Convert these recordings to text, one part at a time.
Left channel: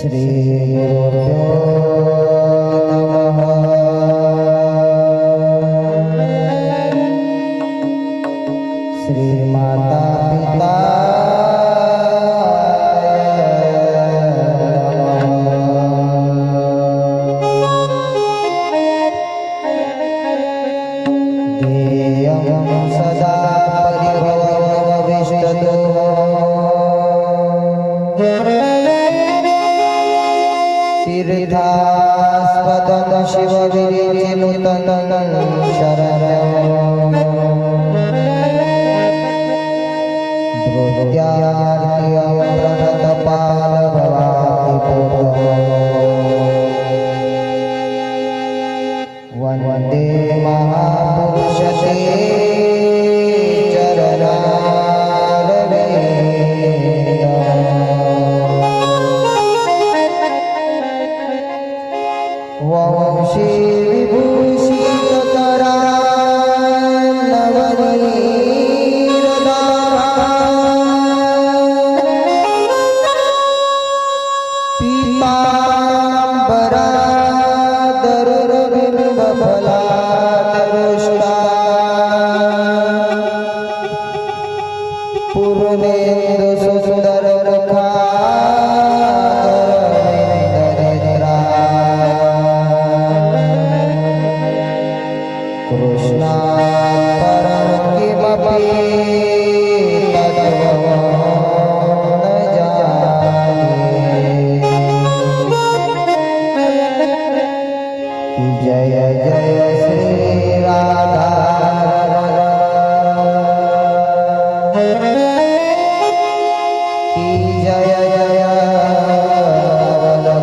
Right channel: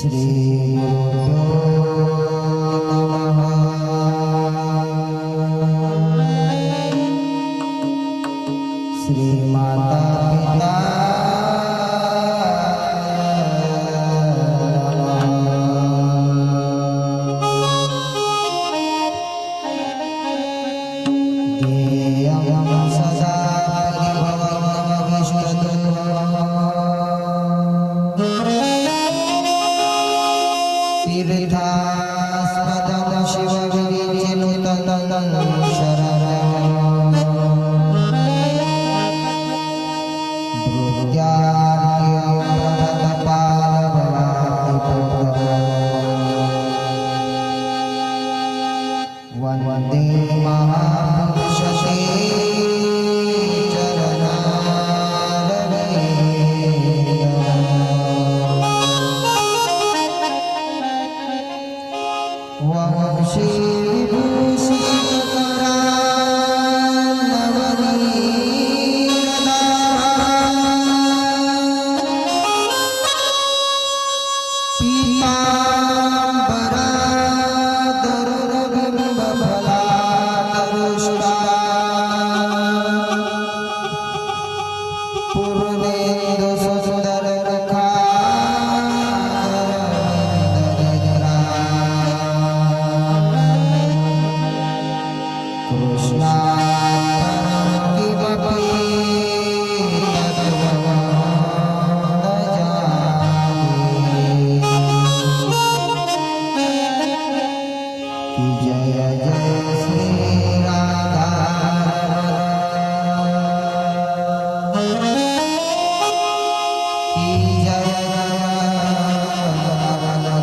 श्री गुरुभ्यो नमः। श्री माता पिता ध्येयं सदा परिभवविष्टतो तीर्थास्पदं शिवविरचिनुतं शरणं भृत्यार्यप्रणतपालभवादिपूतं वन्दे महापुरुषते वंशी विभूषितकरा नवनीरदारा पीताम्बरा दरुरबिम्बफलादरुष्टा पूर्णेन्दुसुन्दरमुखा कृष्णात् परं किमपि तत्त्वं न जाने। कि जय जय श्री राधा कि जय जय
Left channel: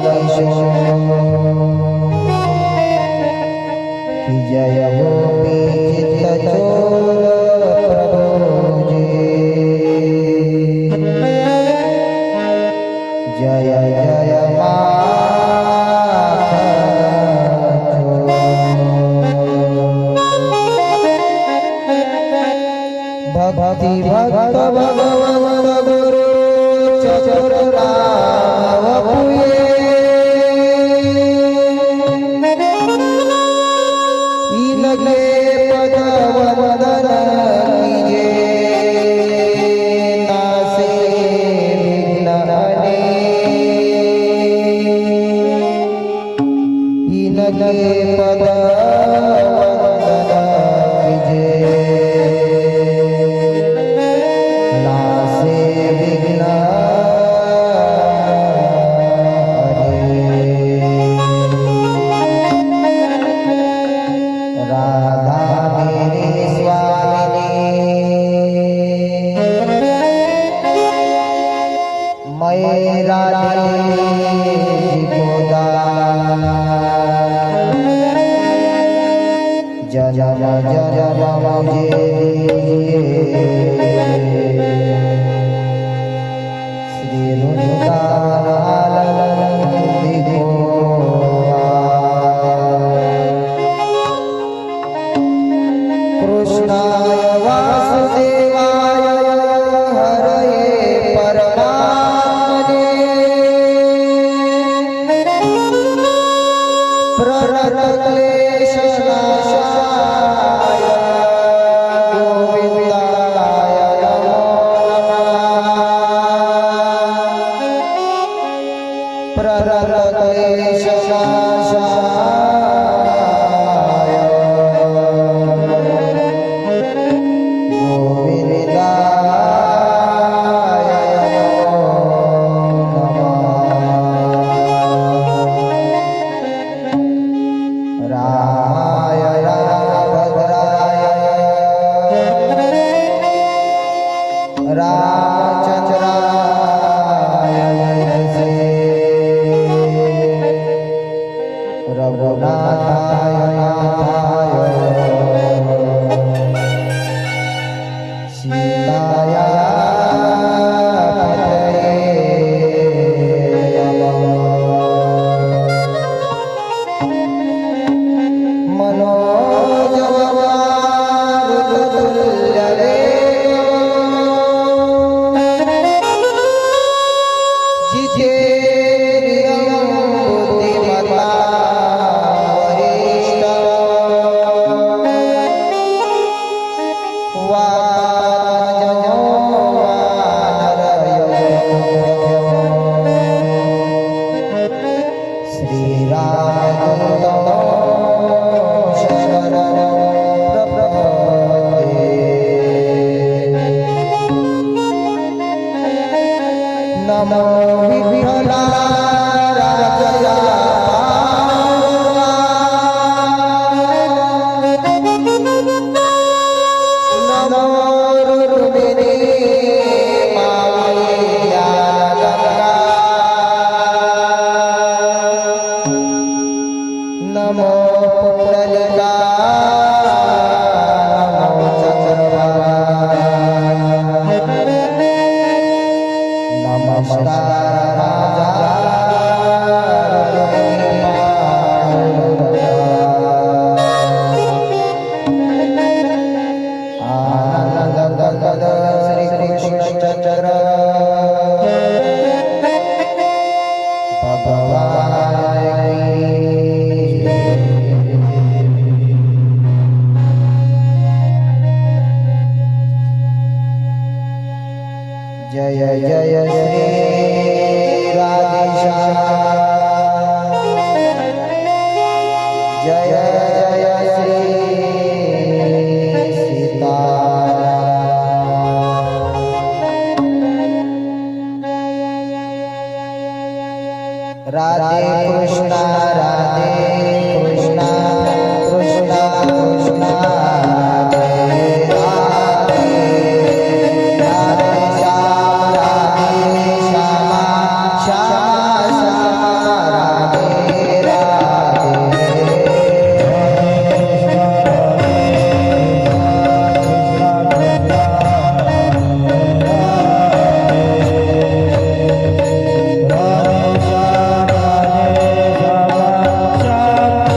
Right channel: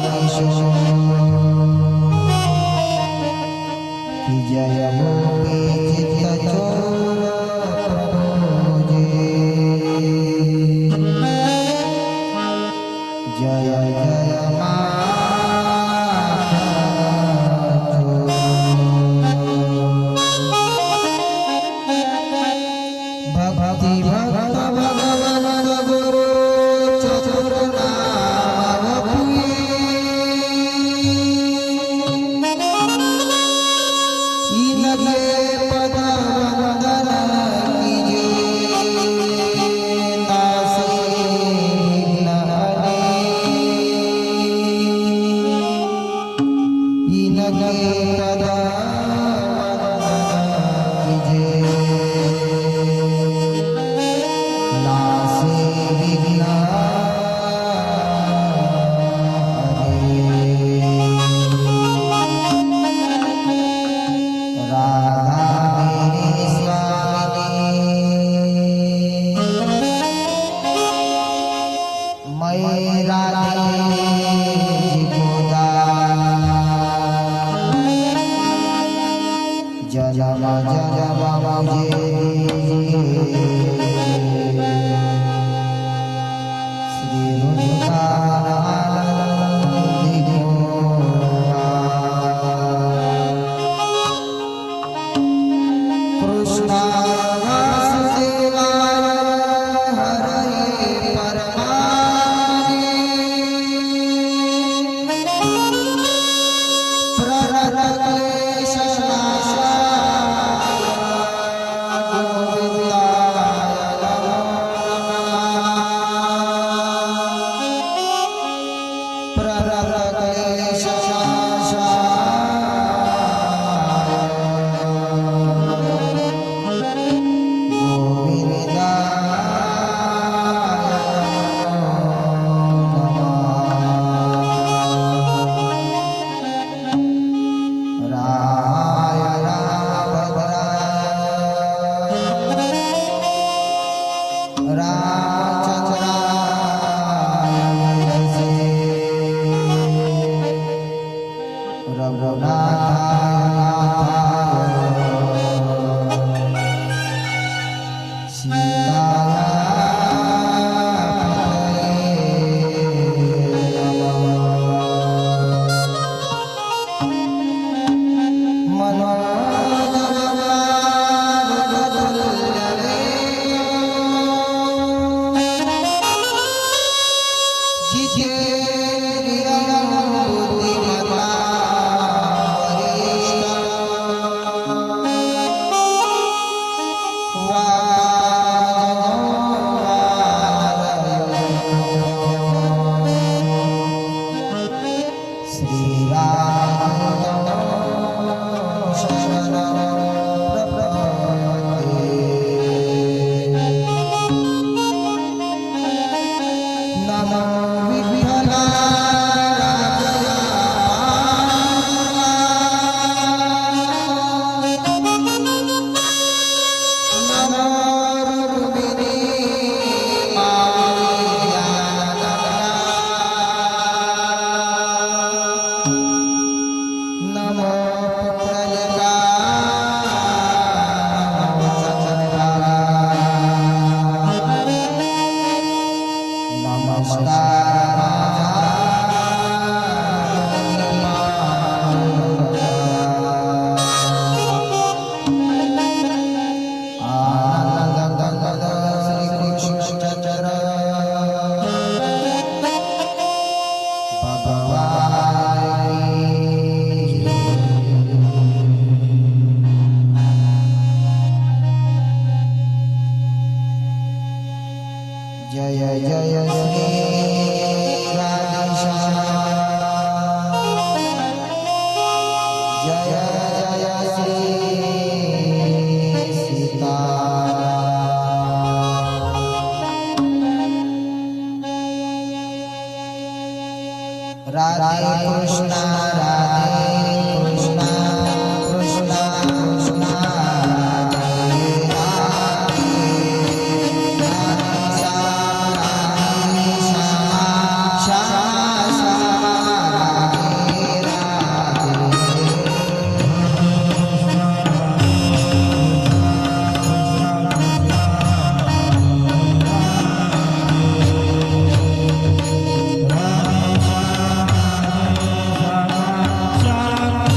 किशोर कि जय गोपी चित्तचोर प्रभु जी जय जय भक्ति भक्त भगवान गुरु चतुर राम वपुये इनके पद वंदन कीजे नासे विघ्न हरे इनके पद वंदन कीजे नासे विघ्न राधा मेरी स्वामिनी मैं राधे जी को दान जन्म जन्म मुझे दीजिए श्री वृंदावन को कृष्णाय वासुदेवाय हरये परमात्मने प्रणतक्लेशनाशाय गोविन्दाय नमो नमः। प्रणतक्लेशनाशाय रामाय रामभद्राय रामचंद्राय वेधसे रघुनाथाय नाथाय सीताय जिजे नमो पुंडलिकाय नमो चक्रवालाय जय जय श्री राधेश्याम जय जय श्री सीता राधे कृष्णा राधे कृष्णा कृष्णा कृष्णा Shama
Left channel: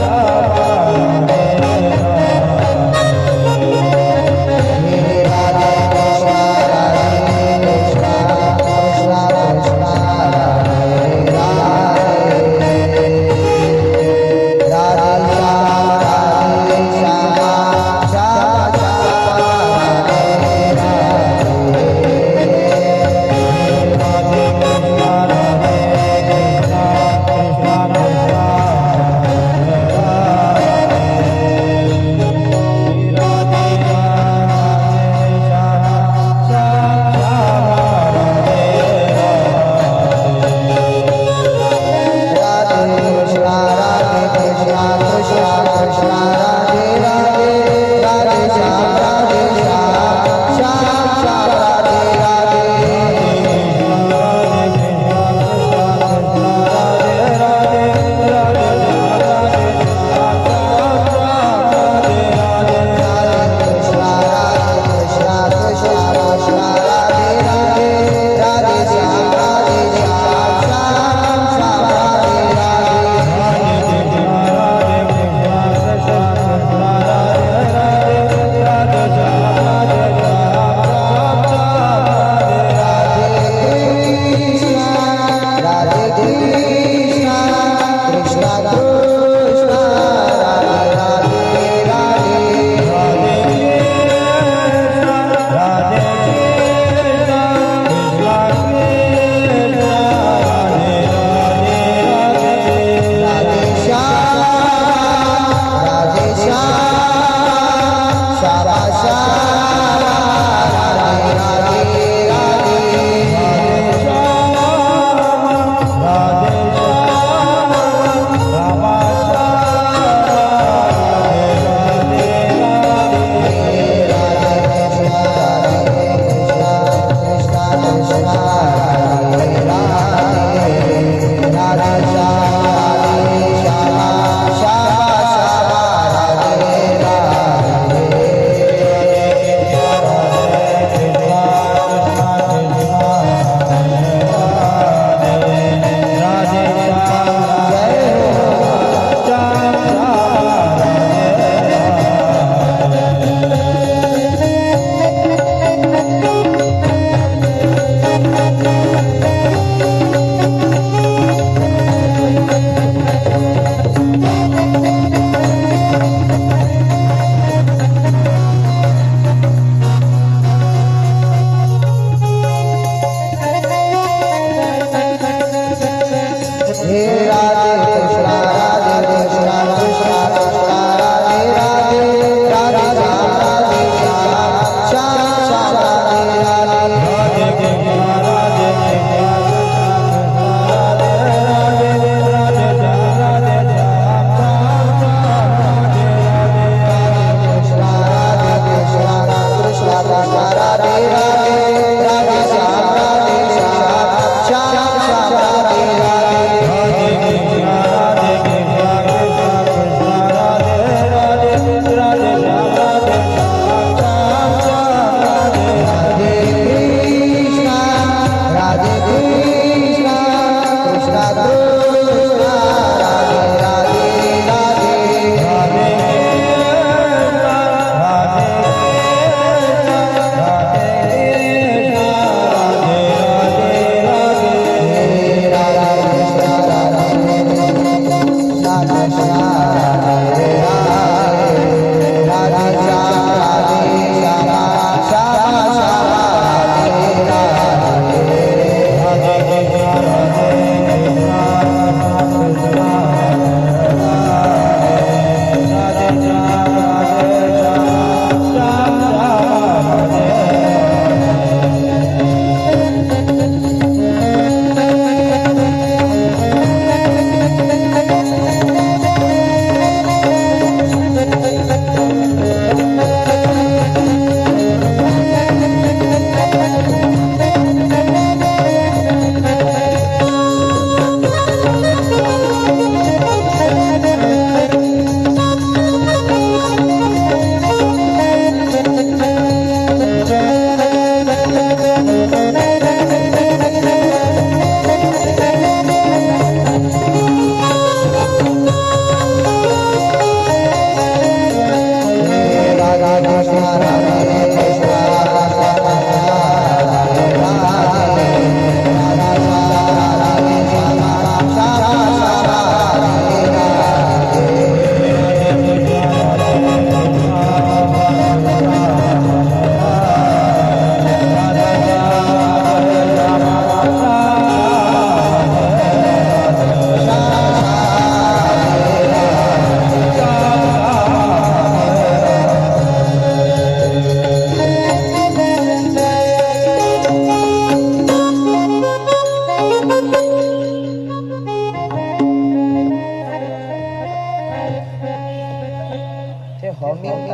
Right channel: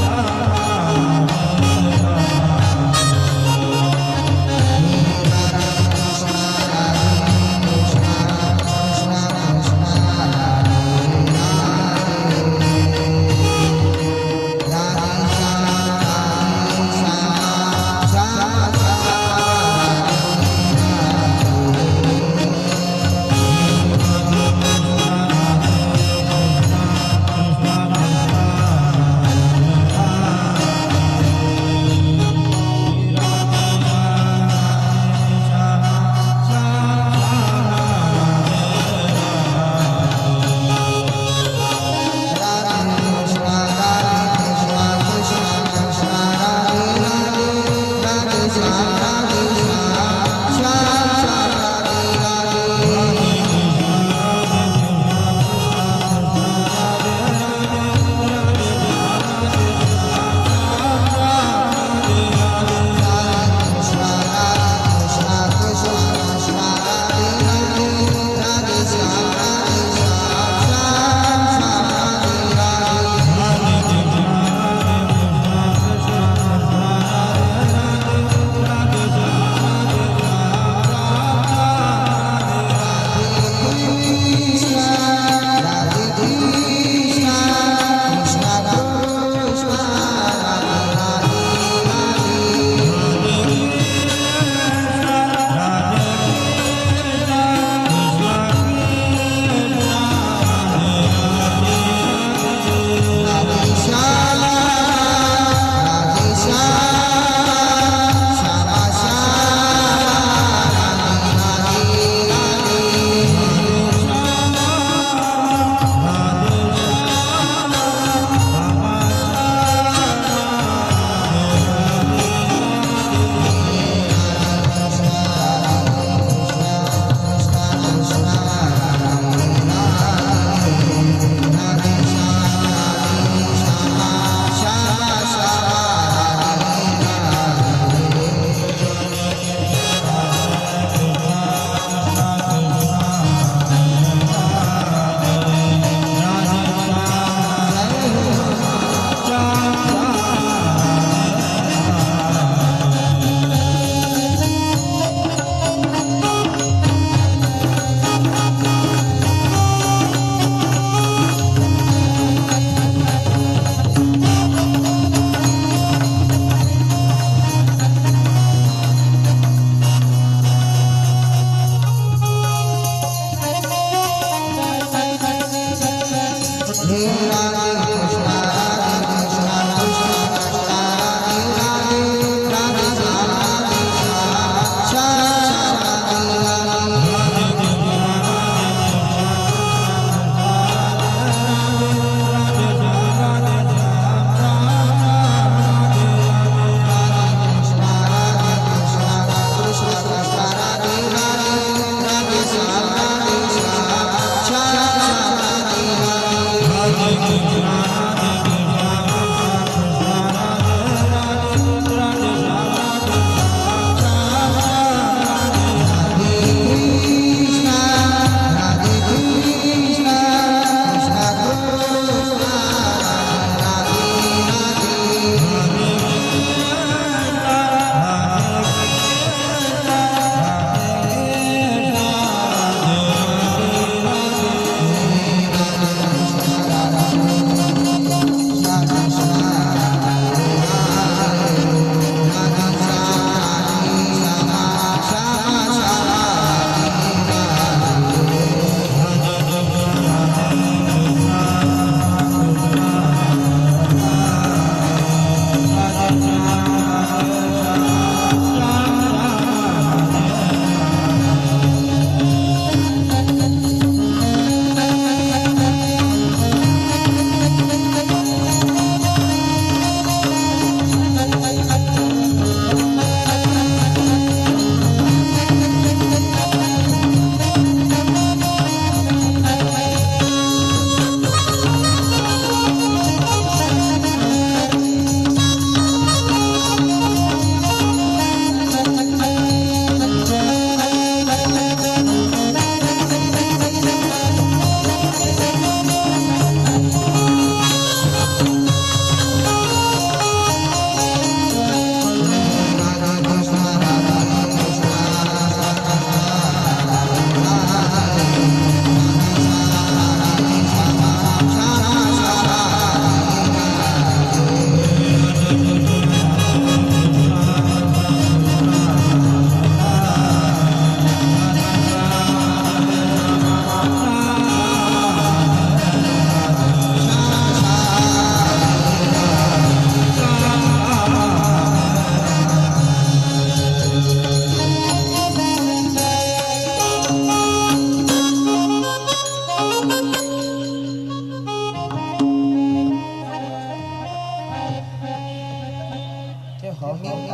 ते हमिंग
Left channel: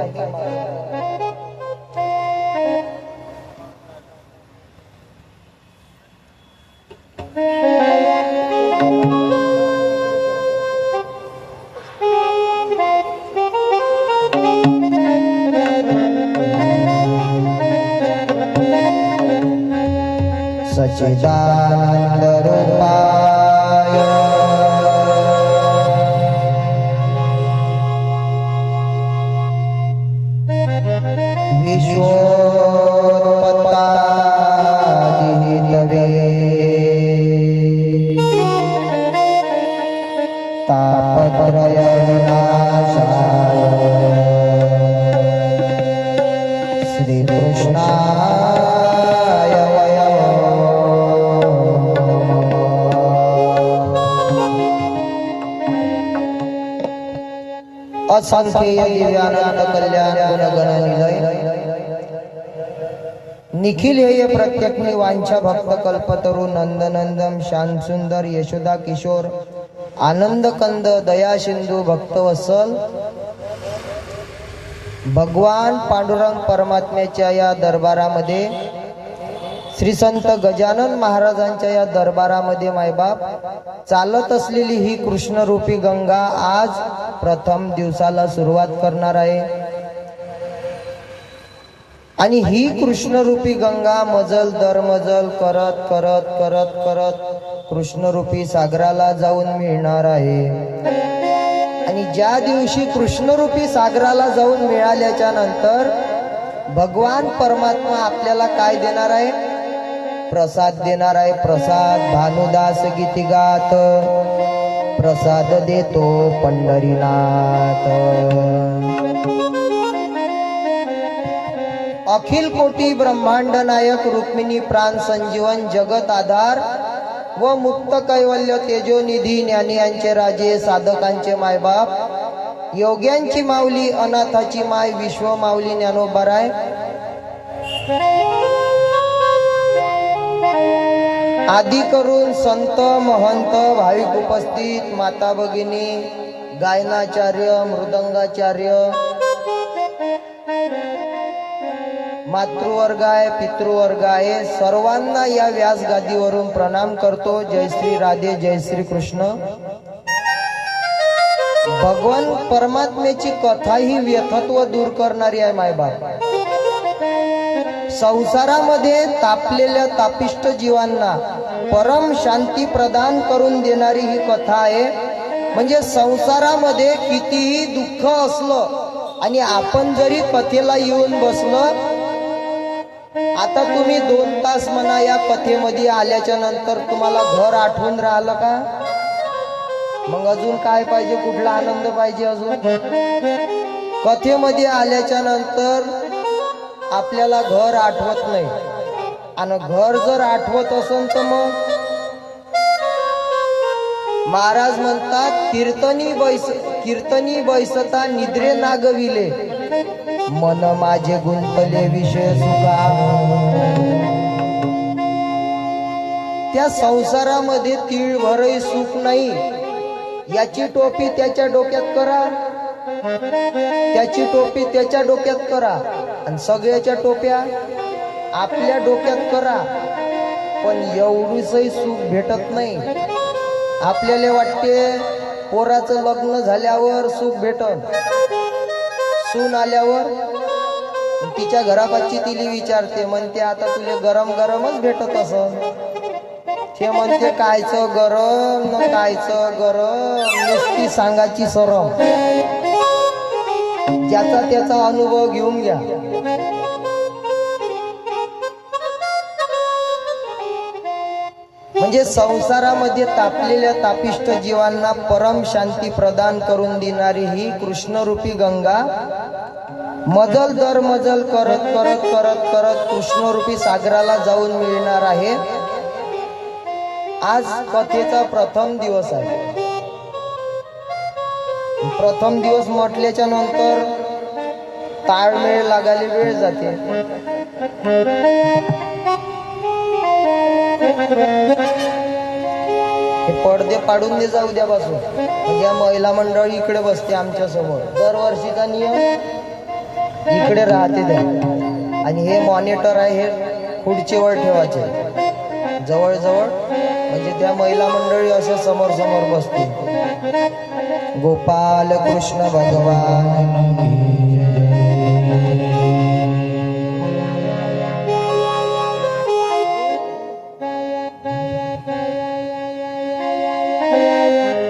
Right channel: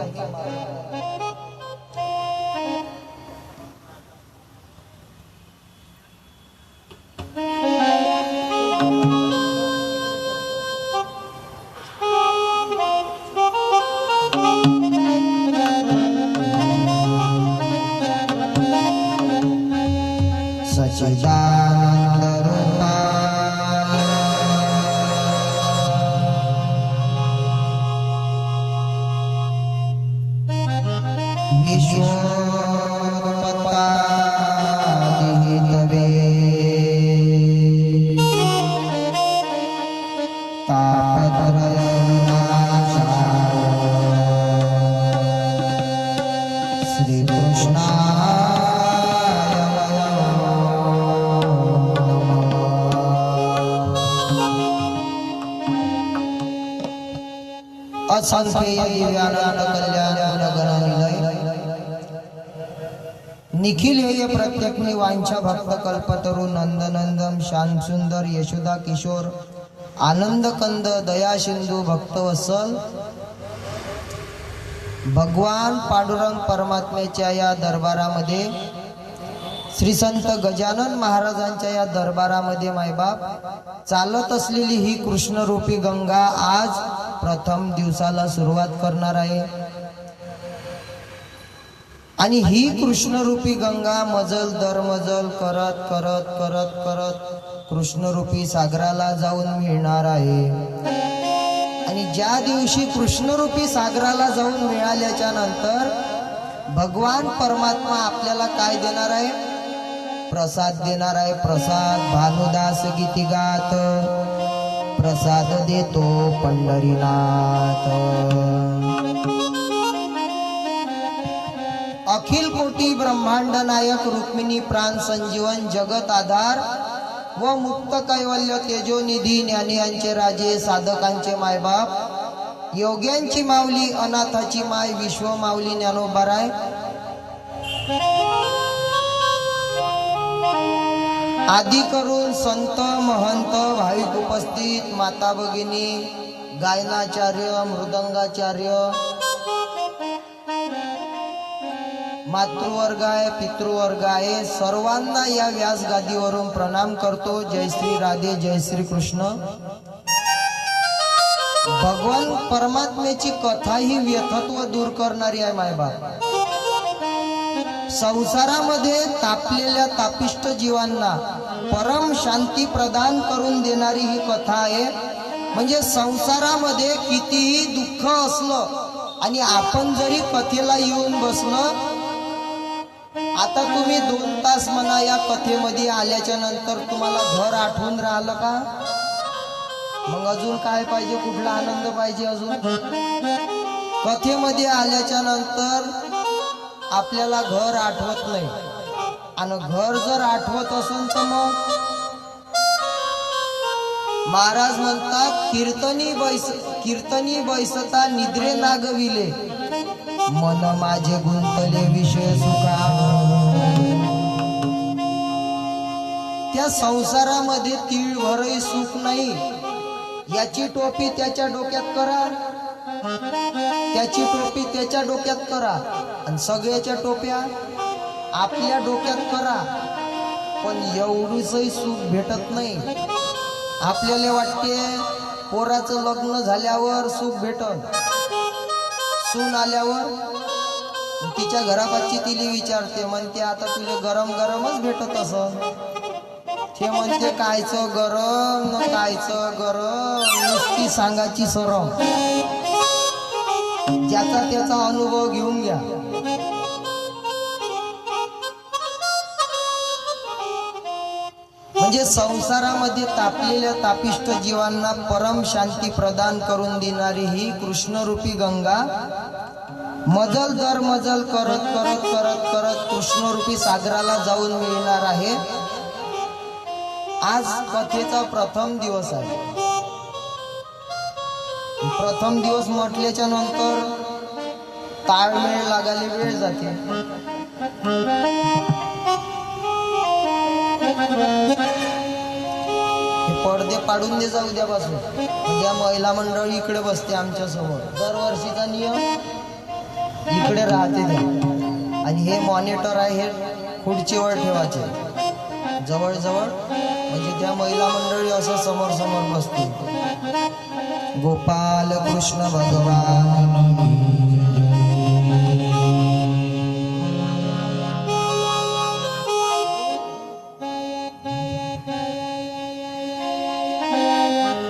सच्चिदानंद रूपाय विश्वोत्पत्तादिहेतवे तापत्रयविनाशाय श्रीकृष्णाय असंख्य दिव्यानंद कल्याण गुणगण निलय निखिल हेय प्रत्यग्नि वांछा भक्त कल्पतरु नंदनंदम श्याम सुंदर यशोदा किशोर आनंद कंद दया सिंधू भक्तवत्सल भगवान पांडुरंग परमात्म्याच्या या दरबारामध्ये श्री संत गजानन महाराजांच्या या दरबारामध्ये मायबाप चालत असलेली ही कृष्णरूपी गंगा आज प्रथम दिवसाला सुरुवात करणार आहे आणि ही कृष्णरूपी गंगा मजल दर मजल करत करत करत करत कृष्णरूपी सागराला जाऊन मिळणार आहे आणि ज्या दिवशी कृष्णरूपी सागराला जाऊन मिळाल्याच्या नंतर भगवान परमात्मा आपल्याला काय देणार आहे प्रसाद देणार आहे प्रसाद भानुदास गीती गात प्रसाद देतो पंढरीनाथ अखिल कोटी ब्रह्मांड नायक रुक्मिणी प्राण संजीवन जगत आधार व मुक्त कैवल्य तेजोनिधी ज्ञानी यांचे राजे साधकांचे मायबाप योग्यांची माऊली अनाथाची माय विश्व माऊली ज्ञानोबाराय आदी करून संत महंत भाविक उपस्थित माता भगिनी गायनाचार्य मृदंगाचार्य मातृवर्ग आहे पितृवर्ग आहे सर्वांना या व्यास गादीवरून प्रणाम करतो जय श्री राधे जय श्री कृष्ण भगवान परमात्म्याची कथा ही व्यथत्व दूर करणारी आहे मायबाप संसारामध्ये तापलेल्या तापिष्ट जीवांना परम शांती प्रदान करून देणारी ही कथा आहे म्हणजे संसारामध्ये कितीही दुःख असलं आणि आपण जरी कथेला येऊन बसलं आता तुम्ही 2 तास म्हणा या कथेमध्ये आल्याच्या नंतर तुम्हाला घर आठवून राहिलं का मग अजून काय पाहिजे कुठला आनंद पाहिजे अजून कथेमध्ये आल्याच्या नंतर आपल्याला घर आठवत नाही आणि घर जर आठवत असेल तर मग महाराज म्हणतात कीर्तनी बैसता निद्रे लागविले मन माझे गुंतले विषय सुखा त्या संसारामध्ये तीळभरही सुख नाही याची टोपी त्याच्या डोक्यात करा त्याची टोपी त्याच्या डोक्यात करा आणि सगळ्याच्या टोप्या आपल्या डोक्यात करा पण एवढीचही सुख भेटत नाही आपल्याला वाटते पोराचं लग्न झाल्यावर सुख भेटन सून आल्यावर तिच्या घरापाशी तिला विचारते म्हणते आता तुला गरम गरमच भेटत असं ते म्हणते कायचं गरम न कायचं गरम नुसती सांगाची सरम ज्याचा त्याचा अनुभव घेऊन घ्या म्हणजे संसारामध्ये तापलेल्या तापिष्ट जीवांना परम शांती प्रदान करून देणारी ही कृष्णरूपी गंगा मजल दर मजल करत करत करत करत कृष्णरूपी सागराला जाऊन मिळणार आहे आज कथेचा प्रथम दिवस आहे प्रथम दिवस म्हटल्याच्या नंतर ताळमेळ लागायला वेळ जाते पडदे पाडून दे जाऊ द्यापासून. म्हणजे महिला मंडळ इकडे बसते आमच्या समोर. दरवर्षीचा नियम इकडे राहते त्या. आणि हे मॉनिटर आहे, हे खुर्चीवर ठेवायचे जवळजवळ, म्हणजे त्या महिला मंडळी असं समोर समोर बसते. गोपाल कृष्ण भगवान.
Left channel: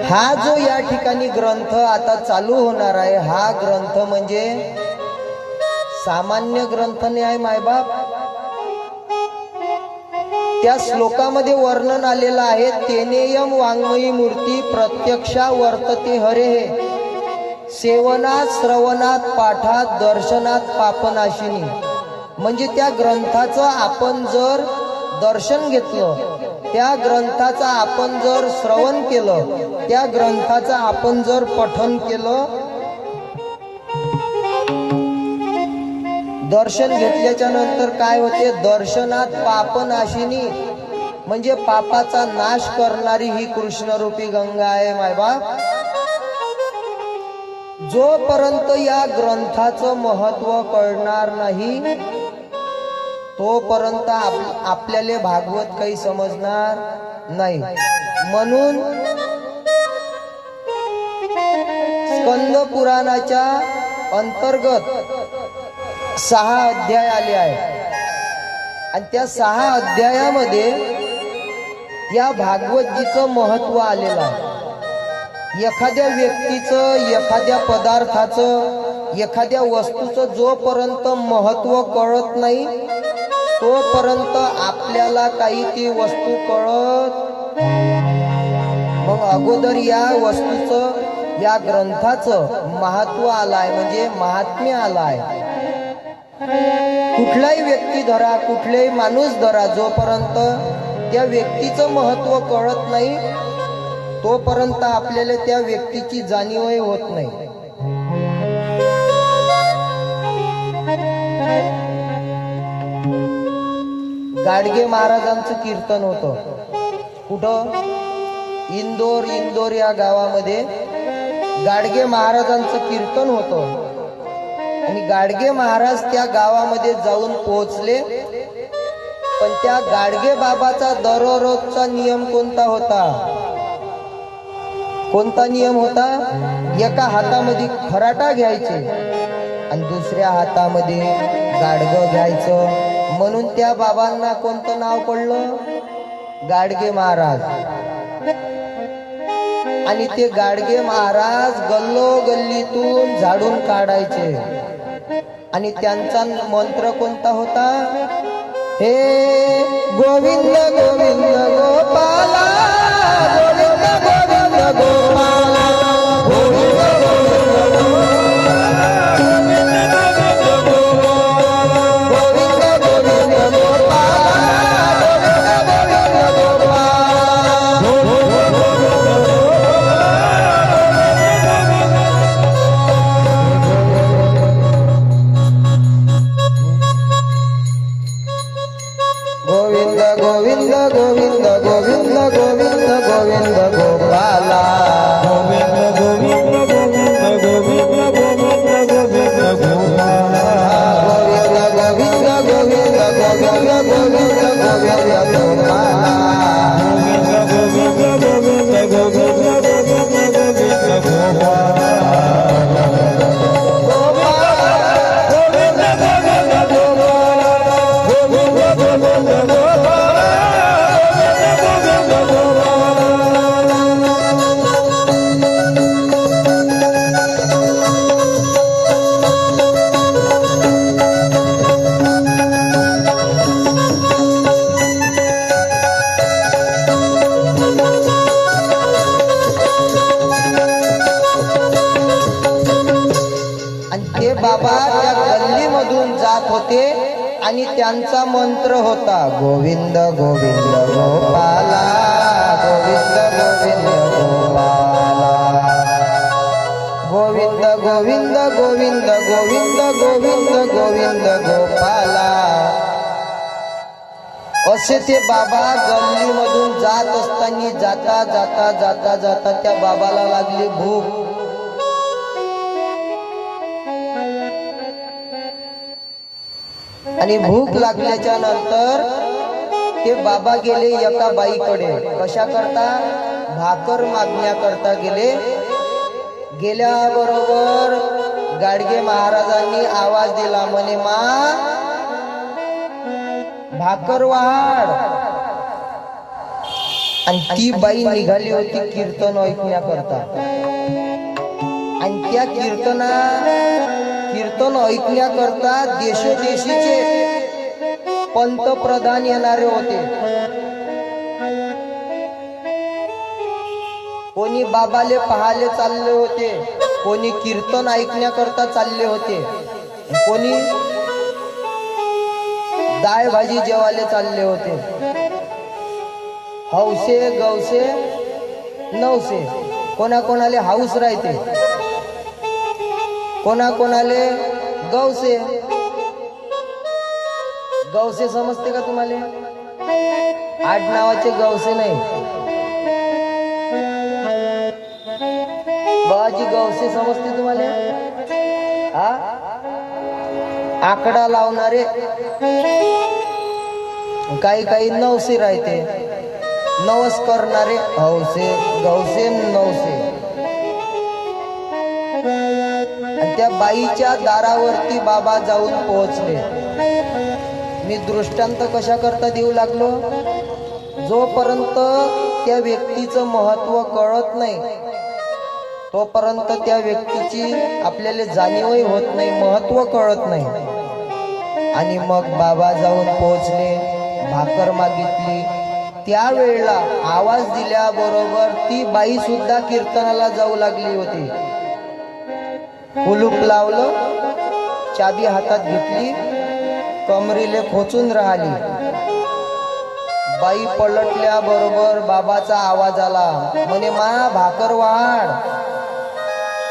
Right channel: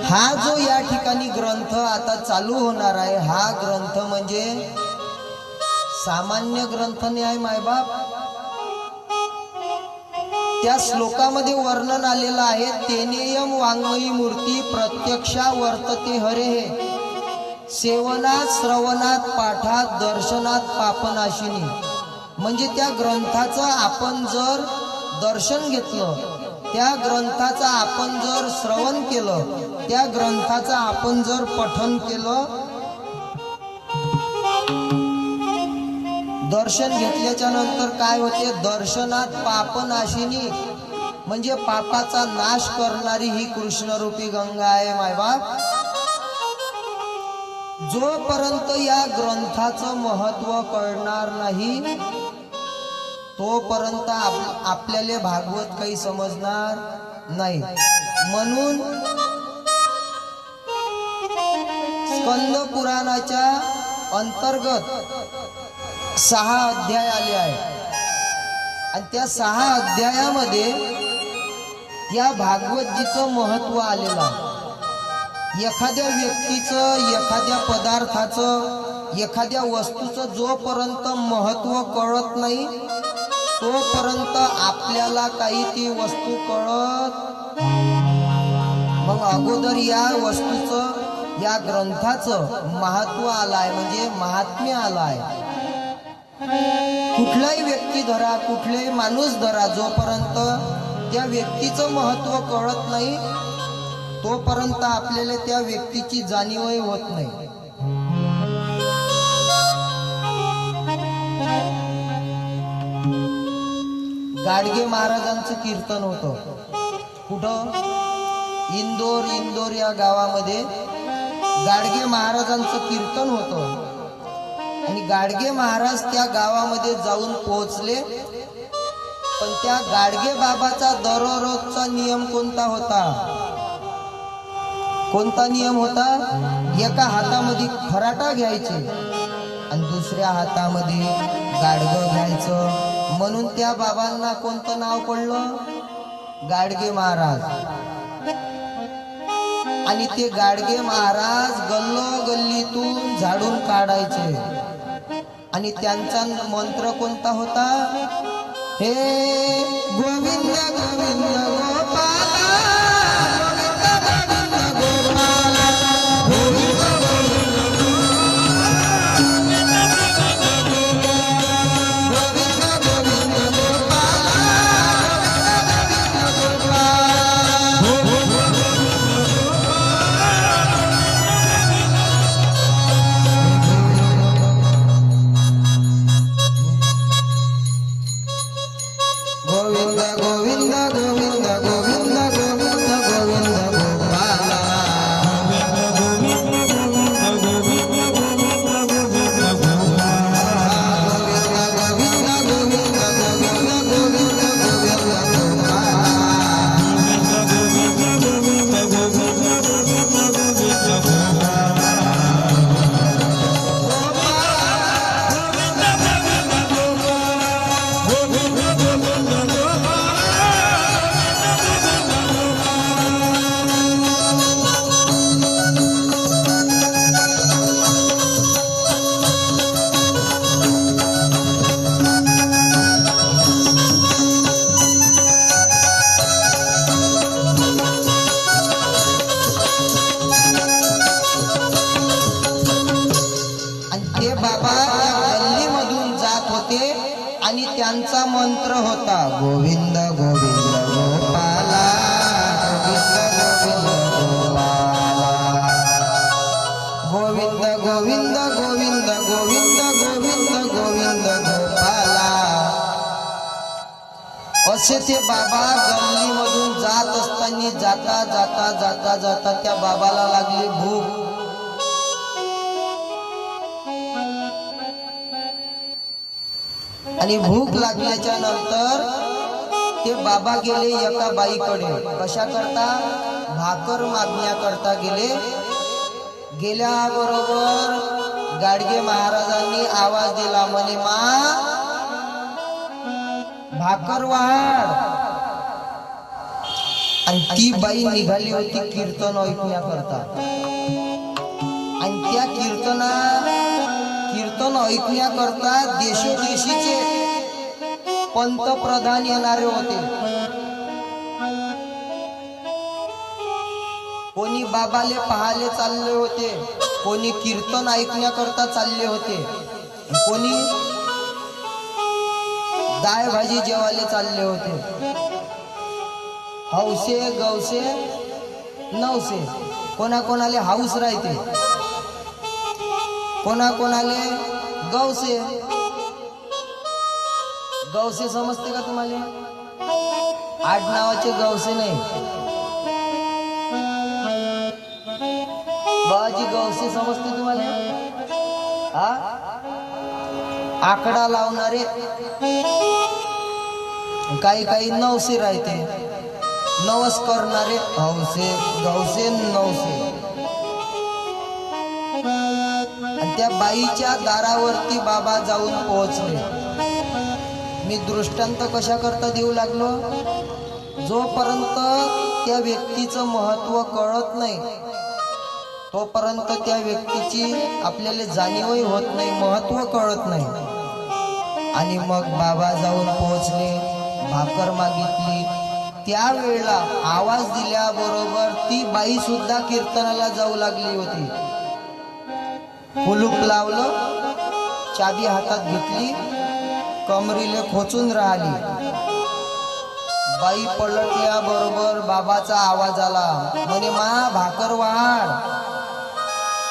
हा जो या ठिकाणी ग्रंथ आता चालू होणार आहे, हा ग्रंथ म्हणजे सामान्य ग्रंथ नाही आहे मायबाप. त्या श्लोकामध्ये वर्णन आलेलं आहे, तेनेयम वाङ्मयी मूर्ती प्रत्यक्षा वर्तते हरे, सेवनात श्रवणात पाठात दर्शनात पापनाशिनी. म्हणजे त्या ग्रंथाचं आपण जर दर्शन घेतलं, त्या ग्रंथाचं आपण जर श्रवण केलं, त्या ग्रंथाचं आपण जर पठन केलं, दर्शन घेतल्याच्या नंतर काय होते, दर्शनात पापनाशिनी. म्हणजे पापाचा नाश करणारी ही कृष्णरूपी गंगा आहे मायबाप. जोपर्यंत या ग्रंथाचं महत्व कळणार नाही, तोपर्यंत आपल्याला भागवत काही समजणार नाही. म्हणून स्कंद पुराणाच्या अंतर्गत 6 अध्याय आले आहेत. आणि त्या 6 अध्यायामध्ये या भागवतजीचं महत्व आलेलं आहे. एखाद्या व्यक्तीचं, एखाद्या पदार्थाचं, एखाद्या वस्तूचं जोपर्यंत महत्व कळत नाही, तोपर्यंत आपल्याला काही ती वस्तू कळत. मग अगोदर या वस्तूचं, या ग्रंथाचं महत्व आलाय, म्हणजे महात्म्य आलाय. कुठलाही व्यक्ती धरा, कुठलाही माणूस धरा, जोपर्यंत त्या व्यक्तीचं महत्व कळत नाही, तोपर्यंत आपल्याला त्या व्यक्तीची जाणीवही होत नाही. गाडगे महाराजांचं कीर्तन होतं. कुठं? इंदोर या गावामध्ये गाडगे महाराजांचं कीर्तन होतं. आणि गाडगे महाराज त्या गावामध्ये जाऊन पोहोचले. पण त्या गाडगे बाबाचा दररोजचा नियम कोणता होता? कोणता नियम होता? एका हातामध्ये खराटा घ्यायचे आणि दुसऱ्या हातामध्ये गाडगं घ्यायचं. म्हणून त्या बाबांना कोणतं नाव पडलं? गाडगे महाराज. आणि ते गाडगे महाराज गल्लोगल्लीतून झाडून काढायचे. आणि त्यांचा मंत्र कोणता होता? हे गोविंद गोविंद गोपाला, गोविंद गोविंद गोपाला, गोविंद आणि त्यांचा मंत्र होता गोविंद गोविंद गोपाला, गोविंद गोविंद गोपाला, गोविंद गोविंद गोविंद गोविंद गोविंद गोविंद गोपाला. असे ते बाबा गल्लीमधून जात असताना जाता जाता जाता जाता त्या बाबाला लागली भूक. आणि भूक लागल्याच्या नंतर ते बाबा गेले एका बाईकडे. कशा करता? भाकर मागण्याकरता गेले. गेल्याबरोबर गाडगे महाराजांनी आवाज दिला, म्हणे मा भाकर वाढ. आणि ती बाई निघाली होती कीर्तन ऐकण्याकरता. आणि त्या कीर्तन ऐकण्याकरता देशोदेशीचे पंतप्रधान येणारे होते. कोणी बाबाले पाहाले चालले होते, कोणी कीर्तन ऐकण्याकरता चालले होते, कोणी डाळ भाजी जेवायला चालले होते. हौसे गौसे नवसे. कोणाकोणाले हाऊस राहते, कोणाकोणाले गौसे. गौसे समजते का तुम्हाला? आडनावाचे गौसे नाही, बाजी गौसे समजते तुम्हाला? हा, आकडा लावणारे. काही काही नवसे राहते, नवस करणारे. हौसे गौसे नवसे. आणि त्या बाईच्या दारावरती बाबा जाऊन पोहोचले. मी दृष्टांत कशा करता देऊ लागलो? जोपर्यंत त्या व्यक्तीचं महत्व कळत नाही तोपर्यंत त्या व्यक्तीची आपल्याला जाणीवही होत नाही, महत्व कळत नाही. आणि मग बाबा जाऊन पोहोचले, भाकर मागितली. त्यावेळेला आवाज दिल्याबरोबर ती बाई सुद्धा कीर्तनाला जाऊ लागली होती. कुलूप लावलं, चाबी हातात घेतली, कमरीले खोचून राहिली. बाई पलटल्याबरोबर बाबाचा आवाज आला, म्हणे मा भाकर वाढ.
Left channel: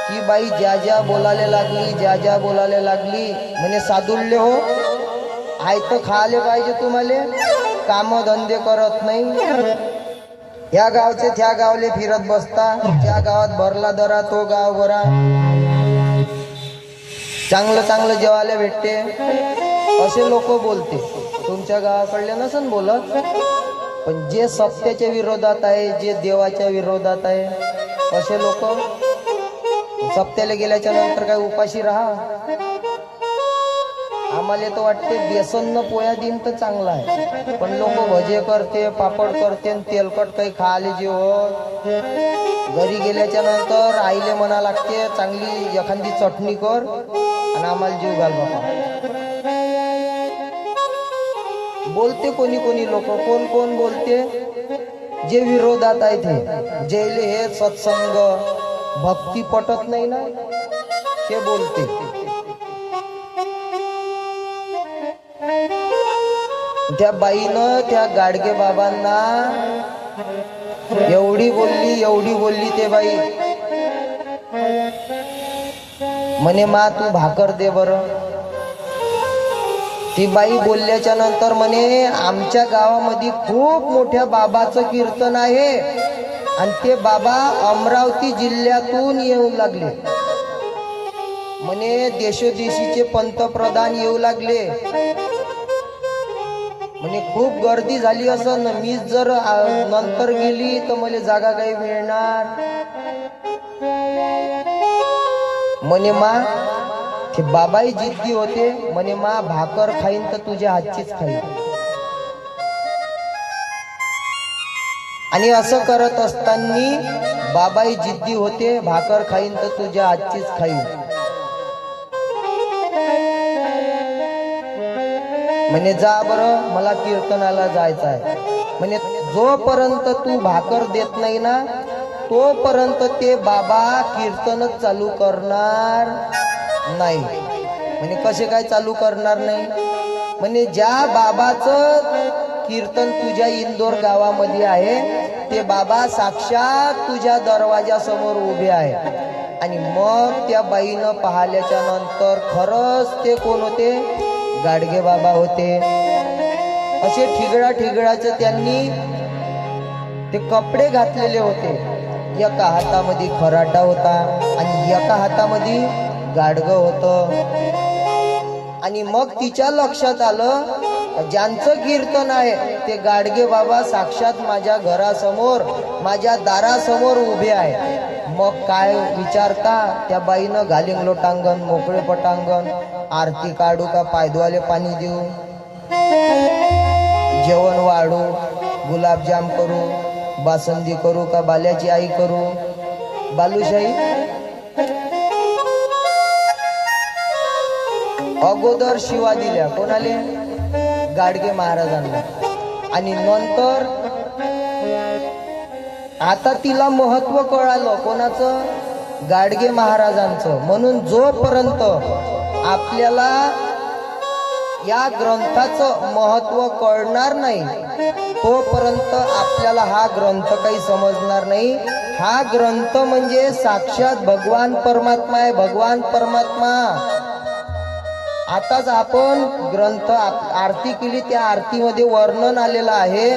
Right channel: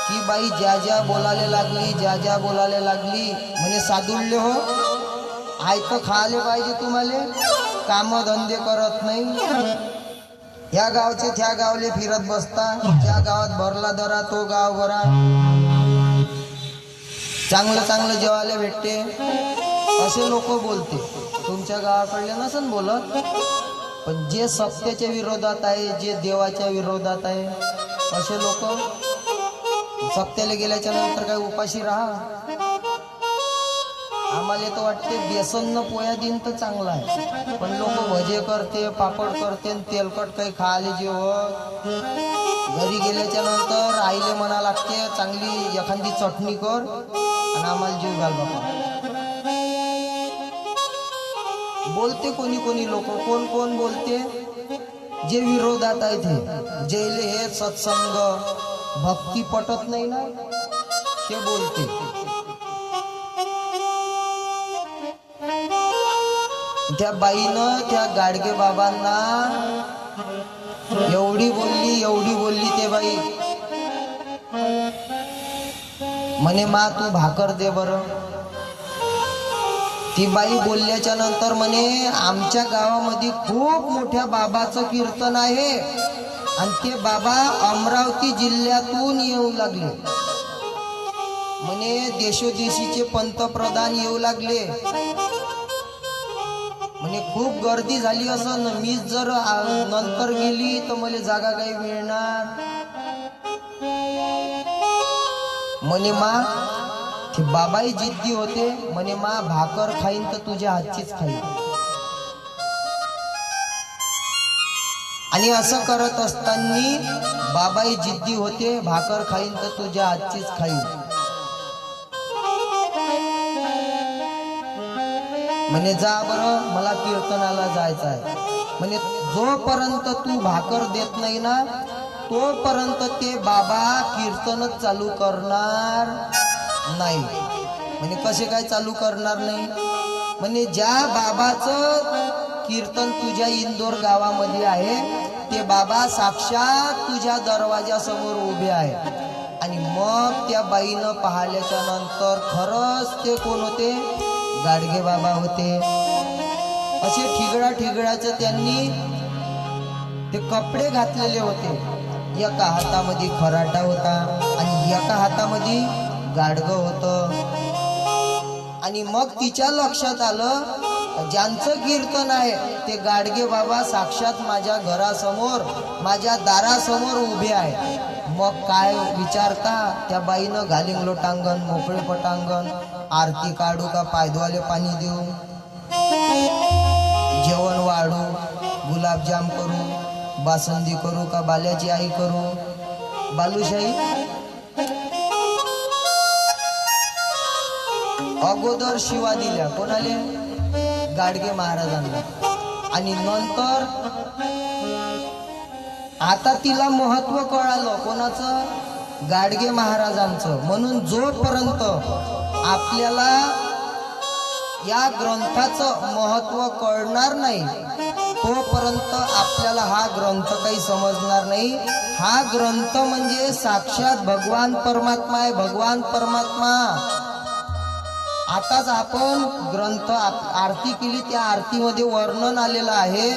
ती बाई ज्या ज्या बोलायला लागली, ज्या ज्या बोलायला लागली, म्हणे साधुल्य हो, आयतं खायला पाहिजे तुम्हाला, काम धंदे करत नाही. या गावचे त्या गावले फिरत बसता, ज्या गावात भरला दरा तो गाव बरा, चांगलं चांगलं जेवायला भेटते, असे लोक बोलते. तुमच्या गावाकडले नसन बोलत, पण जे सत्याच्या विरोधात आहे, जे देवाच्या विरोधात आहे, असे लोक सप्त्याला गेल्याच्या नंतर काय उपाशी राहा. आम्हाला तर वाटते बेसन न पोया दिन तर चांगला आहे, पण लोक भजे करते, पापड करते, तेलकट काही खायला जीव. घरी गेल्याच्या नंतर आईले म्हणा लागते चांगली एखादी चटणी कर आणि आम्हाला जीव घाल बाबा. बोलते कोणी कोणी लोक. कोण कोण बोलते? जे विरोधात आहे ते, जेले हे सत्संग भक्ती पटत नाही ना, ते बोलते. त्या बाईनं त्या गाडगे बाबांना एवढी बोलली ते बाई, म्हणे मा तू भाकर दे बरं. ती बाई बोलल्याच्या नंतर म्हणे आमच्या गावामध्ये खूप मोठ्या बाबाचं कीर्तन आहे आणि ते बाबा अमरावती जिल्ह्यातून येऊ लागले. म्हणे देशोदेशीचे पंतप्रधान येऊ लागले. म्हणे खूप गर्दी झाली असं, मी जर नंतर गेली तर मला जागा काही मिळणार. म्हणे मा ते बाबाही जिद्दी होते. म्हणे मा भाकर खाईन तर तुझ्या हातचीच खाईन. आणि असं करत असताना बाबाही जिद्दी होते, भाकर खाईन तर तुझ्या हातचीच खाईन. म्हणे जा बरं, मला कीर्तनाला जायचं आहे. म्हणे जोपर्यंत तू भाकर देत नाही ना तोपर्यंत ते बाबा कीर्तनच चालू करणार नाही. म्हणे कसे काय चालू करणार नाही? म्हणे ज्या बाबाचं कीर्तन तुझ्या इंदोर गावामध्ये आहे ते बाबा साक्षात तुझ्या दरवाजा समोर उभे आहे. आणि मग त्या बाईनं पाहिल्याच्या नंतर खरंच ते कोण होते? गाडगे बाबा होते. असे ठिगळाचे त्यांनी ते कपडे घातलेले होते. एका हातामध्ये खराटा होता आणि एका हातामध्ये गाडगं होतं. आणि मग तिच्या लक्षात आलं, ज्यांचं कीर्तन आहे ते गाडगे बाबा साक्षात माझ्या घरासमोर, माझ्या दारासमोर उभे आहे. मग काय विचारता, त्या बाईनं घालिंग लोटांगण, मोकळे पटांगण, आरती काढू का पायदवाले पाणी देऊ, जेवण वाढू, गुलाबजाम करू, बासुंदी करू का बाल्याची आई करू, बालुशाही. अगोदर शिवा दिल्या कोणाले, गाडगे महाराजांना. आणि नंतर आता तिला महत्व कळालं कोणाचं, गाडगे महाराजांचं. म्हणून जोपर्यंत आपल्याला या ग्रंथाचं महत्व कळणार नाही तोपर्यंत आपल्याला हा ग्रंथ काही समजणार नाही. हा ग्रंथ म्हणजे साक्षात भगवान परमात्मा आहे, भगवान परमात्मा. आताच आपण ग्रंथ आरती केली, त्या आरतीमध्ये वर्णन आलेलं आहे,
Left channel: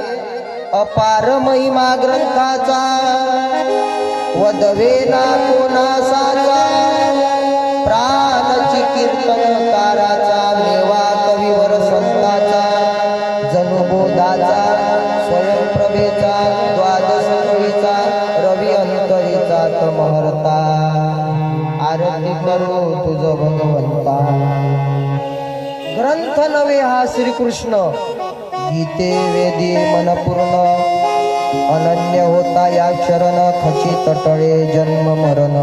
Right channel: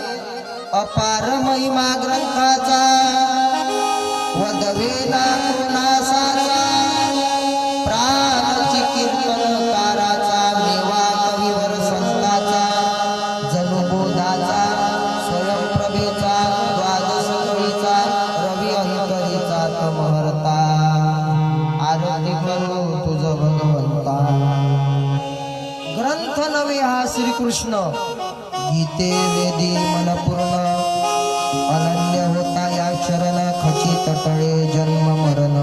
अपार महिमा ग्रंथाचा वदवेला कोणासाचा, प्राणची कीर्तनकाराचा, मेवा कविवर संताचा, जनुबोधाचा, स्वयंप्रभेचा, द्वादश कवीचा, रवी अंतरीचा तमहर्ता, आरती करू तुझ भगवंता. ग्रंथ नवे हा श्रीकृष्ण, गीते वेदी मनपूर्ण, अनन्य होता या शरण, खची तटळे जन्म मरण.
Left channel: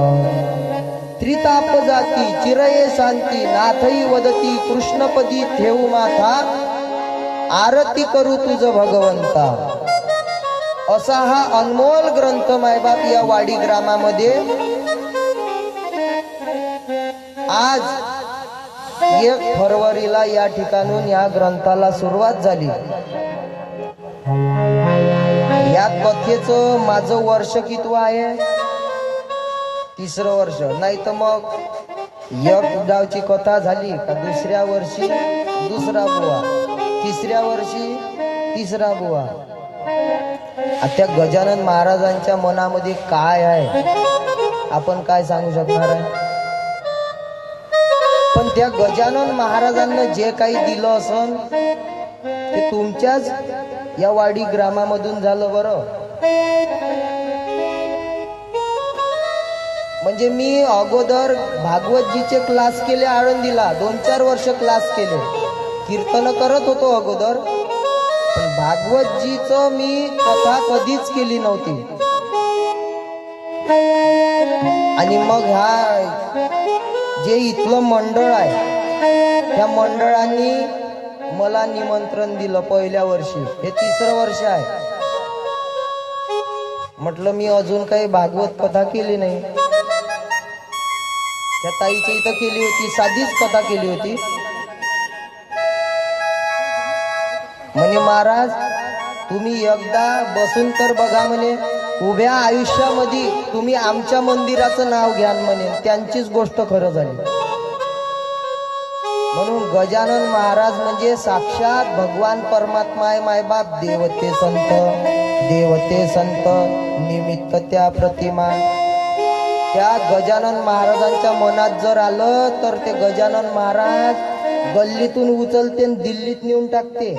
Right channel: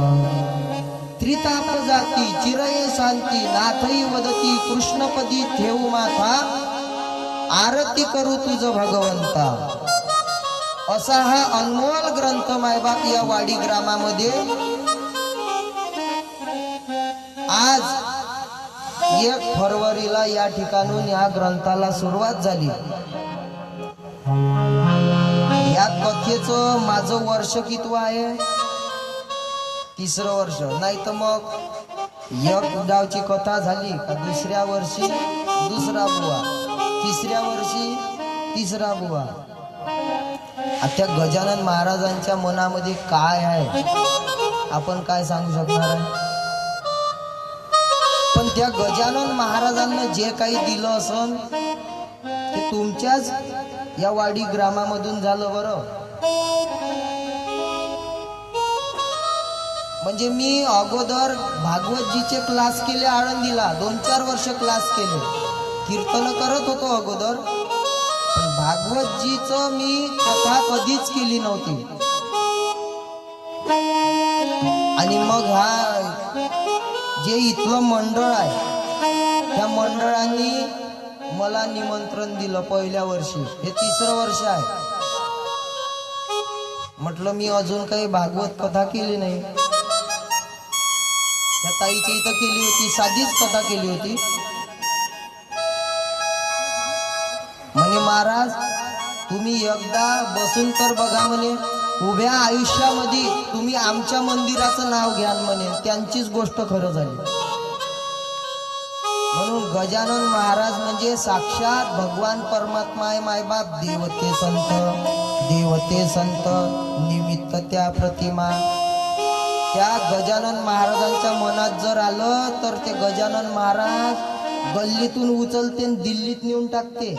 त्रिताप जाती चिरये शांती, नाथई वदती कृष्णपदी ठेवू माथा, आरती करू तुझ भगवंता. असा हा अनमोल ग्रंथ मायबाप या वाडी ग्रामामध्ये आज 1 फरवरीला या ठिकाणून या ग्रंथाला सुरुवात झाली. या कथेचं माझं वर्ष कितवं आहे, 3रं वर्ष. नाही तर मग एक गावची कथा झाली का दुसऱ्या वर्षी 2रा बुवा, 3ऱ्या वर्षी 3रा बुवा. त्या गजानन महाराजांच्या मनामध्ये काय आहे आपण काय सांगू शकणार आहे. पण त्या गजानन महाराजांना जे काही दिलं असन ते तुमच्याच या वाडी ग्रामामधून झालं बरं. म्हणजे मी अगोदर भागवतजीचे क्लास केले आळंदीला, 2-4 वर्ष क्लास केले, कीर्तन करत होतो अगोदर. पण भागवतजीचं मी कथा कधीच केली नव्हती. आणि मग जे इथलं मंडळ आहे त्या मंडळांनी मला निमंत्रण दिलं पहिल्या वर्षी. हे 3रं वर्ष आहे. म्हटलं मी अजून काही भागवत कथा केली नाही. त्या ताईच्या इथं केली होती, साधीच कथा केली होती. म्हणे महाराज तुम्ही एकदा बसून तर बघा म्हणे, उभ्या आयुष्यामध्ये तुम्ही आमच्या मंदिराचं नाव घ्या म्हणे. त्यांचीच गोष्ट खरं झाली. म्हणून गजानन महाराज म्हणजे साक्षात भगवान परमात्मा आहे मायबाप. देवते संत निमित्त त्या प्रतिमा. त्या गजानन महाराजांच्या मनात जर आलं तर ते गजानन महाराज गल्लीतून उचलते आणि दिल्लीत नेऊन टाकते.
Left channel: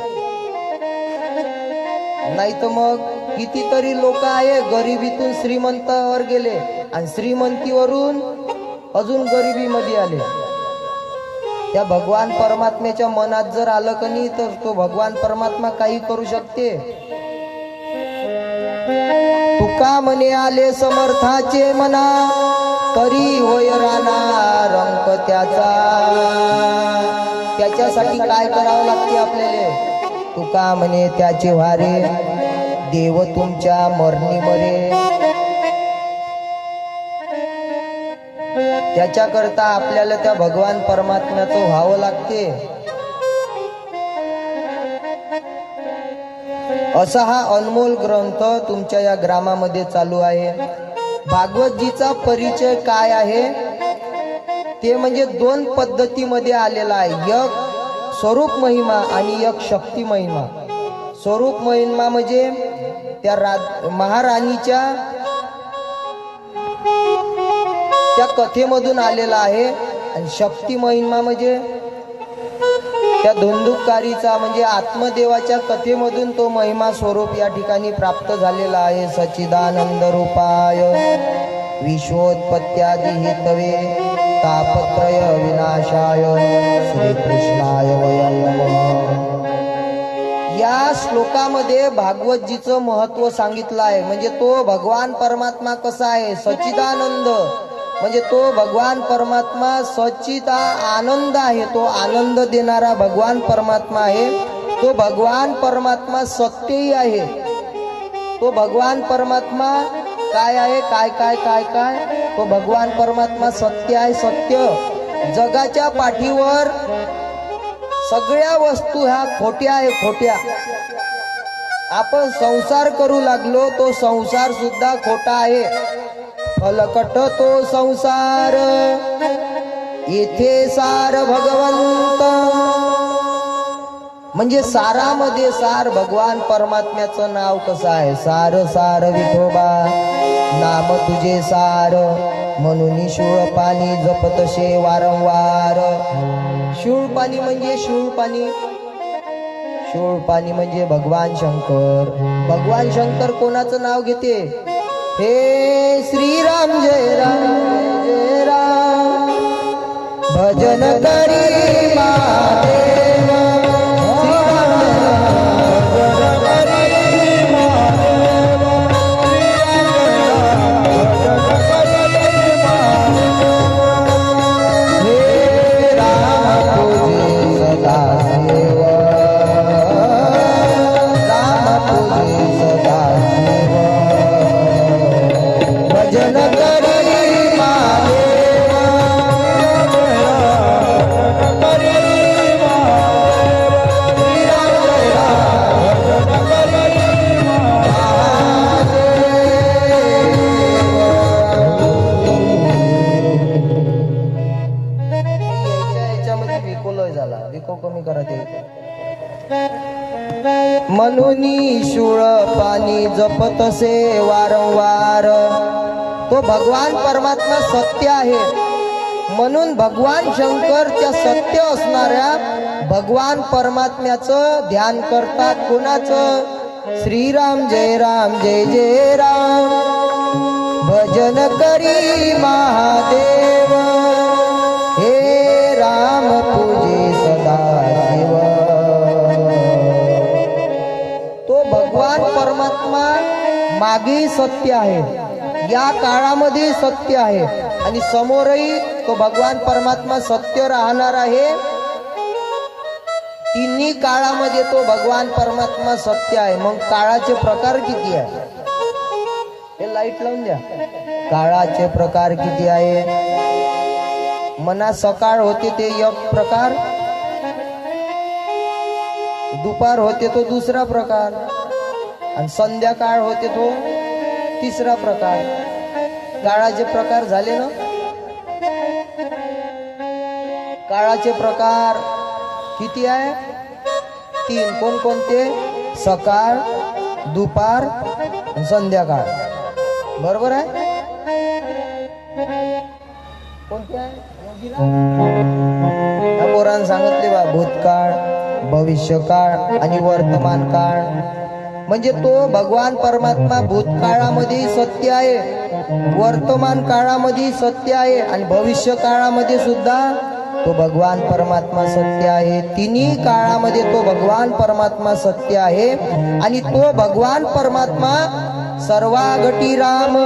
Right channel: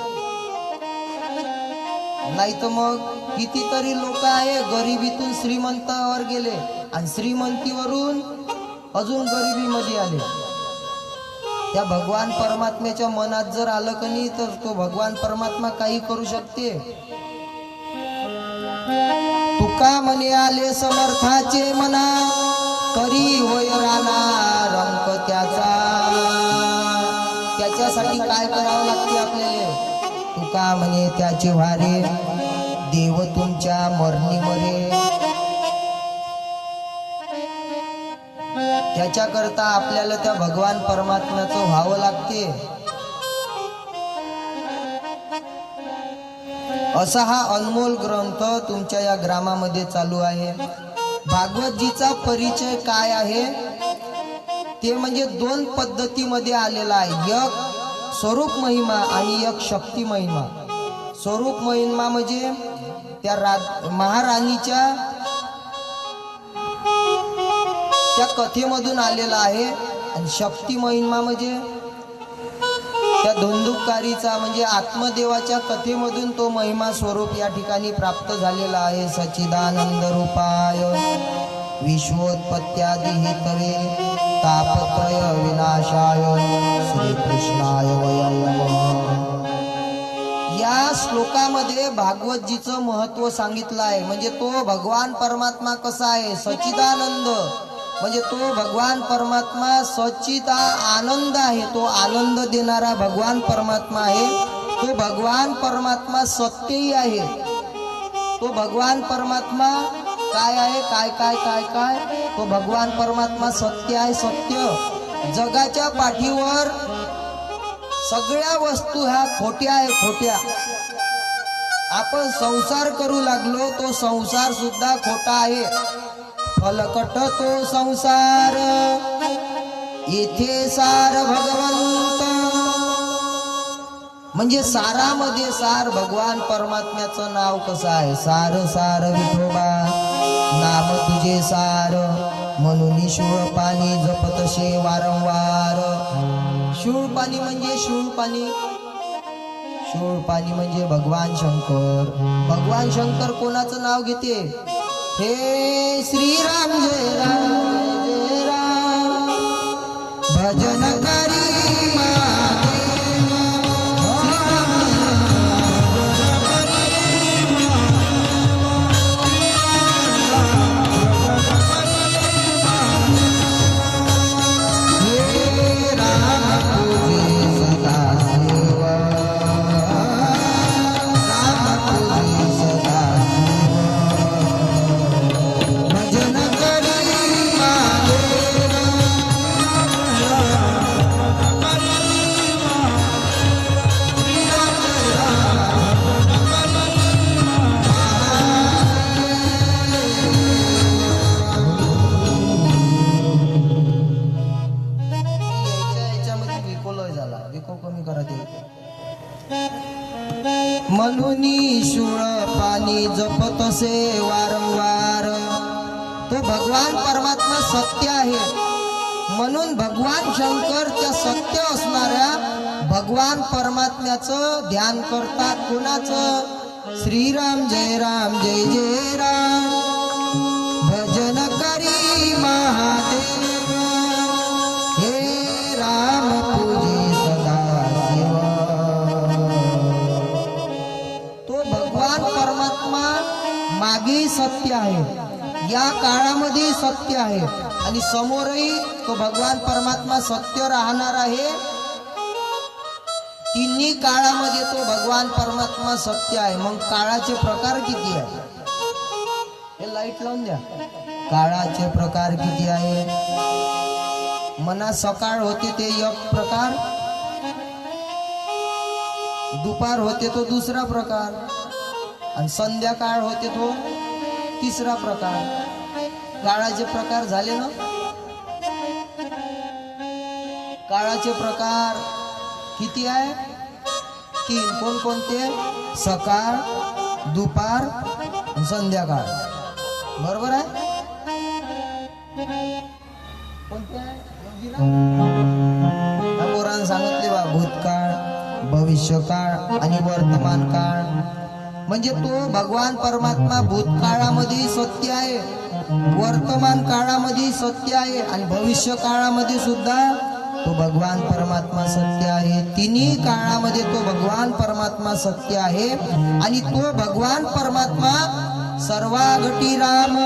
नाही तर मग कितीतरी लोक आहे गरिबीतून श्रीमंतावर गेले आणि श्रीमंतीवरून अजून गरिबीमध्ये आले. त्या भगवान परमात्म्याच्या मनात जर आलं का नाही तर तो भगवान परमात्मा काही करू शकते. तुका म्हणे आले समर्थाचे मना, तरी होय राहणार अंक त्याचा. त्याच्यासाठी काय करावं लागते आपल्याला, तुका म्हणे त्याचे वारे देव तुमच्या मरणी मरे. त्याच्याकरता आपल्याला त्या भगवान परमात्म्याचं व्हावं लागते. असा हा अनमोल ग्रंथ तुमच्या या ग्रामामध्ये चालू आहे. भागवतजीचा परिचय काय आहे ते म्हणजे 2 पद्धतीमध्ये आलेला आहे. एक स्वरूप महिमा आणि एक शक्ती महिमा. स्वरूप महिमा म्हणजे त्या महाराणीच्या त्या कथेमधून आलेला आहे. आणि शक्ती महिमा म्हणजे त्या धुंदुककारीचा म्हणजे आत्मदेवाच्या कथेमधून तो महिमा स्वरूप या ठिकाणी प्राप्त झालेला आहे. सच्चिदानंद रूपाय विश्वोत्पत्त्यादि हेतवे तापत्रय विनाशाय श्रीकृष्णाय वयं नमः. या श्लोकामध्ये भागवतजीचं महत्व सांगितलं आहे. म्हणजे तो भगवान परमात्मा कसा आहे, सच्चिदानंद म्हणजे तो भगवान परमात्मा सच्चित आनंद आहे. तो आनंद देणारा भगवान परमात्मा आहे. तो भगवान परमात्मा सत्यही आहे. तो भगवान परमात्मा काय आहे, काय काय काय काय तो भगवान परमात्मा सत्य आहे. सत्य जगाच्या पाठीवर सगळ्या वस्तू ह्या खोट्या आहे, खोट्या. आपण संसार करू लागलो तो संसार सुद्धा खोटा आहे. फलकट तो संसार येथे सार भगवंत. म्हणजे सारामध्ये सार भगवान परमात्म्याचं नाव कसं आहे, सार सार विठोबा नाम तुझे सार म्हणून शूळ पाणी जपतसे वारंवार. शूळ पाणी म्हणजे शूळ पाणी, शूळ पाणी म्हणजे भगवान शंकर. भगवान शंकर कोणाचं नाव घेते, हे श्रीराम जय राम जय राम भजन करी महादेव. श्रीराम जय हे राम पूजे सदा शिव, राम पूजे सदा शिव भजन करी महादेव. याच्यामध्ये विकोलय झाला, विको कमी करा ते. म्हणून शूळ पाणी जपतसे वारंवार. तो भगवान परमात्मा सत्य आहे. म्हणून भगवान शंकर त्या सत्य असणाऱ्या भगवान परमात्म्याचं ध्यान करतात. कोणाचं, श्रीराम जय राम जय जय राम भजन करी महादेव. हे राम पूजे सदा शिव. तो भगवान परमात्मा मागे सत्य आहे, या काळामध्ये सत्य आहे आणि समोरही तो भगवान परमात्मा सत्य राहणार आहे. तिन्ही काळामध्ये तो भगवान परमात्मा सत्य आहे. मग काळाचे प्रकार किती आहे, हे लाईट लावून द्या. काळाचे प्रकार किती आहे, मना सकाळ होते ते एक प्रकार, दुपार होते तो दुसरा प्रकार आणि संध्याकाळ होते तो तिसरा प्रकार. काळाचे प्रकार झाले ना. काळाचे प्रकार किती आहे, 3. कोणकोणते, सकाळ, दुपार, संध्याकाळ. बरोबर आहे. कोणते आहे, पोरांना सांगितले बा, भूतकाळ, भविष्यकाळ आणि वर्तमान काळ. म्हणजे तो भगवान परमात्मा भूतकाळामध्ये सत्य आहे, वर्तमान काळामध्ये सत्य आहे आणि भविष्य काळामध्ये सुद्धा तो भगवान परमात्मा सत्य आहे. तिन्ही काळामध्ये तो भगवान परमात्मा सत्य आहे. आणि तो भगवान परमात्मा सर्वागटी राम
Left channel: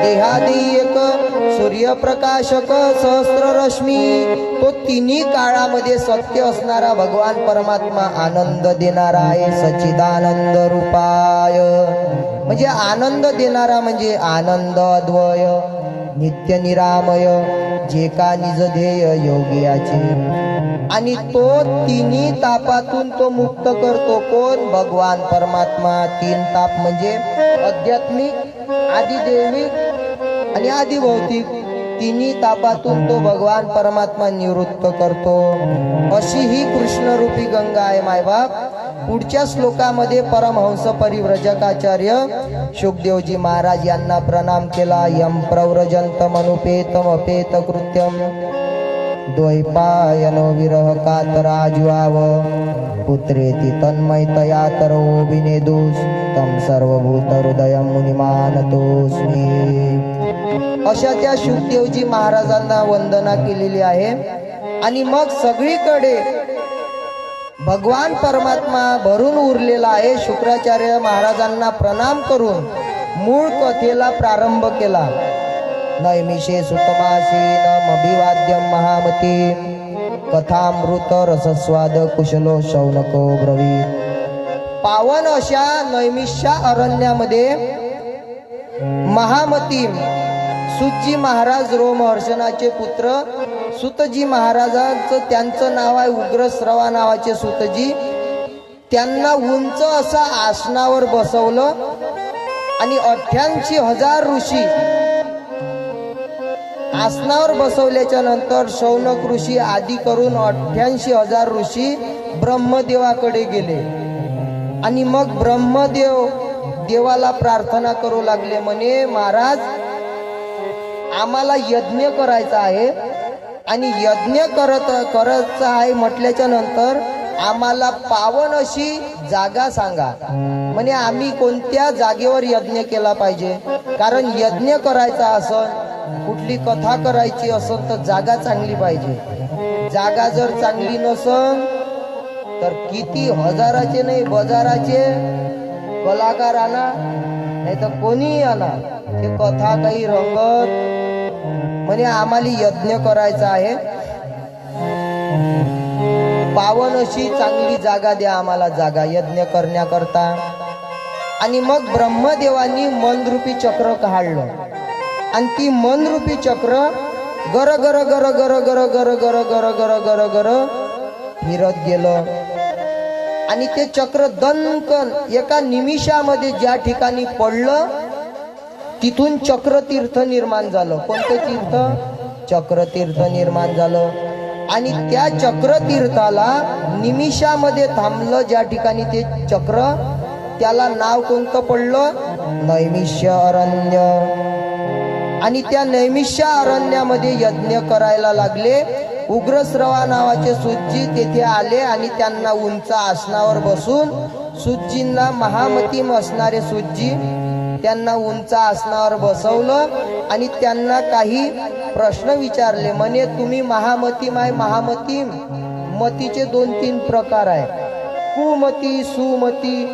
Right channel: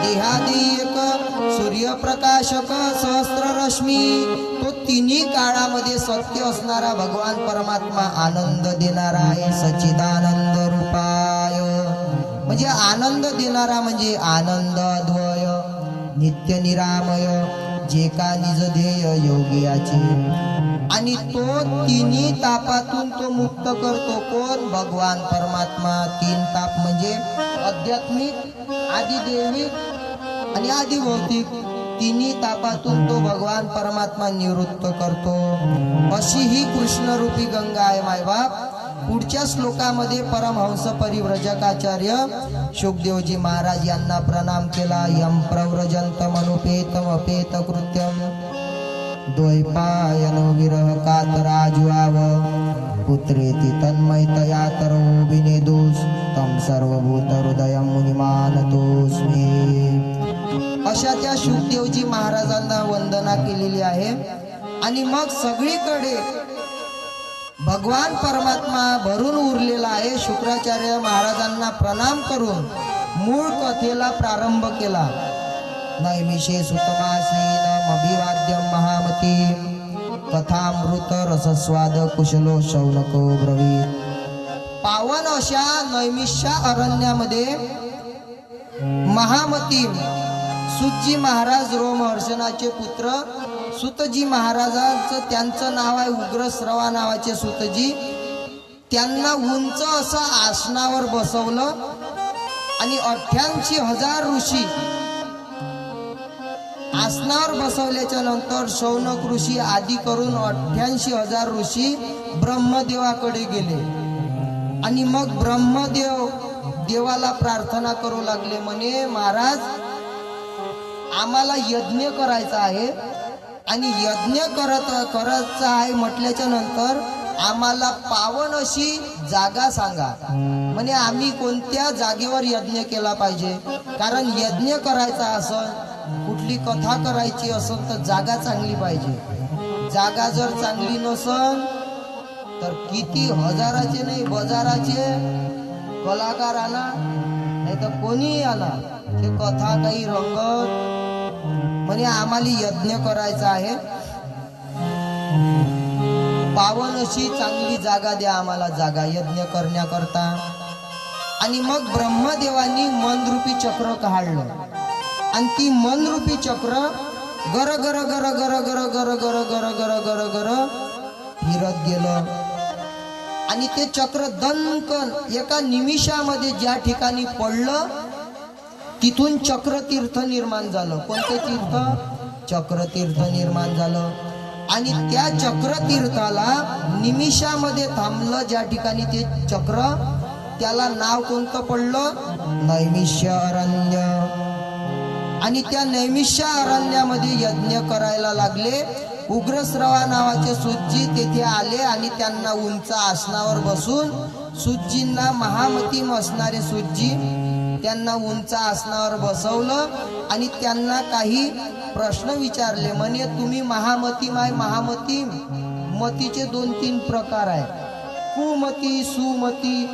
देहादी एक सूर्यप्रकाशक सहस्र रश्मी. तो तिन्ही काळामध्ये सत्य असणारा भगवान परमात्मा आनंद देणारा आहे. सच्चिदानंद रूपाय म्हणजे आनंद देणारा म्हणजे आनंद अद्वय नित्य निरामय जे का निज ध्येय योगियाचे. आणि तो तिन्ही तापातून तो मुक्त करतो. कोण, भगवान परमात्मा. 3 ताप म्हणजे आध्यात्मिक, आदिदैविक आणि आदिभौतिक. तिन्ही तापातून तो भगवान परमात्मा निवृत्त करतो. अशी ही कृष्णरूपी गंगा आहे मायबाप. पुढच्या श्लोकामध्ये परमहंस परिव्रजकाचार्य शुकदेवजी महाराज यांना प्रणाम केला. यम प्रव्रजंतम अनुपेतम अपेत कृत्यम द्वैपायनो विरह कातराजुआव पुत्रेति तन्मयतया तरो विनेदुस तम सर्वभूत हृदय मुनिमानतोस्मी. अशा त्या शुकदेवजी महाराजांना वंदना केलेली आहे. आणि मग सगळीकडे भगवान परमात्मा भरून उरलेला आहे. शुक्राचार्य महाराजांना प्रणाम करून मूळ कथेला प्रारंभ केला. नैमिषे सुतमासीन अभिवाद्यम महामती कथामृत रसस्वाद कुशलो शौनको ब्रवीत. पावन अशा नैमिष्या अरण्यामध्ये महामती सुतजी महाराज रोमहर्षणाचे पुत्र सुतजी महाराजांचं त्यांचं नाव आहे उग्रश्रवा नावाचे सुतजी. त्यांना उंच असा आसनावर बसवलं आणि 88,000 ऋषी आसनावर बसवल्याच्या नंतर शौनक ऋषी आदी करून 88,000 ऋषी ब्रह्मदेवाकडे गेले. आणि मग ब्रह्मदेव देवाला प्रार्थना करू लागले. म्हणे महाराज आम्हाला यज्ञ करायचा आहे आणि यज्ञ करायचा आहे म्हटल्याच्या नंतर आम्हाला पावन अशी जागा सांगा. म्हणे आम्ही कोणत्या जागेवर यज्ञ केला पाहिजे, कारण यज्ञ करायचा असन कुठली कथा करायची असन तर जागा चांगली पाहिजे. जागा जर चांगली नसन तर किती हजाराचे नाही बाजाराचे कलाकार आणा नाही तर कोणीही आणा ते कथा काही रंगत. म्हणजे आम्हाला यज्ञ करायचा आहे, पावन अशी चांगली जागा द्या आम्हाला जागा यज्ञ करण्याकरता. आणि मग ब्रह्मदेवानी मनरूपी चक्र काढलं आणि ती मनरूपी चक्र गर गर गर गर गर गर गर गर गर गर गर फिरत गेलं. आणि ते चक्र दणकन एका निमिषामध्ये ज्या ठिकाणी पडलं तिथून चक्रतीर्थ निर्माण झालं. कोणते तीर्थ? चक्रतीर्थ निर्माण झालं. आणि त्या चक्रतीर्थाला निमिषामध्ये थांबलं ज्या ठिकाणी ते चक्र, त्याला नाव कोणतं पडलं? नैमिष्य अरण्य. आणि त्या नैमिष्य अरण्यामध्ये यज्ञ करायला लागले. उग्रश्रवा नावाचे सुतजी तेथे आले आणि त्यांना उंच आसनावर बसून सुतजींना महामतीम असणारे सुतजी त्यांना उंच आसनावर बसवलं आणि त्यांना काही प्रश्न विचारले. म्हणे तुम्ही महामतीम आहे. महामतीम मतीचे 2-3 प्रकार आहे, कुमती, सुमती,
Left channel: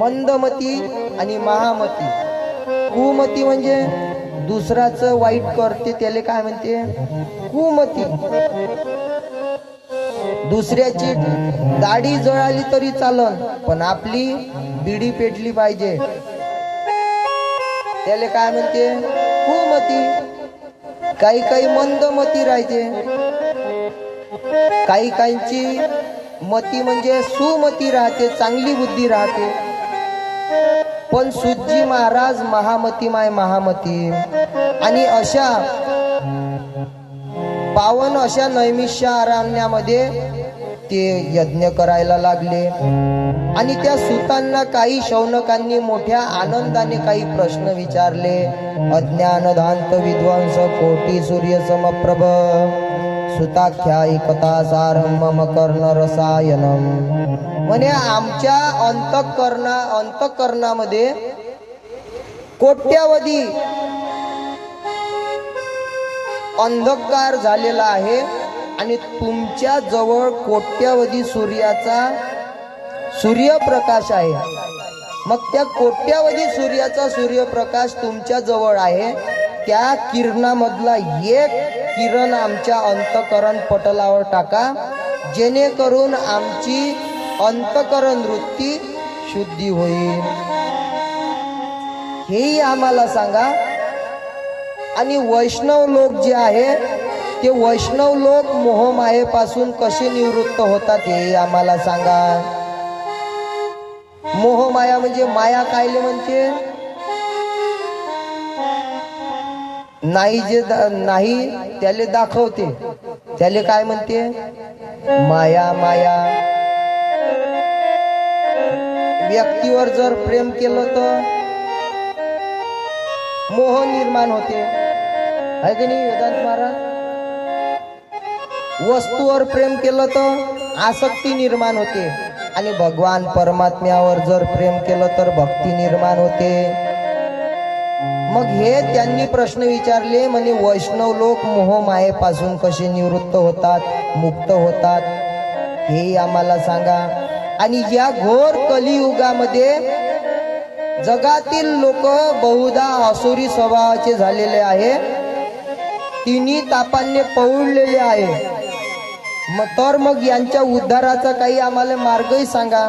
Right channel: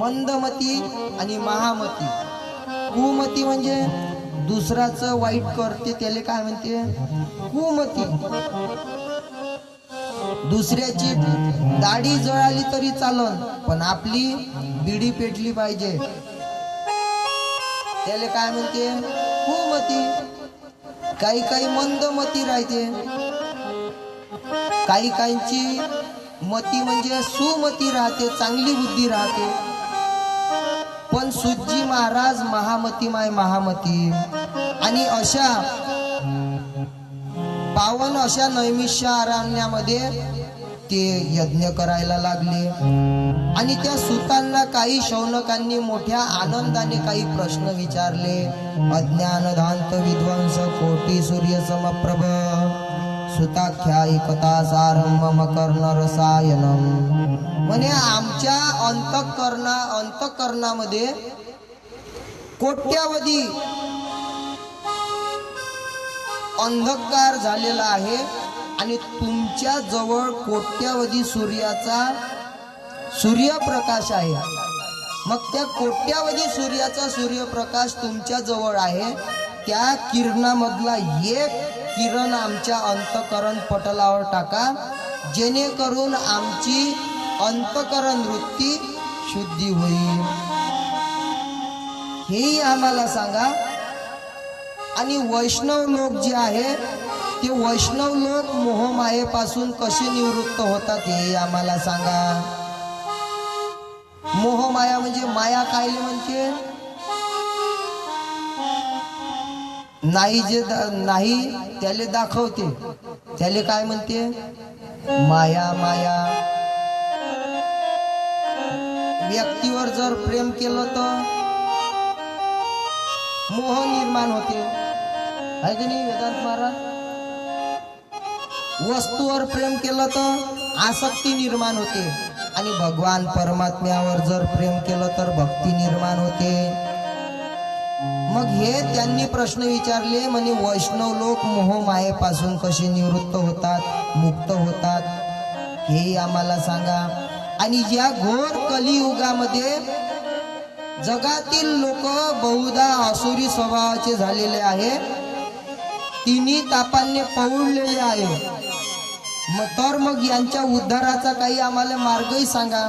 मंदमती आणि महामती. कुमती म्हणजे दुसराचं वाईट करते त्याला काय म्हणते? कुमती. दुसऱ्याची दाढी जळाली तरी चालन पण आपली बिडी पेटली पाहिजे त्याला काय म्हणते? कुमती. काही काही मंदमती राहते. काही काहींची मती म्हणजे सुमती राहते, चांगली बुद्धी राहते. पण सुतजी महाराज महामतीमाय महामती. आणि अशा पावन अशा नैमिष्य अरण्यामध्ये ते यज्ञ करायला लागले. आणि त्या सुतांना काही शौनकांनी मोठ्या आनंदाने काही प्रश्न विचारले. अज्ञानधांत विध्वंस कोटी सूर्य समप्रभ सुताख्यायी कथा सारम मम कर्ण रसायनम. म्हणे आमच्या अंतःकरणामध्ये कोट्यावधी अंधकार झालेला आहे आणि तुमच्या जवळ कोट्यावधी सूर्यप्रकाश आहे. मग त्या कोट्यावधी सूर्याचा सूर्यप्रकाश तुमच्या जवळ आहे. त्या किरणामधला एक किरण आमच्या अंतःकरण पटलावर टाका जेणेकरून आमची अंतःकरण वृत्ती शुद्धी होईल. हेही आम्हाला सांगा. आणि वैष्णव लोक जे आहे ते वैष्णव लोक मोहमायेपासून कसे निवृत्त होतात हे आम्हाला सांगा. मोहमाया म्हणजे माया कायले म्हणते? नाही जे नाही त्याले दाखवते त्याले काय म्हणते? माया. माया व्यक्तीवर जर प्रेम केलं तर मोह निर्माण होते, आहे की नाही वेदांत महाराज? वस्तूवर प्रेम केलं तर आसक्ती निर्माण होते, आणि भगवान परमात्म्यावर जर प्रेम केलं तर भक्ती निर्माण होते. मग हे त्यांनी प्रश्न विचारले, म्हणे वैष्णव लोक मोह मायेपासून कसे निवृत्त होतात, मुक्त होतात, हे आम्हाला सांगा. आणि या घोर कलियुगामध्ये जगातील लोक बहुधा आसुरी स्वभावाचे झालेले आहे, तिन्ही तापांनी पौडलेले आहे. मग यांच्या उद्धाराचा काही आम्हाला मार्गही सांगा.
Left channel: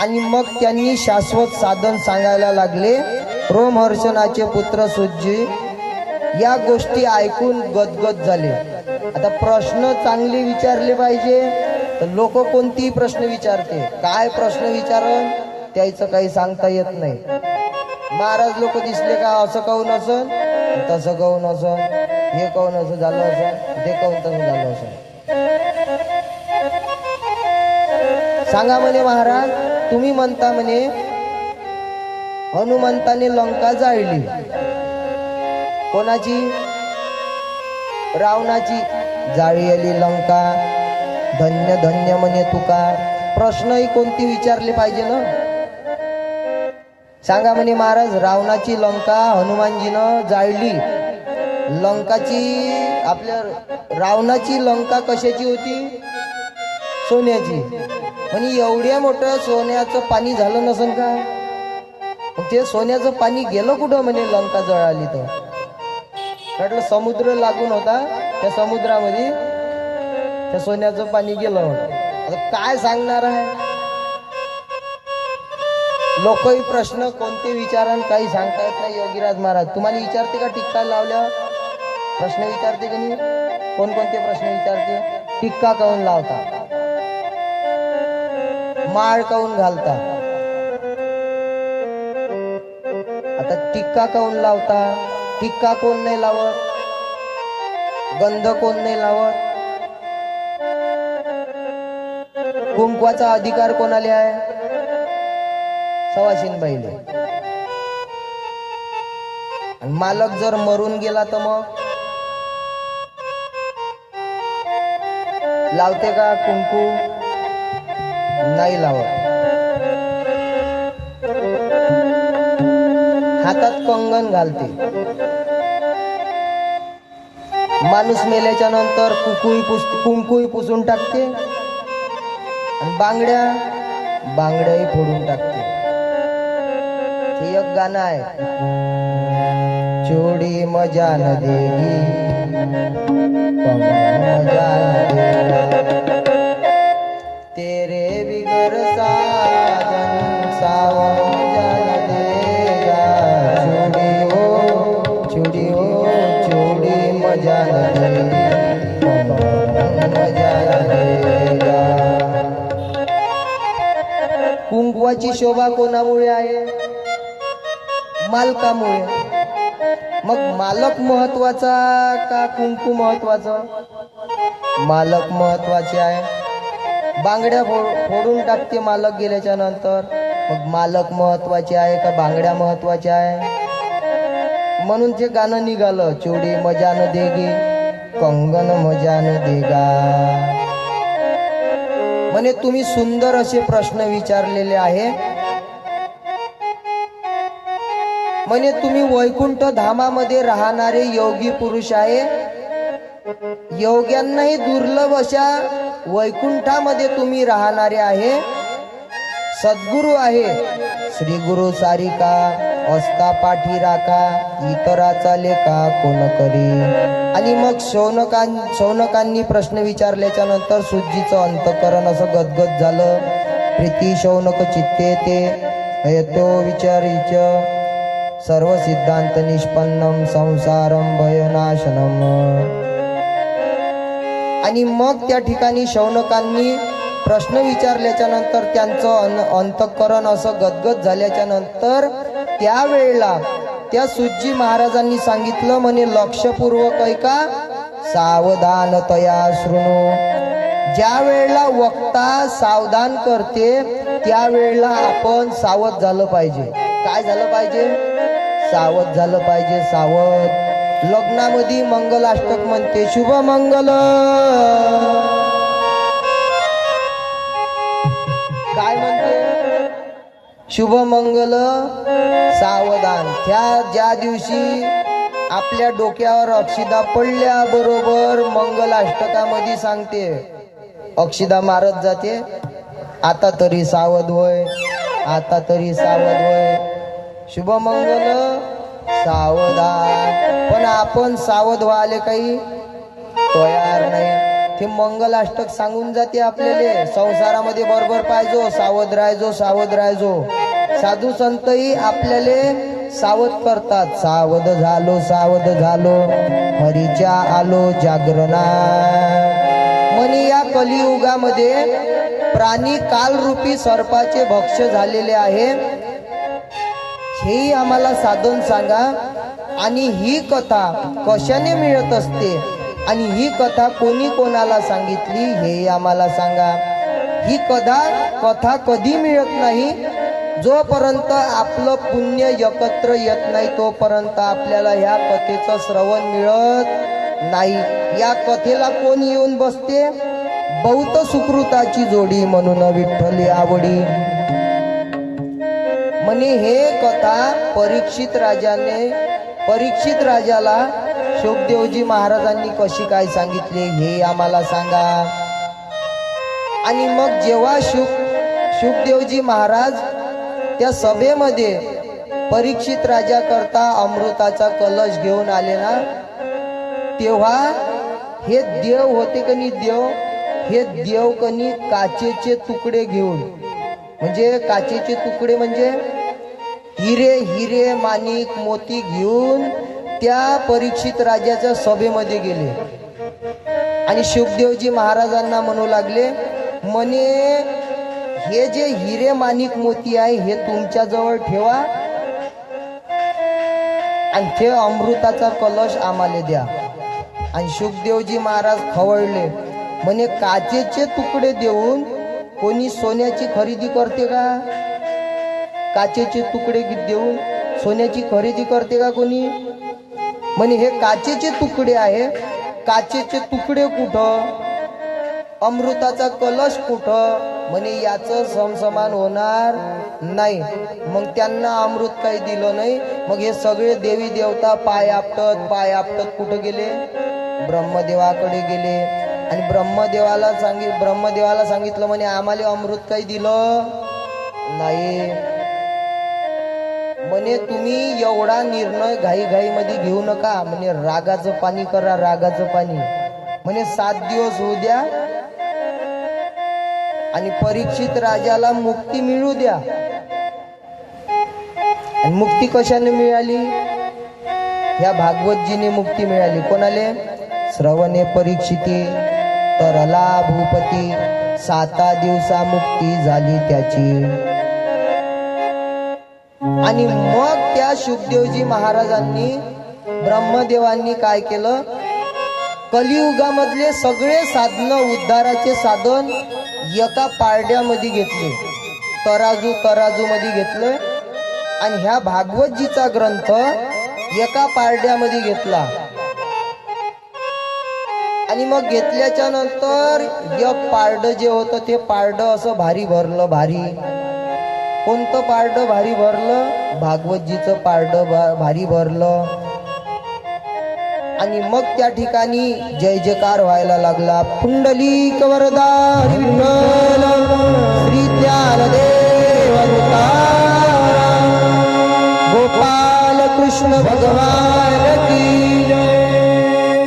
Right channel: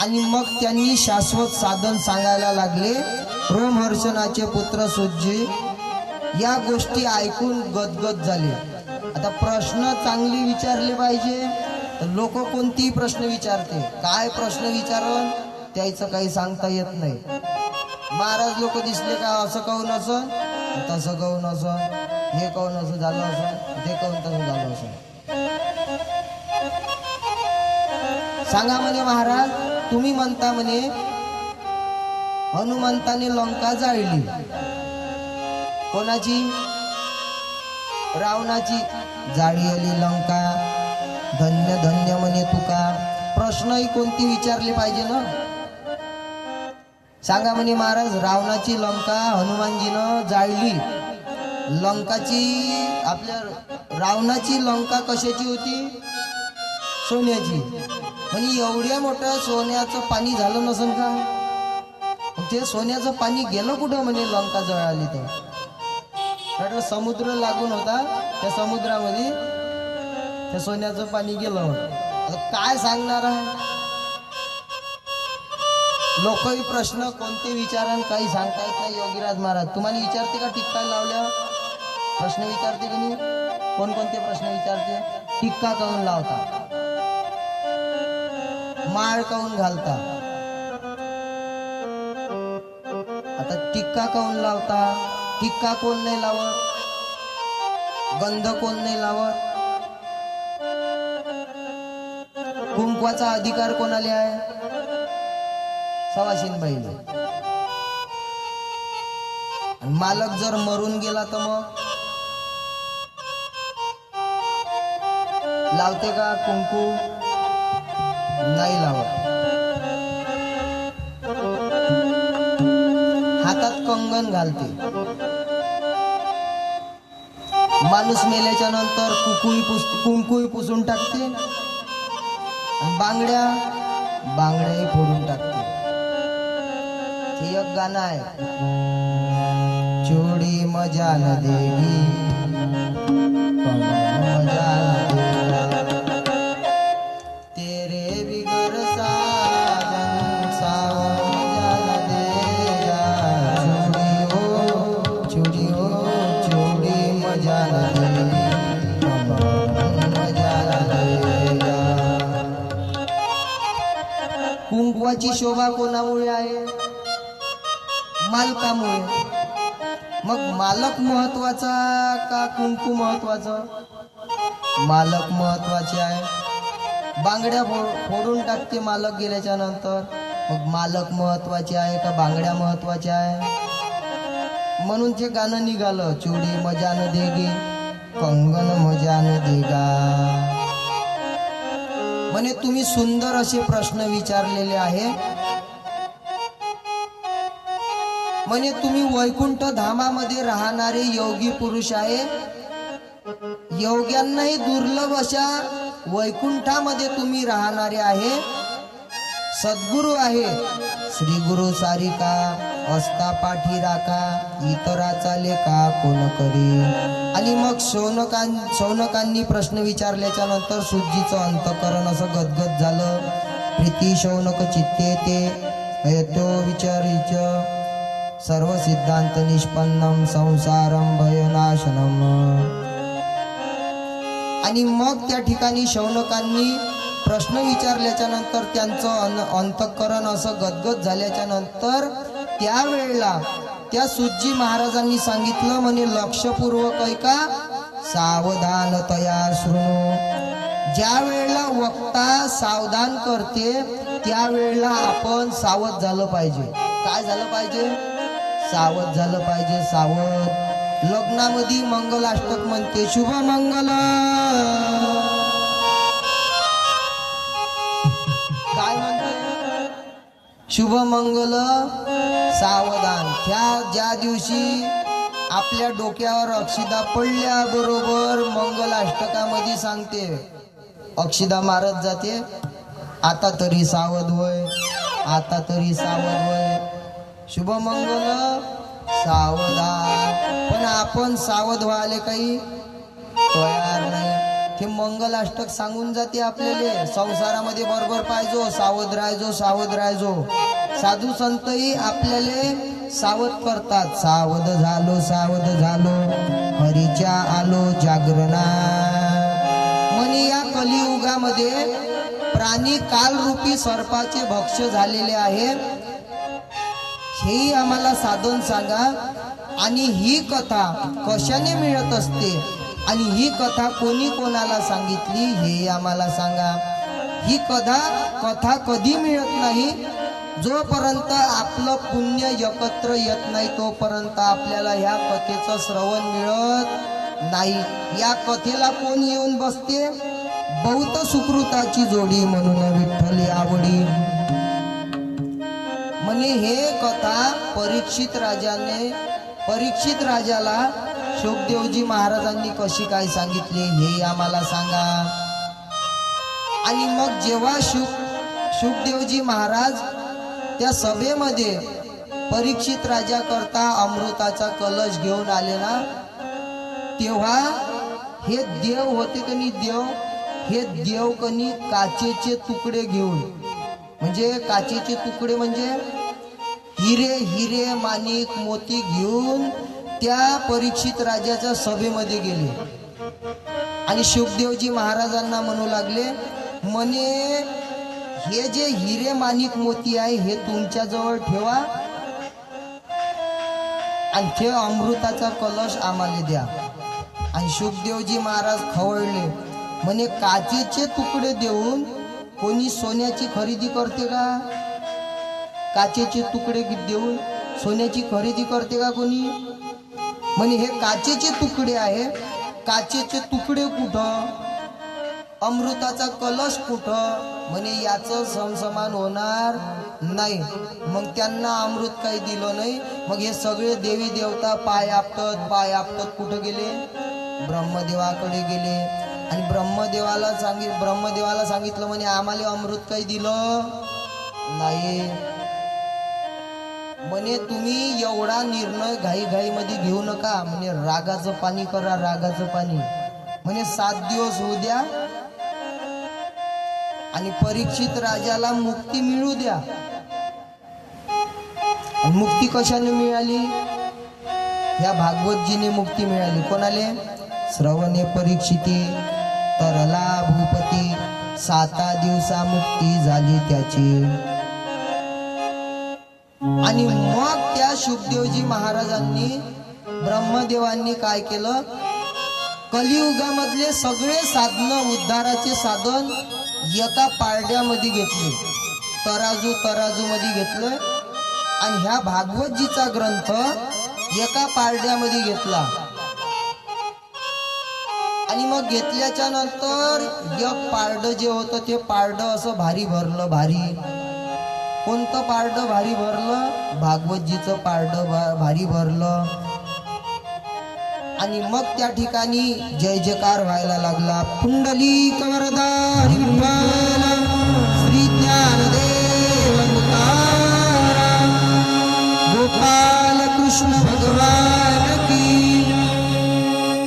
आणि मग त्यांनी शाश्वत साधन सांगायला लागले. रोमहर्षणाचे पुत्र सुज्जी या गोष्टी ऐकून गदगद झाले. आता प्रश्न चांगले विचारले पाहिजे, तर लोक कोणतीही प्रश्न विचारते, काय प्रश्न विचारण त्याचं काही सांगता येत नाही. महाराज लोक दिसले का असं कहून असन, तसं कहून असन, हे कहून असं झालं असन, ते कहून तसं झालं असन. सांगा म्हणे महाराज, तुम्ही म्हणता म्हणे हनुमंताने लंका जाळली, कोणाची? रावणाची. जाळी आली लंका, धन्य धन्य म्हणे तुका. प्रश्नही कोणती विचारले पाहिजे ना? सांगा म्हणे महाराज, रावणाची लंका हनुमानजीनं जाळली. लंकाची आपल्या रावणाची लंका कशाची होती? सोन्याची. म्हणजे एवढ्या मोठं सोन्याचं पाणी झालं नसन का? ते सोन्याचं पाणी गेलं कुठं म्हणे लंका जळाली तर? म्हटलं समुद्र लागून होता, त्या समुद्रामध्ये त्या सोन्याचं पाणी गेलं होतं. आता काय सांगणार आहे? लोकही प्रश्न कोणते विचारण काही सांगता येत नाही. योगीराज महाराज तुम्हाला विचारते का टिक्का लावल्यावर? प्रश्न विचारते की नाही? कोणकोणते प्रश्न विचारते? टिक्का काऊन लावता, माळ काऊन घालता, आता टिक्का काऊन लावता, टिक्का कोण नाही लावत, गंध कोण नाही लावत, कुंकवाचा अधिकार कोणाला आहे? सवाशीनबाईले. आणि मालक जर मरून गेला तर मग लावते का कुंकू? नाही लावत. हातात कंगन घालते. माणूस मेल्याच्या नंतर कुंकूही पुसून टाकते, आणि बांगड्याही फोडून टाकते. ते एक गाणं आहे, चोडी मजा न देगी मजा न देगा, तेरे बिगर साजन सावन मजा न देगा, चोडी हो चोडी मजा न देगी मजा न देगा. कुंकवाची शोभा कोणामुळे आहे? मालकामुळे. मग मालक महत्वाचा का कुंकू महत्वाचं? मालक महत्वाचे आहे. बांगड्या फोडून टाकते मालक गेल्याच्या नंतर, मग मालक महत्वाचे आहे का बांगड्या महत्वाच्या आहे? म्हणून ते गाणं निघालं, चोडी मजा न देगी कंगन मजा न देगा. म्हणे तुम्ही सुंदर असे प्रश्न विचारलेले आहे. म्हणे तुम्ही वैकुंठ धामामध्ये राहणारे योगी पुरुष आहे. योग्यांनाही दुर्लभ अशा वैकुंठामध्ये तुम्ही राहणारे आहे. सद्गुरु आहे. श्री गुरु सारिका असता पाठी राखा, इतराचा लेखा कोण करी. आणि मग शौनकांनी प्रश्न विचारल्याच्या नंतर सुज्जीचं अंतकरण असं गदगद झालं. प्रीती शौनक चित्ते ते येतो विचारीच, सर्व सिद्धांत निष्पन्नम संसारम भयनाशनम. आणि मग त्या ठिकाणी शौनकांनी प्रश्न विचारल्याच्या नंतर त्यांचं अंतःकरण असं गदगद झाल्याच्या नंतर त्यावेळेला त्या सुज्जी महाराजांनी सांगितलं, म्हणे लक्षपूर्वक ऐका, सावधानतया शृणु. ज्या वेळेला वक्ता सावधान करते त्यावेळेला आपण सावध झालं पाहिजे. काय झालं पाहिजे? सावध झालं पाहिजे, सावध. लग्नामध्ये मंगलाष्टक म्हणते, शुभ मंगल. काय म्हणते? शुभ मंगल सावधान. ज्या दिवशी आपल्या डोक्यावर अक्षिदा पडल्या बरोबर मंगलाष्टकामध्ये सांगते, अक्षिदा मारत जाते, आता तरी सावध होय, आता तरी सावध होय, शुभ मंगल सावधान. पण आपण सावध व्हायला काही तयार नाही. ते मंगलाष्टक सांगून जाते आपल्याला, संसारामध्ये बरोबर पाहिजो, सावध राहायचो, सावध राहायचो. साधू संतही आपल्याला सावध करतात, सावध झालो, सावध झालो, हरीच्या आलो जागरणा. म्हणे या कलियुगामध्ये प्राणी कालरूपी सर्पाचे भक्ष झालेले आहे, हेही आम्हाला साधन सांगा. आणि ही कथा कशाने मिळत असते आणि ही कथा कोणी कोणाला सांगितली हे आम्हाला सांगा. ही कथा कधी मिळत नाही, जोपर्यंत आपलं पुण्य एकत्र येत नाही तोपर्यंत आपल्याला ह्या कथेचं श्रवण मिळत नाही. या कथेला कोण येऊन बसते? बहुत सुकृताची जोडी म्हणून विठ्ठली आवडी. म्हणे हे कथा परीक्षित राजाला शुकदेवजी महाराजांनी कशी काय सांगितले हे आम्हाला सांगा. आणि मग जेव्हा शुकदेवजी महाराज त्या सभेमध्ये परीक्षित राजा करता अमृताचा कलश घेऊन आले ना, तेव्हा हे देव होते कनी, हे देव कनी काचेचे तुकडे घेऊन, म्हणजे काचेचे तुकडे म्हणजे हिरे माणिक मोती घेऊन त्या परीक्षित राजाच्या सभेमध्ये गेले. आणि शुकदेवजी महाराजांना म्हणू लागले, म्हणे हे जे हिरे माणिक मोती आहे हे तुमच्या जवळ ठेवा आणि ते अमृताचा कलश आम्हाला द्या. आणि शुकदेवजी महाराज खवळले, म्हणे काचेचे तुकडे देऊन कोणी सोन्याची खरेदी करते का? काचेचे तुकडे देऊन सोन्याची खरेदी करते का कोणी? म्हणे हे काचेचे तुकडे आहे, काचेचे तुकडे कुठं, अमृताचा कलश कुठं? म्हणे याचं समसमान होणार नाही. मग त्यांना अमृत काही दिलं नाही. मग हे सगळे देवी देवता पाय आपटत कुठं गेले? ब्रह्मदेवाकडे गेले. आणि ब्रह्मदेवाला सांगितलं, म्हणे आम्हाला अमृत काही दिलं नाही. म्हणे तुम्ही एवढा निर्णय घाईमध्ये घेऊ नका, म्हणे रागाचं पाणी करा, रागाचं पाणी. म्हणे 7 दिवस होऊ द्या आणि परीक्षित राजाला मुक्ती मिळू द्या. आणि मुक्ती कशाने मिळाली? ह्या भागवतजीने मुक्ती मिळाली. कोणाले? श्रवणे परीक्षिती तरला भूपती, 7 दिवसा मुक्ती झाली त्याची. आणि मग त्या शुकदेवजी महाराजांनी, ब्रह्मदेवांनी काय केलं? कलियुगामधले सगळे साधन, उद्धाराचे साधन एका पारड्यामध्ये घेतले, तराजू मध्ये घेतले. आणि ह्या भागवतजीचा ग्रंथ एका पारड्यामध्ये घेतला. आणि मग घेतल्याच्या नंतर एक पारडं जे होतं ते पारडं असं भारी भरलं. कोणतं पारडं भारी भरलं? भागवतजीचं पारडं भारी भरलं. आणि मग त्या ठिकाणी जय जयकार व्हायला लागला. पुंडलिक वरदा विठ्ठल श्री ज्ञानदेव गोपाल कृष्ण भगवान की जय.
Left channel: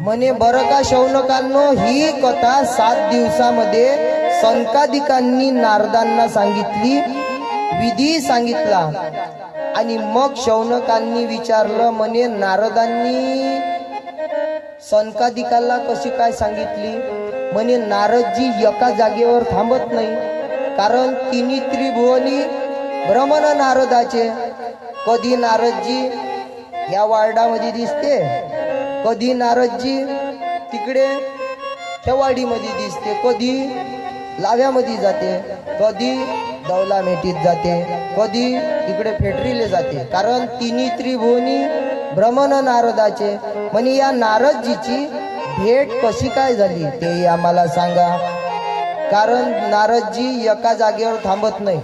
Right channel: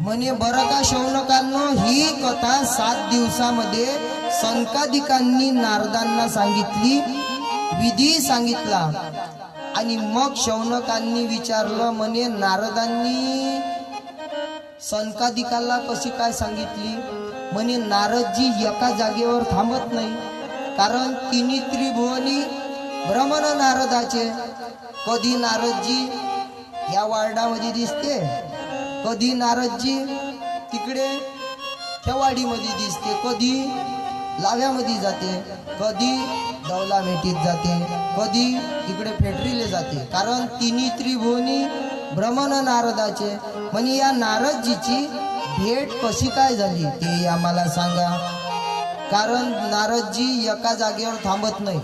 म्हणे बरं का शौनकांनो, ही कथा 7 दिवसामध्ये संकादिकांनी नारदांना सांगितली, विधी सांगितला. आणि मग शौनकांनी विचारलं, म्हणे नारदांनी संकादिकाला कशी काय सांगितली? म्हणे नारदजी एका जागेवर थांबत नाही, कारण तिन्ही त्रिभुवनी भ्रमण नारदाचे. कधी नारदजी ह्या वार्डामध्ये दिसते, कधी नारदजी तिकडे त्या वाडीमध्ये दिसते, कधी लाव्यामध्ये जाते, कधी दौलामेटीत जाते, कधी इकडे फेटरीले जाते. कारण तिन्ही त्रिभुवनी भ्रमण नारदाचे. म्हणे या नारदजीची भेट कशी काय झाली ते आम्हाला सांगा. कारण नारदजी एका जागेवर थांबत नाही.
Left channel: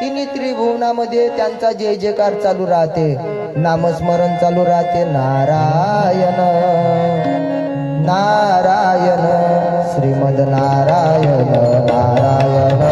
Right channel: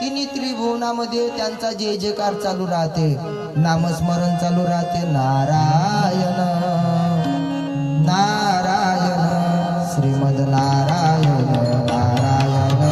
तिन्ही त्रिभुवनामध्ये त्यांचा जय जयकार चालू राहते, नामस्मरण चालू राहते. नारायण नारायण श्रीमद नारायण नारायण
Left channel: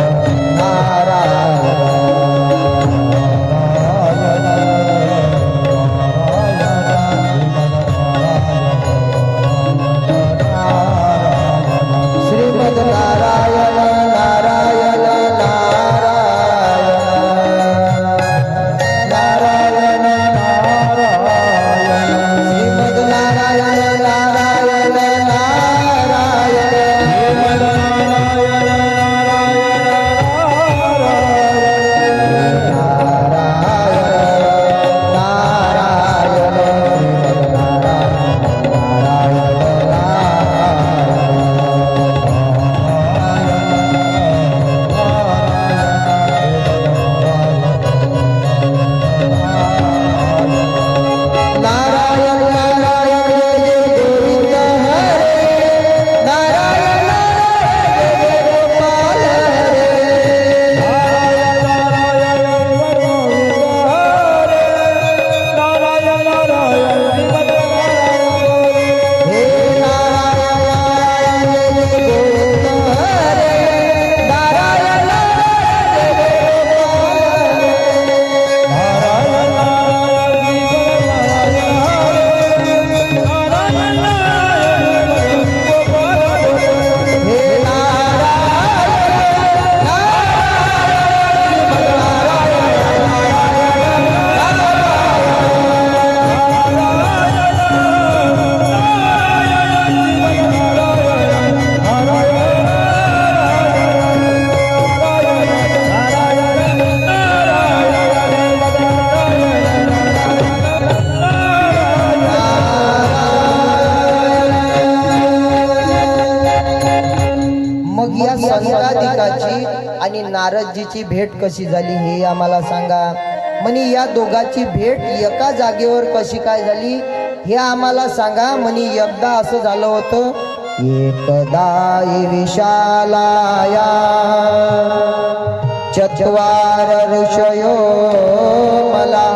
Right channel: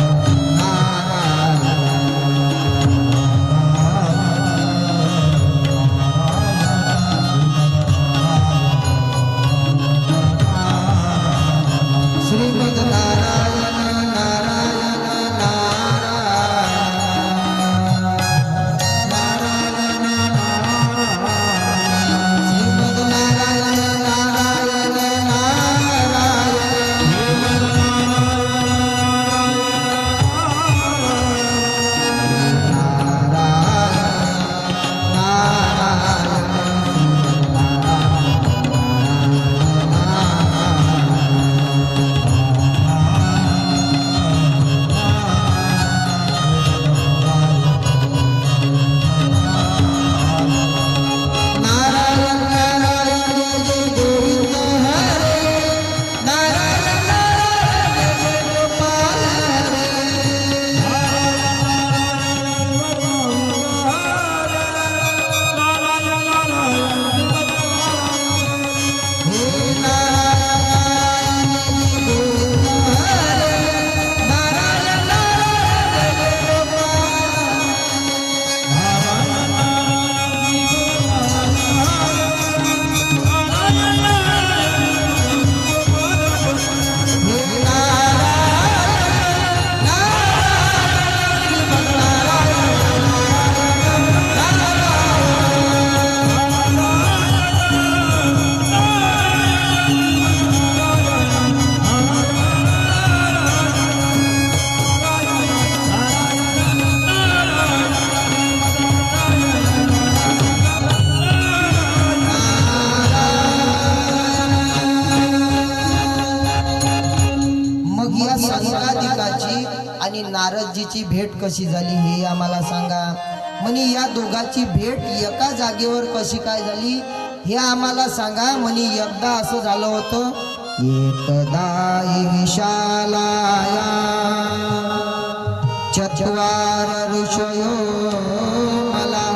आणि नारदजीची भेट कशी झाली हे आम्हाला सांगा. म्हणे या दोघांची भेट एका जागेवर कशी काय झाली हे आम्हाला सांगा. म्हणे एकदा असं झालं होतं, एकदा विशालाया चत्वार ऋषयो मला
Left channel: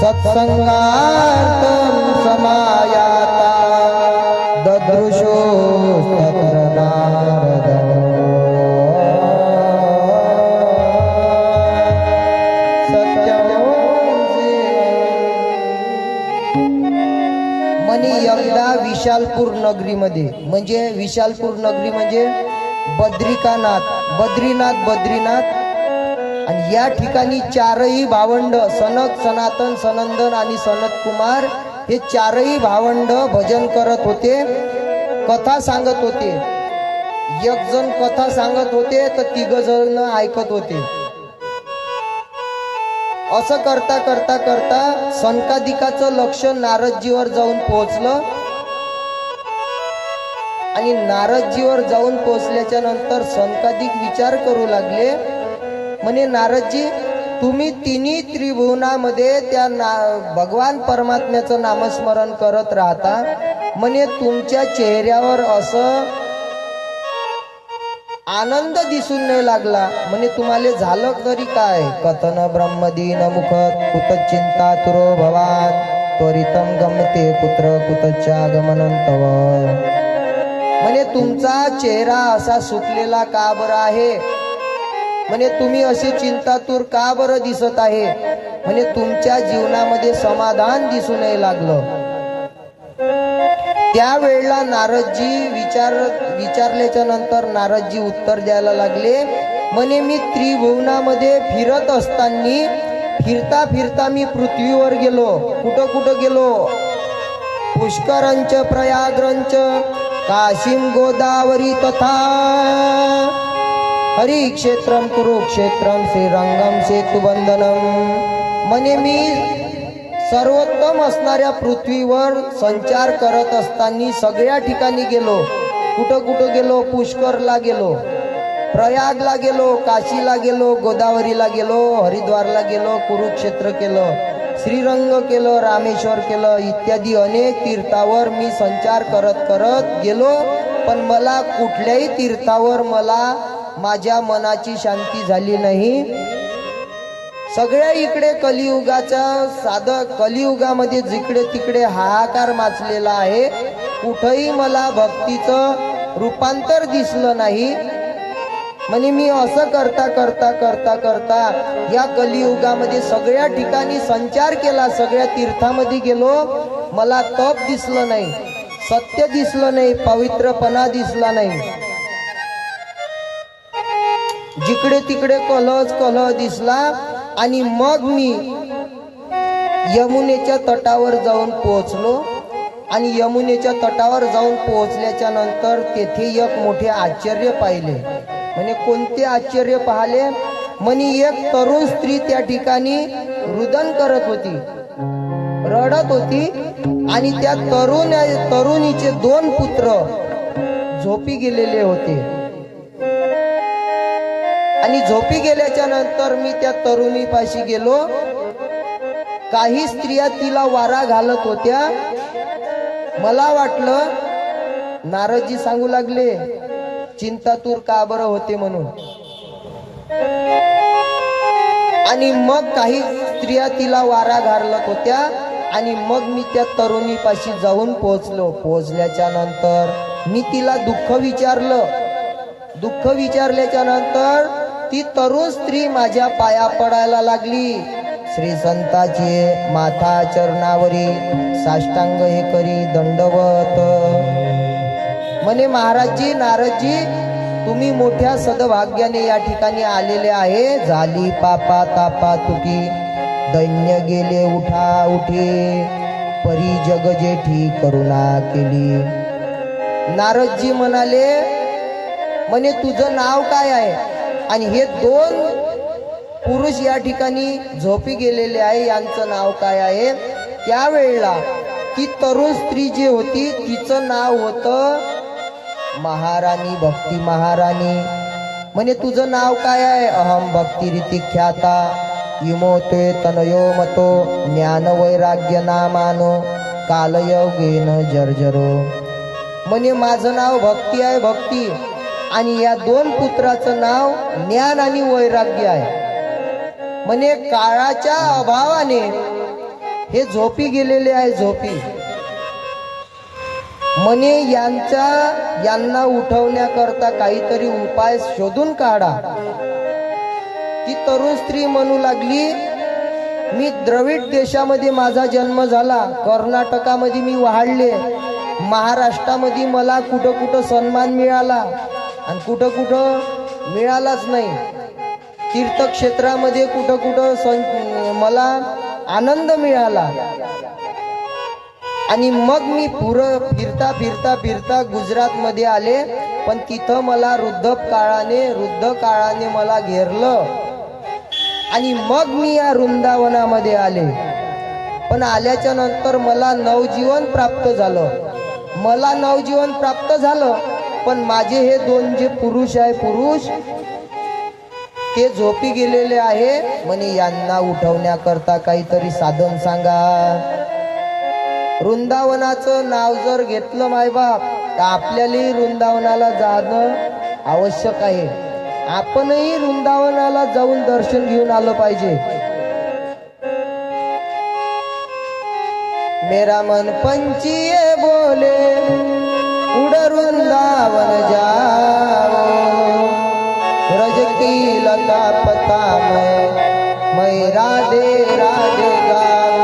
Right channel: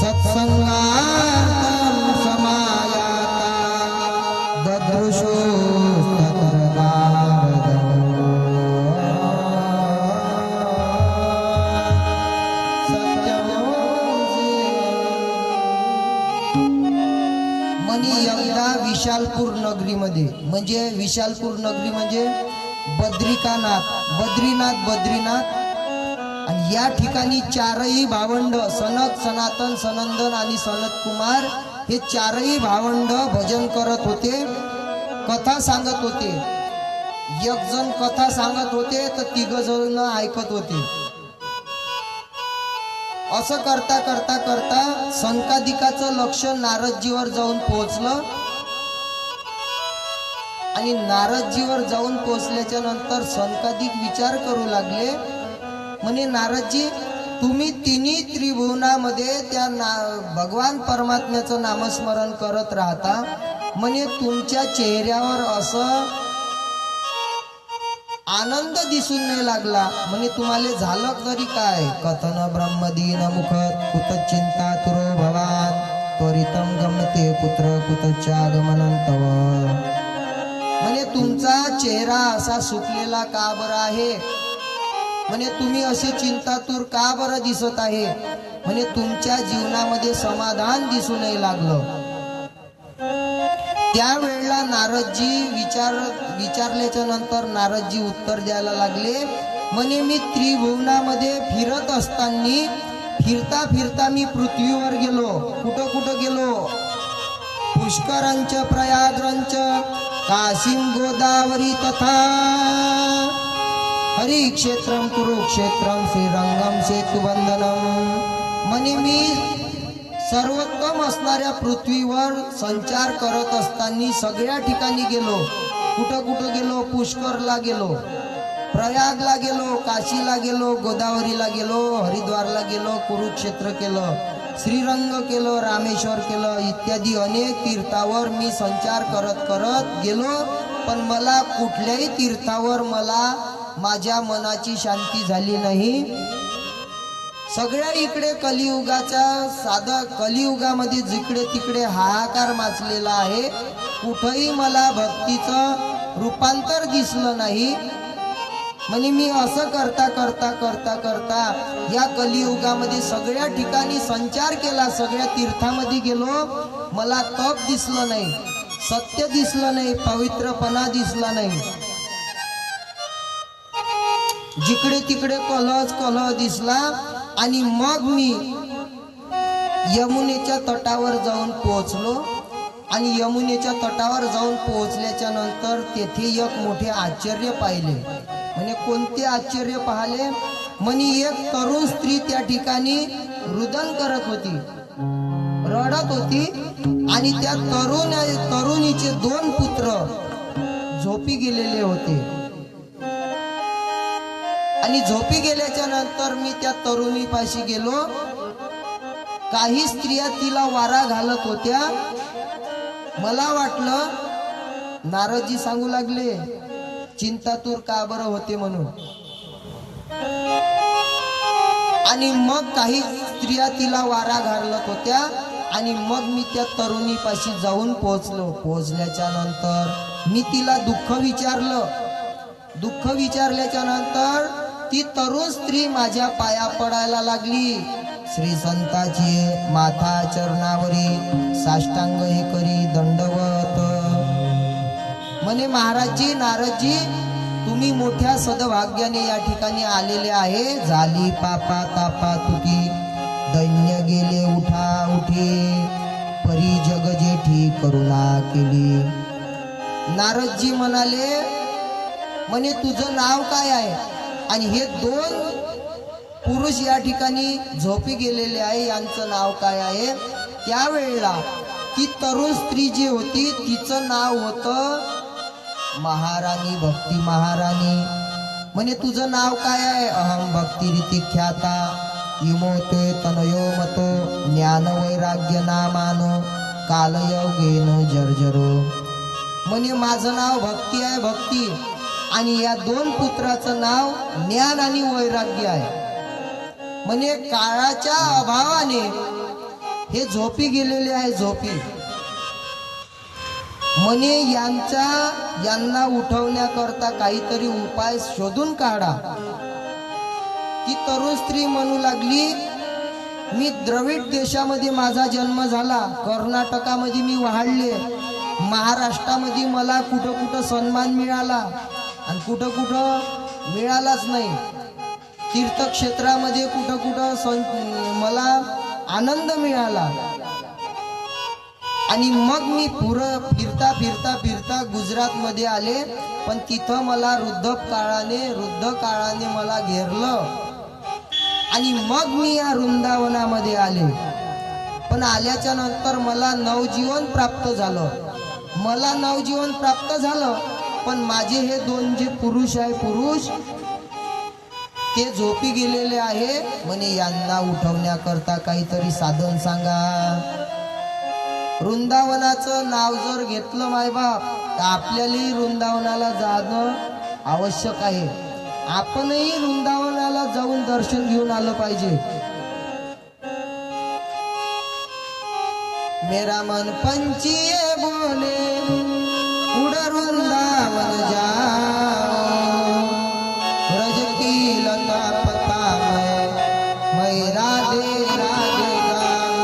सत्संगार्थं समायाता ददृशो तत्र नारद. म्हणे एकदा विशालपूर नगरीमध्ये, म्हणजे विशालपूर नगरी म्हणजे बद्रीनाथ आणि या ठिकाणी चारही भावंड सनक, सनातन, सनंदन आणि सनत कुमार हे चारही भावंड भजन करत होते, कथा सांगत होते. एक जण कथा सांगत होते तर 3 जण ऐकत होते. असं करता करता करता सनकादिकाचं लक्ष नारदजीवर जाऊन पोहोचलं. आणि नारदजीवर जाऊन पोहोचल्याच्या नंतर सनकादिक विचार करू लागले. म्हणे नारदजी, तुम्ही तिन्ही त्रिभुवनामध्ये त्या भगवान परमात्म्याचं नामस्मरण करत राहता. म्हणे तुमच्या चेहऱ्यावर असं आनंद दिसून नाही लागला. म्हणे तुम्हाला झालं तरी काय? कथन ब्रह्मदीन मुखत कुतचिंता तुरो भवान त्वरितम गमते कुत्र कुतच्चागमनं तव. म्हणे तुमचा चेहरा असा सुकलेला का बरं आहे? म्हणे तुम्ही असे चिंतातूर का बरं दिसत आहे? म्हणे तुमच्या जीवनामध्ये समाधान दिसून नाही लागलं. त्यावेळेला नारदजी विचारल्याच्या नंतर नारदजी उत्तर द्यायला लागले. म्हणे मी त्रिभुवनामध्ये फिरत असताना फिरता फिरता मी पृथ्वीवर गेलो. कुठं कुठं गेलो? पुष्करंच प्रयागरंच काशीम गोदावरी तथा हरिक्षेत्रम कुरुक्षेत्रम श्रीरंगम सेतुबंधनम. म्हणे मी सर्वोत्तम असणाऱ्या पृथ्वीवर संचार करत असताना सगळ्या ठिकाणी गेलो. कुठं कुठं गेलो? पुष्करला गेलो, प्रयागला गेलो, काशीला गेलो, गोदावरीला गेलो, हरिद्वारला गेलो, कुरुक्षेत्र केलं, श्रीरंग केलं, रामेश्वर केलं, इत्यादी अनेक तीर्थावर मी संचार करत करत गेलो. पण मला कुठल्याही तीर्थावर मला माझ्या मनाची शांती झाली नाही. सगळ्या इकडे कलियुगामध्ये जिकडे तिकडे हाहाकार माचलेला आहे. कुठंही मला भक्तीचं रूपांतर दिसलं नाही. म्हणजे मी असं करता करता करता करता या कलियुगामध्ये सगळ्या ठिकाणी संचार केला, सगळ्या तीर्थामध्ये गेलो, मला तप दिसलं नाही, सत्य दिसलं नाही, पवित्रपणा दिसला नाही. जिकडे तिकडे कलह दिसला. आणि मग मी यमुनेच्या तटावर जाऊन पोहोचलो. आणि यमुनेच्या तटावर जाऊन पोहोचल्याच्या नंतर तेथे एक मोठे आश्चर्य पाहिले. म्हणे कोणते आश्चर्य पाहिले? म्हणे एक तरुण स्त्री त्या ठिकाणी रुदन करत होती, रडत होती. आणि त्या तरुणीचे 2 पुत्र झोपी गेलेले होते. आणि झोपी गेल्याच्या नंतर मी त्या तरुणीपाशी गेलो. काही स्त्रिया तिला वारा घालत होत्या. मला वाटलं नारदजी सांगू लागले चिंतातूर का बरं होते म्हणून. आणि मग काही स्त्रिया तिला वारा घालत होत्या. आणि मग मी त्या तरुणीपाशी जाऊन पोहोचलो. पोहोचल्याच्या नंतर मी तिला दुःख विचारलं. दुःख विचारल्याच्या नंतर ती तरुण स्त्री माझ्या पाया पडायला लागली. श्री संताचे माथा चरणावरी साष्टांग हे करी दंडवत. म्हणे महाराजजी, नारदजी, तुम्ही मोठ्या सद्भाग्याने या ठिकाणी आलेले आहे. झाली पापा तापा तुकी, दैन्य गेले उठा उठे, परी जग जेठी करुणा केली. नारदजी म्हणाले, म्हणे तुझं नाव काय आहे? आणि हे 2 पुरुष या ठिकाणी झोपी गेलेले आहे, यांचं नाव काय आहे? त्यावेळेला ती तरुण स्त्री जी होती तिचं नाव होतं महाराणी, भक्ती महाराणी. म्हणे तुझं नाव काय आहे? अहम भक्ती रीती ख्याता, इमोते तनयो मतो, ज्ञान वैराग्य नामानो, कालयोगेन जर्जरो. म्हणे माझं नाव भक्ती आहे, भक्ती. आणि या 2 पुत्राचं नाव ज्ञान आणि वैराग्य आहे. म्हणे काळाच्या अभावाने हे झोपी गेलेले आहे, झोपी. म्हणे यांना उठवण्याकरता काहीतरी उपाय शोधून काढा. ती तरुण स्त्री म्हणू लागली, मी द्रविड देशामध्ये माझा जन्म झाला, कर्नाटकामध्ये मी वाढले, महाराष्ट्रामध्ये मला कुठं कुठं सन्मान मिळाला आणि कुठं कुठं मिळालाच नाही. तीर्थक्षेत्रामध्ये कुठं कुठं मला आनंद मिळाला. आणि मग मी फिरता फिरता फिरता गुजरातमध्ये आले. पण तिथं मला वृद्ध काळाने मला घेरलं. आणि मग मी या वृंदावनामध्ये आले. पण आल्याच्या नंतर मला नवजीवन प्राप्त झालं. पण माझे हे 2 जे पुरुष ते झोपी गेलेले आहे. म्हणे यांना उठवण्याकरता काहीतरी साधन सांगा. वृंदावनाचं नाव जर घेतलं मायबाप तर आपल्यालाही वृंदावनाला जाणं आवश्यक आहे. आपणही वृंदावनाला जाऊन दर्शन घेऊन आलं पाहिजे. मेरा मन पंछी बोले उड़ वृंदावन जाओ, ब्रज की लता पता मैं राधे राधे गाओ,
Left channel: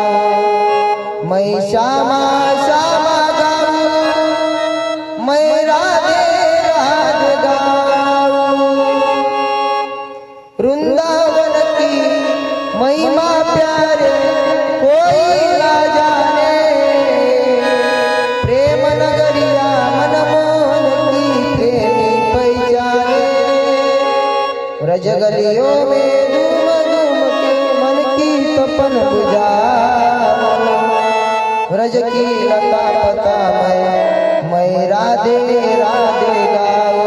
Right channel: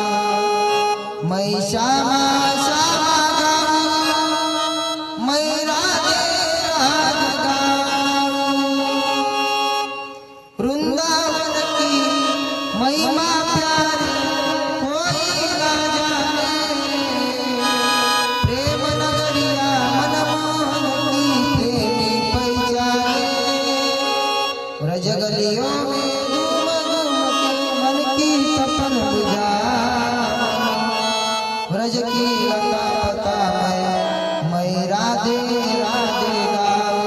मैं श्यामा श्यामा गाऊं, मैं राधे राधे गाऊं. वृंदावन की महिमा प्यारे कोई ना जाने, प्रेम नगरिया मनमोहन की प्रेमी पहचाने. ब्रज गलियों में धूम धूम के मन की तपन बुझा, ब्रज की लता पता मैं राधे राधे गाओ,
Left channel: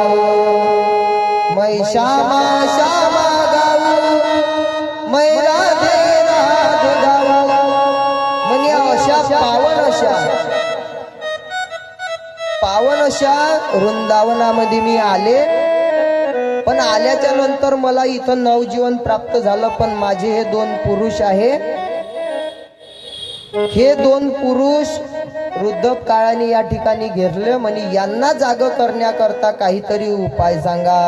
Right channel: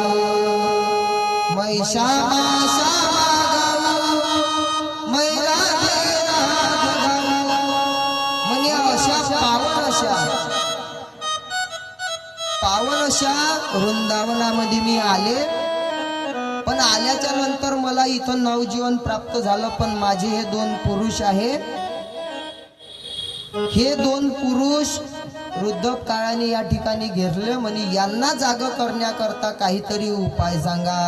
मैं श्यामा श्यामा गाऊ, मैं राधे राधे गाऊ. म्हणजे अशा पावन अशा वृंदावनामध्ये मी आले. पण आल्याच्या नंतर मला इथं नवजीवन प्राप्त झालं. पण माझे हे दोन पुरुष आहे, हे दोन पुरुष वृद्ध काळाने या ठिकाणी घेरले. म्हणे यांना जाग करण्याकरता काहीतरी उपाय सांगा.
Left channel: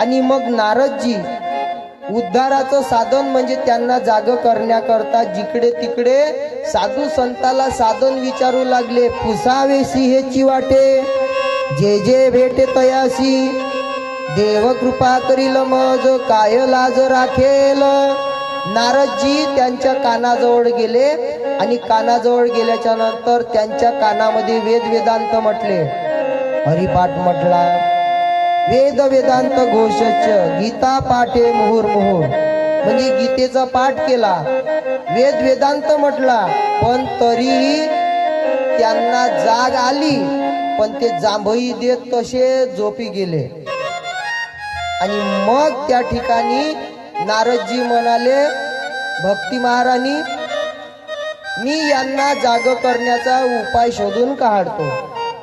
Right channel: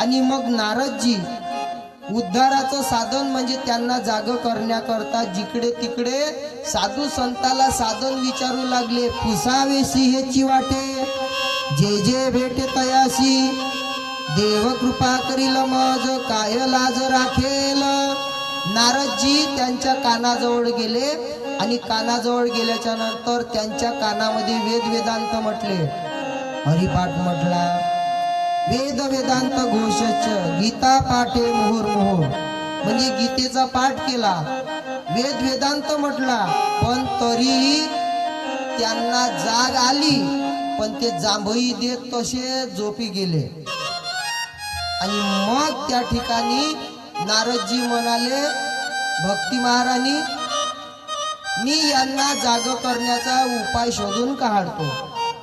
आणि मग नारदजी उद्धाराचं साधन म्हणजे त्यांना जाग करण्याकरता जिकडे तिकडे साधू संताला साधन विचारू लागले. पुसावेसी हेची वाटे, जे जे भेटे तयासी, देव कृपा करील मज, काय लाज राखेल. नारदजी त्यांच्या कानाजवळ गेले आणि कानाजवळ गेल्याच्या नंतर त्यांच्या कानामध्ये वेद वेदांत म्हटले, हरिपाठ म्हटला, वेद वेदांत घोषच, गीता पाठे मुहुर्मुहुर. म्हणजे गीतेचा पाठ केला, वेद वेदांत म्हटला. पण तरीही त्यांना जाग आली, पण ते जांभई देत तसे झोपी गेले. आणि मग त्या ठिकाणी नारदजी म्हणाले, भक्ती महाराणी, मी यांना जाग करण्याचा उपाय शोधून काढतो.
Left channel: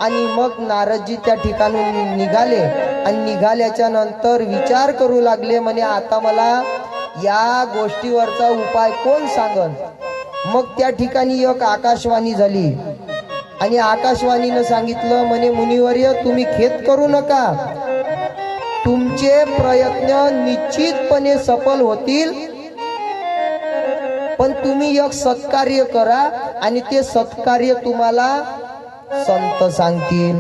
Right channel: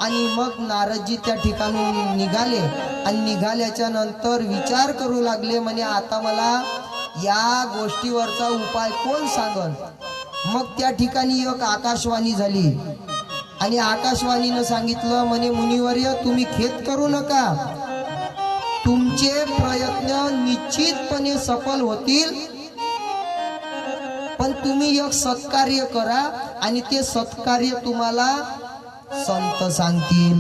आणि मग नारदजी त्या ठिकाणून निघाले आणि निघाल्याच्या नंतर विचार करू लागले. म्हणे आता मला या गोष्टीवरचा उपाय कोण सांगल. मग त्या ठिकाणी एक आकाशवाणी झाली आणि आकाशवाणीनं सांगितलं, म्हणे मुनिवर्य, तुम्ही खेद करू नका, तुमचे प्रयत्न निश्चितपणे सफल होतील. पण तुम्ही एक सत्कार्य करा आणि ते सत्कार्य तुम्हाला संत सांगतील.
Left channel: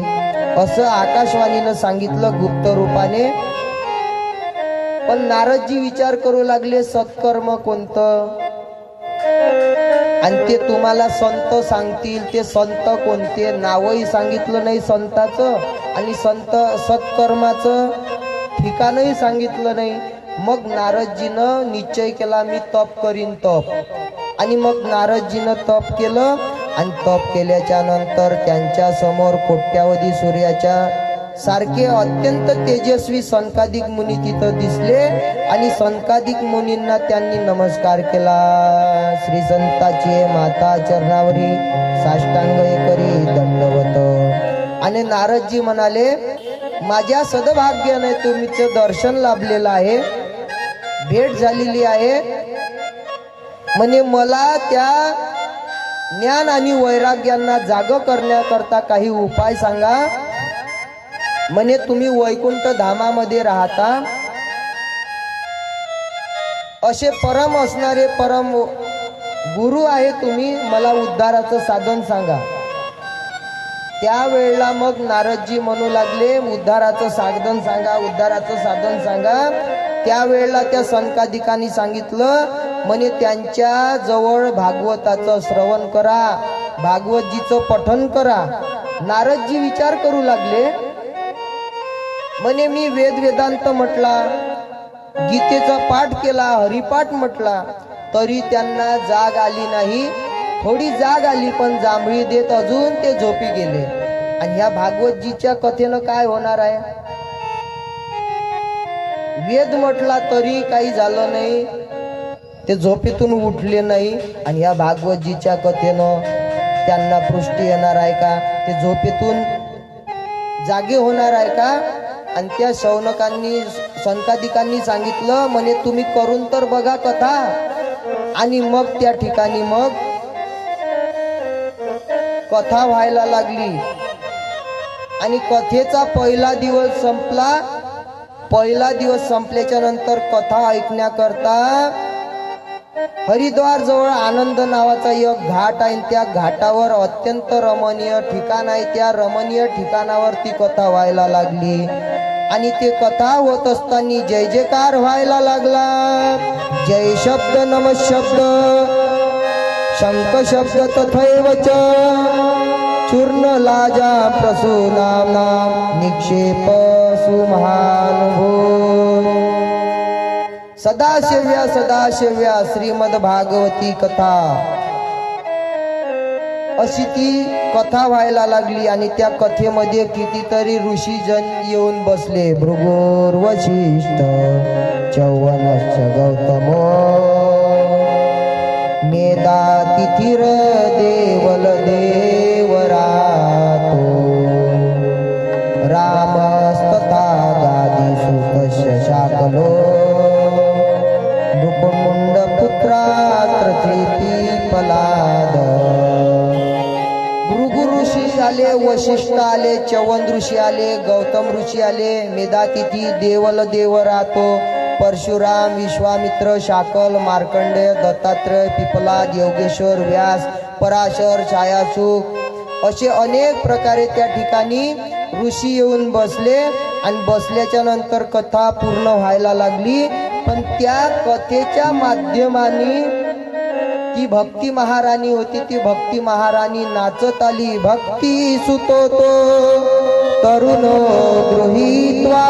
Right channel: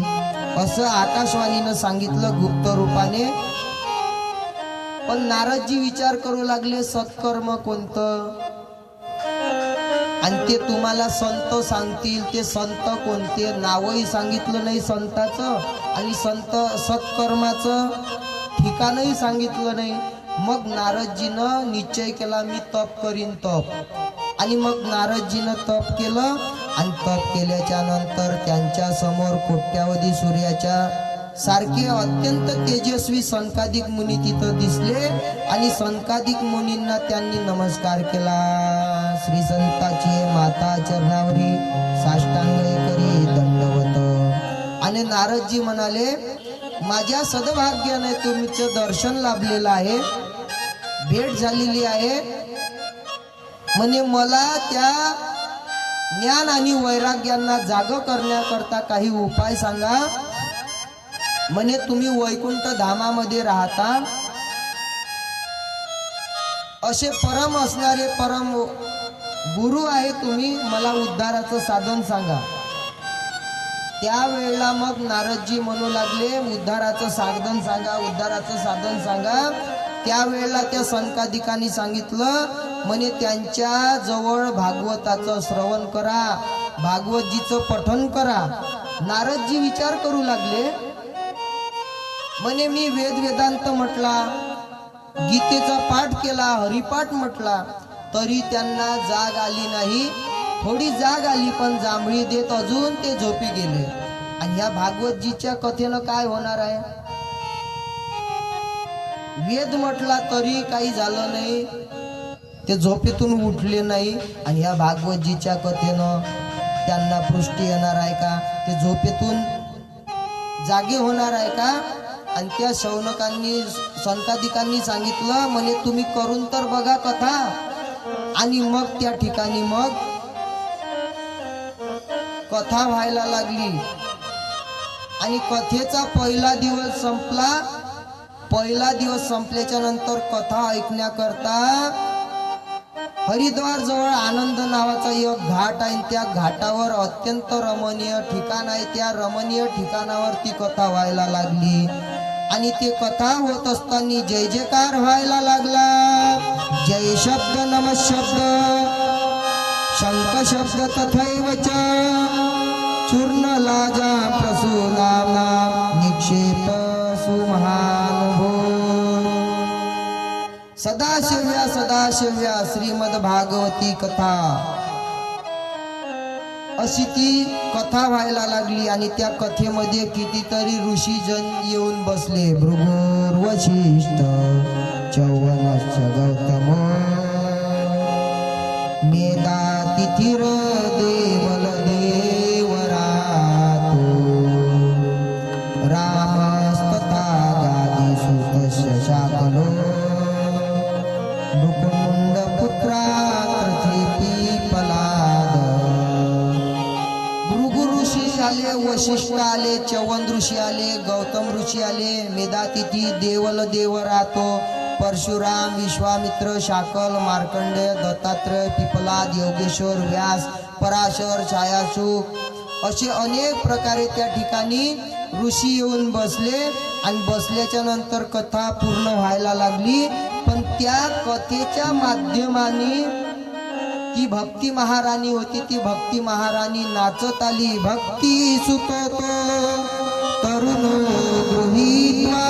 असं आकाशवाणीनं सांगितलं गुप्त रूपाने. पण नारदजी विचार करू लागले, सत्कर्म कोणतं आणि ते तुम्हाला संत सांगतील. ते संत कोणते, नावही सांगितलं नाही संताचं आणि संत सत्कर्माचं ठिकाणही सांगितलं नाही. मग नारदजीनं निश्चय केला, मी तप करीन तप. आणि मग नारदजीनं तप केलं आणि तप केल्याच्या नंतर त्यांच्या समोर कोट्यावधी सूर्याच्या सारखे अत्यंत तेजस्वी संकादिक मुनी तिथं दिसले. आणि संकादिक मुनींना त्यांनी नमस्कार केला. श्री संताची माता चरणावरी साष्टांग करी दंडवत. आणि नारदजी म्हणाले, माझ्या सद्भाग्याने तुमचं दर्शन लाभलेलं आहे, भेट झालेली आहे. म्हणे मला त्या ज्ञान आणि वैराग्यांना जाग करण्याकरता काही उपाय सांगा. म्हणे तुम्ही वैकुंठ धामामध्ये राहता, असे परम असणारे परम गुरु आहे तुम्ही, मला उद्धाराचं साधन सांगा. त्यावेळेला मग नारदजी म्हणू लागले, उद्धाराचं साधन सांगा, उद्धाराचं साधन सांगा. त्यावेळेला त्या संकादिकांनी सांगितलं, म्हणे त्यांच्या जवळ भागवताचं श्रवण करा, भागवतजीचं पठन करा. नारदजी विचार करू लागले, म्हणे मी वेद वेदांत म्हटला, गीतेचा पाठ केला, हरिपाठ म्हटला, तरी त्यांना जाग आली नाही. थोडी जाग आली, पण जांभळी देत अजून ते झोपी गेले. आणि ह्या भागवतजीच्या कथेनं काय होणार आहे. वेद म्हटला तरी काही झालं नाही, ते झोपेतून उठले नाही. आणि ह्या भागवतजीच्या कथेनं त्यांना पुष्टी येणार आहे का, ते झोपेतून जागे होणार आहे का. आणि त्या शौनकांनी संकादिकांनी सांगितलं, म्हणे तुम्ही करून तर बघा कथा. आणि मग त्या ठिकाणी मग कथा व्हायला लागली. आणि कथेचा पहिला दिवस संपला. पहिला दिवस संपल्याच्या नंतर कथा ऐकण्याकरता हरिद्वार जवळ आनंद नावाचा एक घाट आहे. त्या घाटावर अत्यंत रमणीय ठिकाण आहे. त्या रमणीय ठिकाणावर ती कथा व्हायला लागली. आणि ते कथा होत असताना जय जयकार व्हायला लागला. जय शब्द नम शब्द शंख शब्द तथैवच चूर्ण लाजा प्रसूनामा निक्षेप सुमहानुभो. सदाशिव्या सदाशिव्या श्रीमद भागवती कथा. अशी ती कथा व्हायला लागली आणि त्या कथेमध्ये कितीतरी ऋषीजन येऊन बसले. भृगुर वशिष्ठ चौवनश्च गौतम मेधा तिथिर देवल देवरातो रामस्तथा गादीसुतस्य शाकलो नृपमुंड पुत्रात्र पलाद. भृगु ऋषी आले, वशिष्ठ आले, चवन ऋषी आले, गौतम ऋषी आले, मेधातिथी, देवल देवरातो, परशुराम, विश्वामित्र, शाकल, मार्कंडेय, दत्तात्रय, पिपलाद, योगेश्वर, व्यास, पराशर, छायासुख असे अनेक प्रकारे त्या ठिकाणी ऋषी येऊन बसले. आणि बसल्याच्या नंतर कथा पूर्ण व्हायला लागली. पण त्या कथेच्या माध्यमाने ती भक्ती महाराणी होती, ती भक्ती महाराणी नाचत आली. भक्ती सुतो तरुणो गृहीत्वा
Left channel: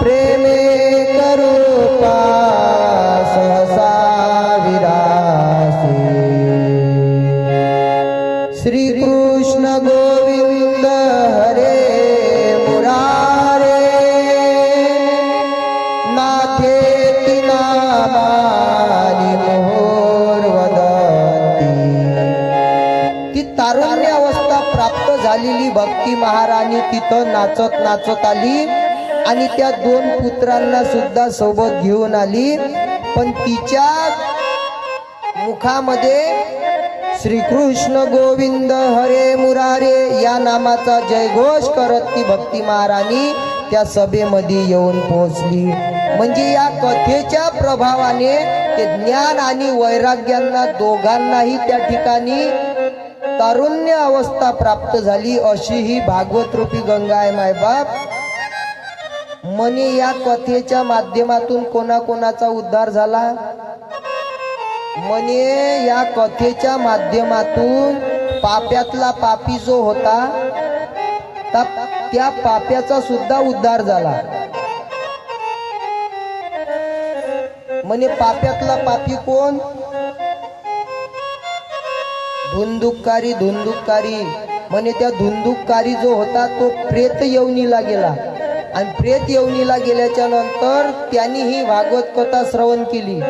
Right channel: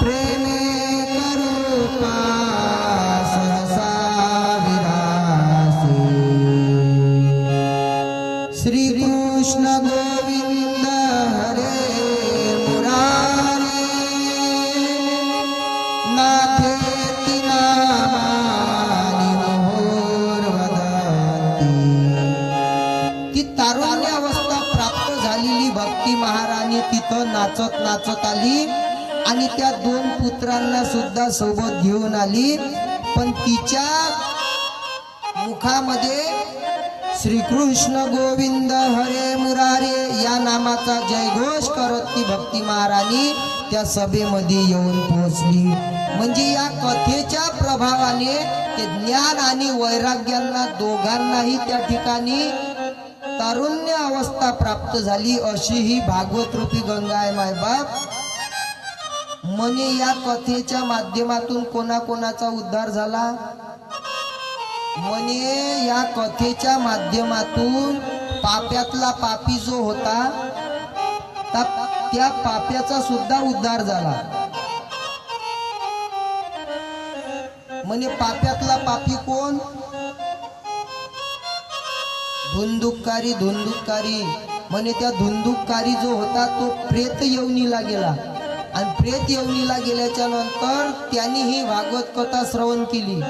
प्रेमे करूपा सहसा विरासे. श्रीकृष्ण गोविंद हरे मुरारे नाथेति नामानि मोहोर्वदन्ति. ती तारुण्य अवस्था प्राप्त झालेली भक्ती महाराणी तिथं नाचत नाचत आली आणि त्या दोन पुत्रांना सुद्धा सोबत घेऊन आली. पण तिच्या मुखामध्ये श्रीकृष्ण गोविंद हरे मुरारे या नामाचा जयघोष करत ती भक्ती महाराणी त्या सभेमध्ये येऊन पोहोचली. म्हणजे या कथेच्या प्रभावाने ते ज्ञान आणि वैराग्यांना दोघांनाही त्या ठिकाणी तारुण्य अवस्था प्राप्त झाली. अशी ही भागवत रूपी गंगा आहे मायबाप. म्हणे या कथेच्या माध्यमातून कोणाकोणाचा उद्धार झाला. म्हणे या कथेच्या माध्यमातून पाप्यातला पापी जो होता त्या पाप्याचा सुद्धा उद्धार झाला. म्हणे पाप्यातला पापी कोण. धुंदुककारी. धुंदुककारी म्हणे त्या धुंदुककारी जो होता तो प्रेत योनीला गेला आणि प्रेत योनीला गेल्याच्या नंतर त्यांनी ही भागवत कथा श्रवण केली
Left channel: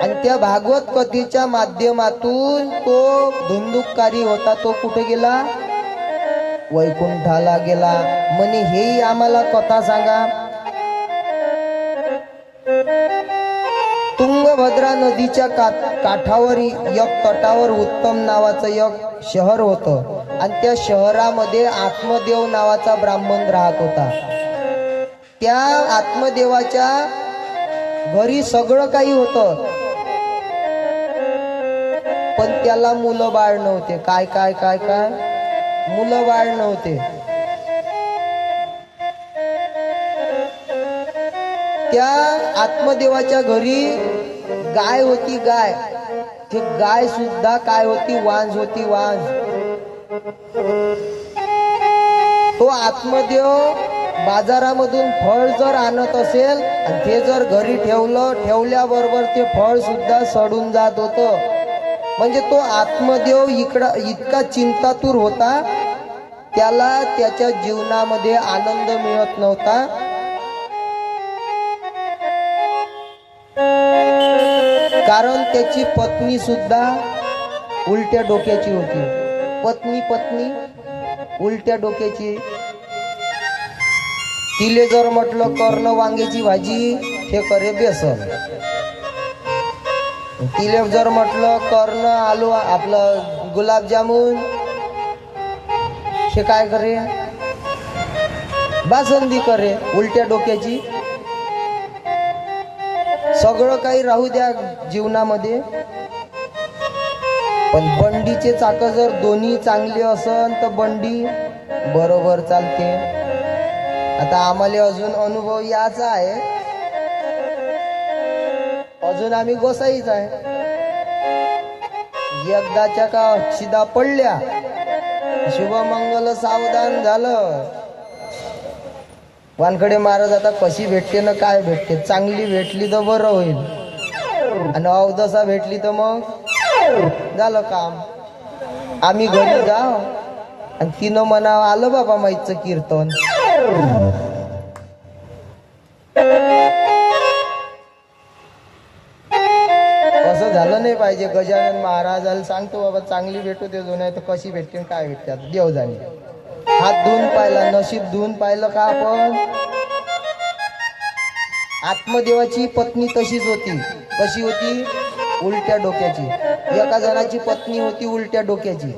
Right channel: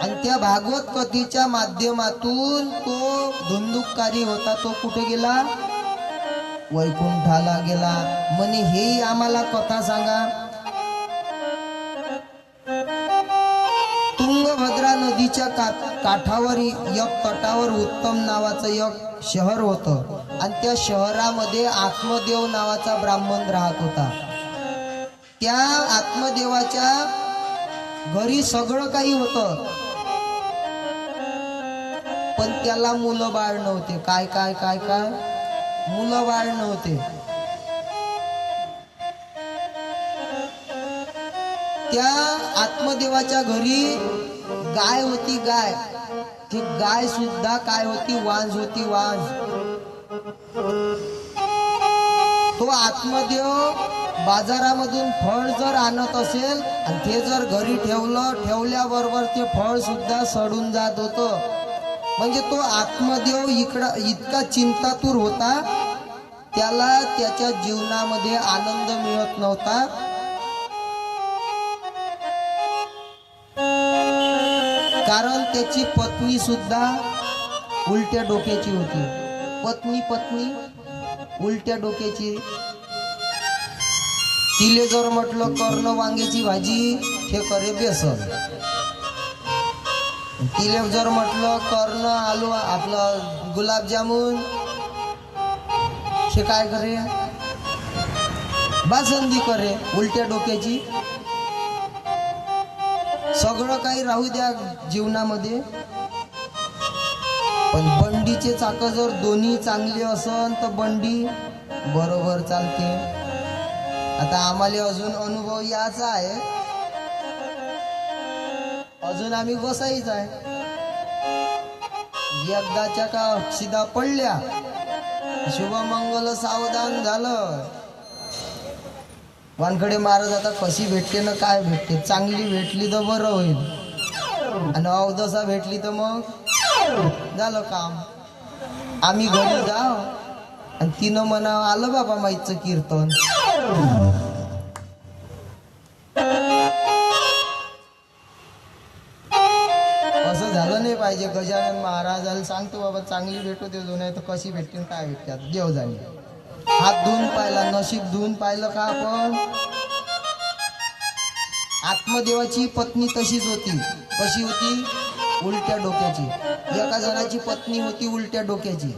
आणि त्या भागवत कथेच्या माध्यमातून तो धुंदुककारी होता तो कुठे गेला. वैकुंठाला गेला. म्हणे हेही आम्हाला कथा सांगा. तुंगभद्रा नदीच्या काठावर एक तटावर उत्तम नावाचं एक शहर होतं आणि त्या शहरामध्ये आत्मदेव नावाचा ब्राह्मण राहत होता. त्या आत्मदेवाच्या घरी सगळं काही होतं पण त्याला मुलं बाळ नव्हते. काय काय काय काय मुलं बाळ नव्हते. त्या आत्मदेवाच्या घरी गाय होती. गाय ती गाय सुद्धा काय होती. वांज होती. वांज. तो आत्मदेव बाजारामधून फळ जर आणत असेल आणि ते जर घरी ठेवल्याबरोबर ते फळ सुद्धा सडून जात होतं. म्हणजे तो आत्मदेव इतका चिंतातूर होता. त्याला त्याच्या जीवनामध्ये आनंद मिळत नव्हता. कारण त्याची पत्नी सुद्धा उलट्या डोक्याची होती. पत्नी उलट्या डोक्याची. तिले जर म्हटलं कर्ण वांग्याची भाजी हे करे बेसन. तिले जर म्हटलं कर्ण आलू आपलं गुलाबजामुन हे काय करे बासुंदी करे. उलट्या डोक्याची. सगळं काही राहू द्या जीवनामध्ये पण बंडीचे चाक जर दोन्ही चांगले असन तर बंडी बरोबर चालते. आता आम्हाला अजून अनुभव याचा आहे. अजून आम्ही गोसाईच आहे. एकदाच्या का अक्षिदा पडल्या शुभमंगल सावधान झालं. वानखडे महाराज आता कशी भेटते ना काय भेटते. चांगली भेटली तर बरं होईल आणि अवदसा भेटली तर मग झालं काम. आम्ही घरी जाव आणि तिनं म्हणावं आलं बाबा माईचं कीर्तन. असं झालं नाही पाहिजे. गजानन महाराजाला सांगतो बाबा चांगली भेटू दे, नाही तर कशी भेटते काय भेटतात देव जाणे. हात धुवून पाहिला, नशीब धुवून पाहिलं का आपण. आत्मदेवाची पत्नी तशीच होती. कशी होती? उलट्या डोक्याची. एका जणाची पत्नी होती उलट्या डोक्याची.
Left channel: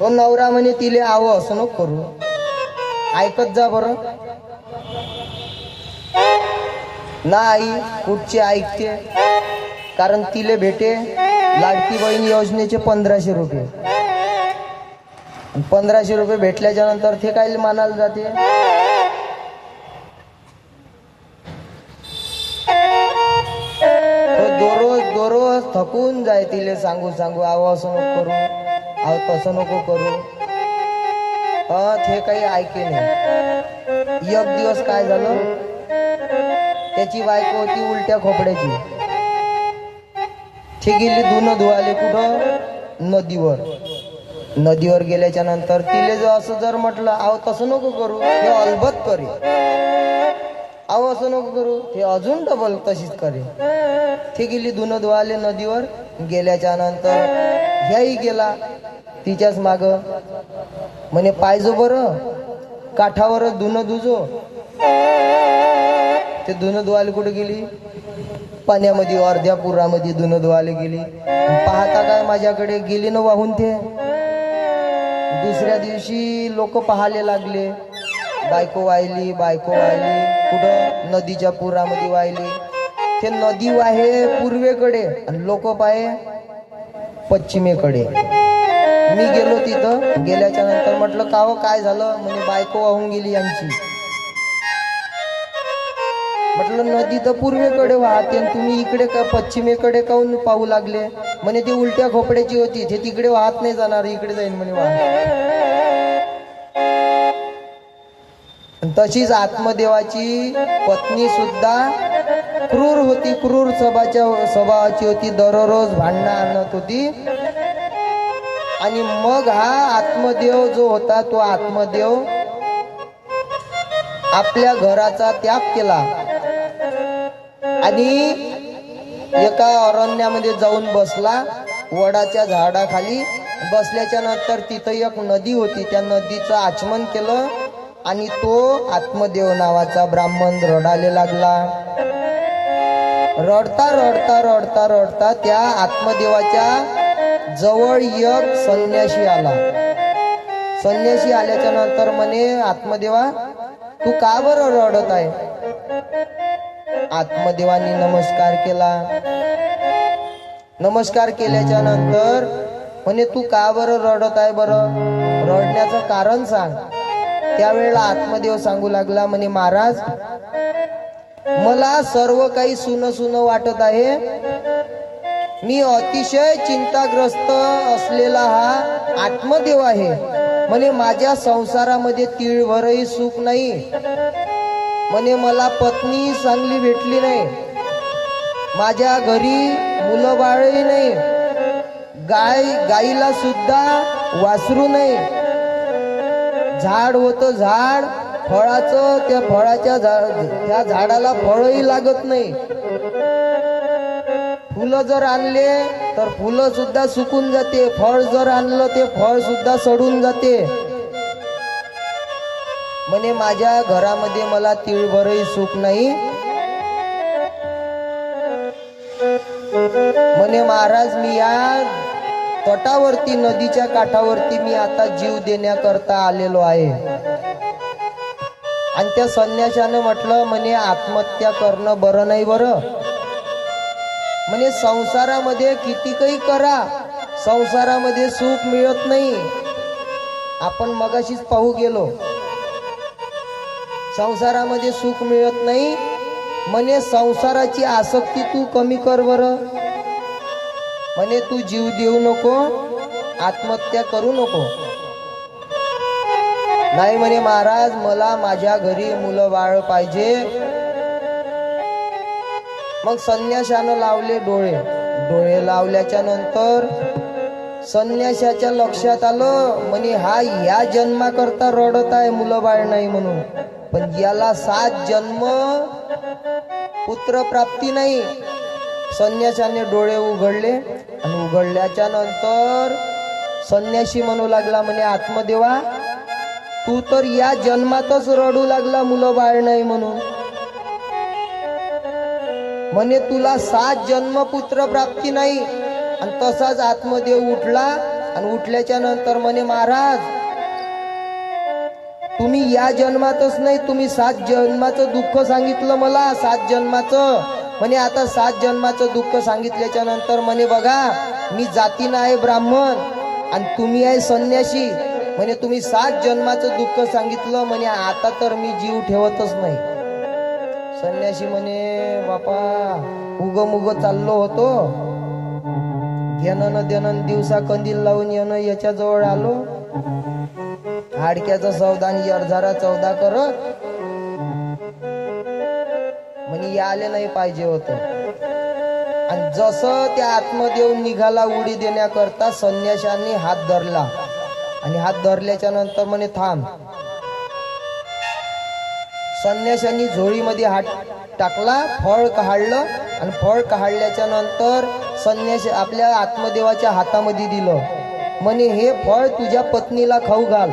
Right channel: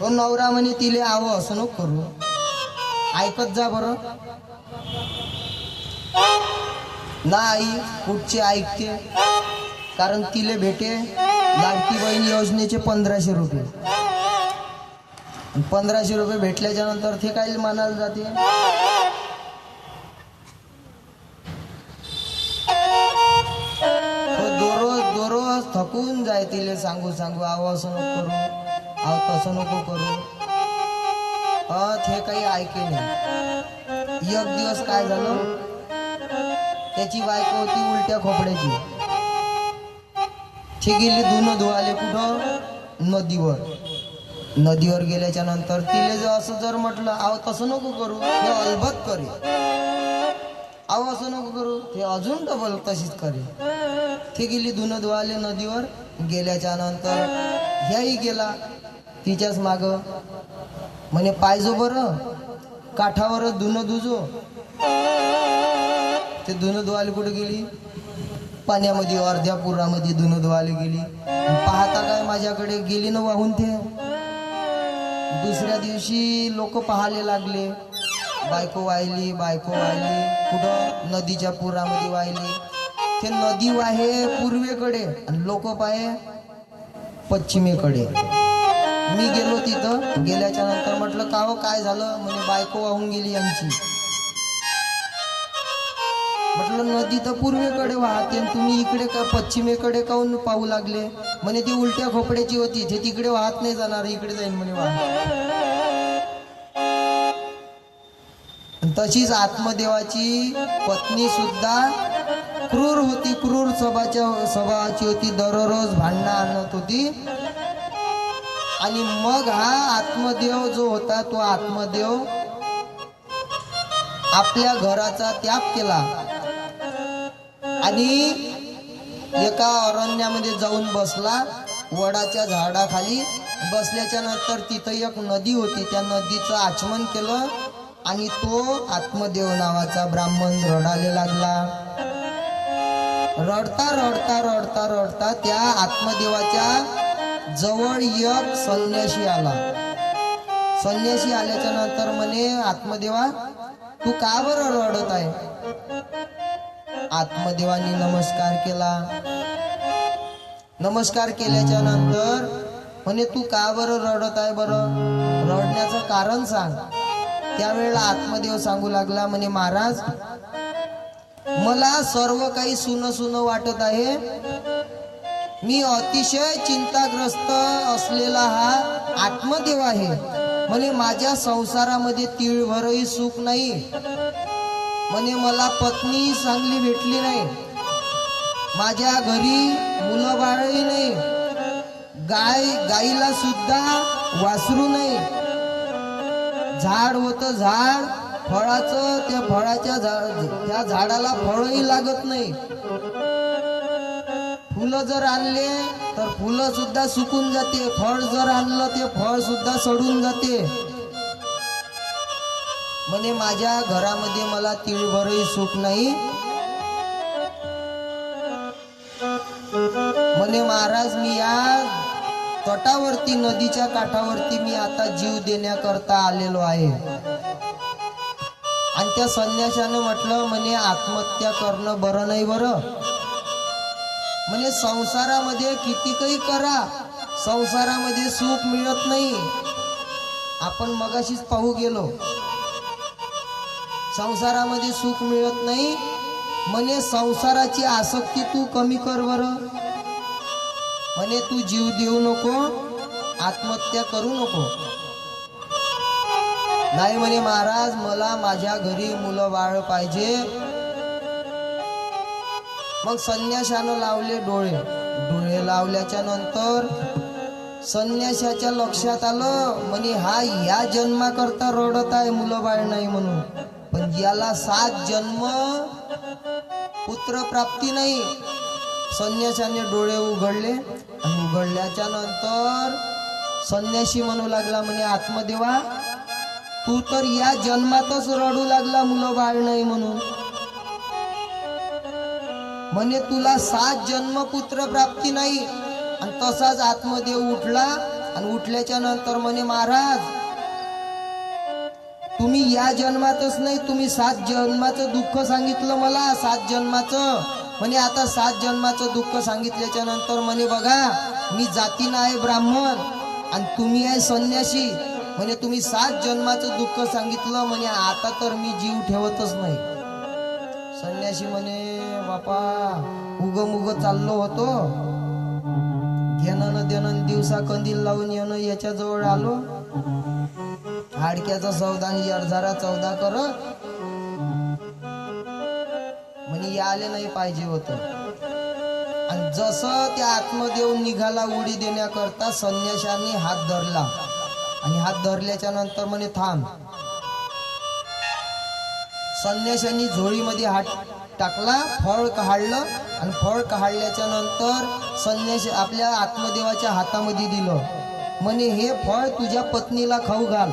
तो नवरा म्हणे तिले आवं असं नको करू. ऐकत जा बरं. ना आई कुठची ऐकते. कारण तिले भेटे लाडकी बहीण योजनेचे 1500 रुपये. 1500 रुपये भेटल्याच्या नंतर ते काय मानायला जाते. दररोज थकून जाय तिले सांगू आव असं नको करू, आव तसं नको करू. ते काही ऐके नाही. एक दिवस काय झालं, त्याची बायको होती उलट्या खोपड्याची. ती गेली धुणं धुवाले कुठं? नदीवर गेल्याच्या नंतर तिले जर असं जर म्हटलं आव तसं नको करू, हे अलबत करे. आव असं नको करू, हे अजून डबल तशीच करे. ती गेली धुणं धुवाले नदीवर. गेल्याच्या नंतर ह्याही गेला तिच्याच माग. म्हणे पाहिजो बरं काठावर धुणं धुजो. ते धुणं धुवाले कुठे गेली? पाण्यामध्ये, अर्ध्या पुरामध्ये धुणं धुवाले गेली. पाहता काय माझ्याकडे गेली ना वाहून. ते दुसऱ्या दिवशी लोक पाहायला लागले. बायको वाहिली कुठं? नदीच्या पुरामध्ये वाहिली. ते नदी वाहे पूर्वेकडे आणि लोक पाहे पश्चिमेकडे. मी गेलो तिथं. गेल्याच्या नंतर म्हटलं का हो काय झालं? म्हणे बायको वाहून गेली यांची. म्हटलं नदी तर पूर्वेकडे वाहते, तुम्ही इकडे का पश्चिमेकडे काऊन पाहू लागले? म्हणे ती उलट्या खोपड्याची होती, ते तिकडे वाहत नाही जाणार, इकडे जाईन म्हणे वाहत. तशीच आत्मदेवाची पत्नी सुद्धा क्रूर होती. क्रूर स्वभावाची होती. दररोज भांडणं आणत होती. आणि मग हा आत्मदेव जो होता, तो आत्मदेव आपल्या घराचा त्याग केला आणि एका अरण्यामध्ये जाऊन बसला. वडाच्या झाडाखाली बसल्याच्या नंतर तिथं एक नदी होती. त्या नदीचं आचमन केलं आणि तो आत्मदेव नावाचा ब्राह्मण रडायला लागला. रडता त्या आत्मदेवाच्या जवळ एक संन्यासी आला. संन्यासी आल्याच्या नंतर म्हणे आत्मदेवा तू का बरं रडत आहे? आत्मदेवानी नमस्कार केला. नमस्कार केल्याच्या नंतर म्हणे तू का बरं रडत आहे? बरं रडण्याचं कारण सांग. त्यावेळेला आत्मदेव सांगू लागला. म्हणे महाराज मला सर्व काही सुन वाटत आहे. मी अतिशय चिंताग्रस्त असलेला हा आत्मदेव आहे. म्हणे माझ्या संसारामध्ये तीळभरही सुख नाही. म्हणे मला पत्नी चांगली भेटली नाही. माझ्या घरी मुलं बाळही नाही. गाईला सुद्धा वासरू नाही. झाड होतं झाड फळाचं, त्या झाडाला फळही लागत नाही. फुलं जर आणले तर फुलं सुद्धा सुकून जाते. फळ जर आणलं ते फळ सुद्धा सडून जाते. म्हणे माझ्या घरामध्ये मला तीळभरही सुख नाही. म्हणे महाराज मी या तटावरती, नदीच्या काठावरती मी आता जीव देण्याकरता आलेलो आहे. आणि त्या संन्याशानं म्हटलं म्हणे आत्महत्या करणं बरं नाही. बरं म्हणे संसारामध्ये किती काही करा, संसारामध्ये सुख मिळत नाही. आपण मगाशीच पाहू गेलो, संसारामध्ये सुख मिळत नाही. म्हणे संसाराची आसक्ती तू कमी कर बरं. म्हणे तू जीव देऊ नको, आत्महत्या करू नको. नाही म्हणे महाराज मला माझ्या घरी मुलं बाळ पाहिजे. मग संन्याशानं लावले डोळे. डोळे लावल्याच्या नंतर संन्याशाच्या लक्षात आलं म्हणे हा या जन्माकरता रडत आहे, मुलं बाळ नाही म्हणून. पण याला 7 जन्म पुत्र प्राप्ती नाही. संन्याशाने डोळे उघडले आणि उघडल्याच्या नंतर संन्याशी म्हणू लागला म्हणे आत्मदेवा, तू तर या जन्मातच रडू लागला मुलं बाळ नाही म्हणून. म्हणे तुला 7 जन्म पुत्र प्राप्ती नाही. आणि तसाच आत्मदेव उठला आणि उठल्याच्या नंतर म्हणे महाराज, तुम्ही या जन्मातच नाही, तुम्ही 7 जन्माचं दुःख सांगितलं मला, 7 जन्माचं. म्हणे आता 7 जन्माचं दुःख सांगितल्याच्या नंतर म्हणे बघा, मी जातीनं आहे ब्राह्मण आणि तुम्ही आहे संन्यासी. म्हणे तुम्ही 7 जन्माचं दुःख सांगितलं, म्हणे आता तर मी जीव ठेवतच नाही. संन्यासी म्हणे बापा, उग चाललो होतो, घेणं न देणं, दिवसा कंदील लावून येणं, याच्याजवळ आलो, हाडक्याचा सौदा आणि अर्धारा चौदा करत, म्हणे याले नाही पाहिजे होत. आणि जसं त्या आत्मदेव निघाला उडी देण्याकरता, संन्याशाने हात धरला आणि हात धरल्याच्या नंतर म्हणे थांब. संन्याशांनी झोळीमध्ये हात टाकला, फळ काढलं आणि फळ काढल्याच्या नंतर संन्यास आपल्या आत्मदेवाच्या हातामध्ये दिलं. म्हणे हे फळ तुझ्या पत्नीला खाऊ घाल.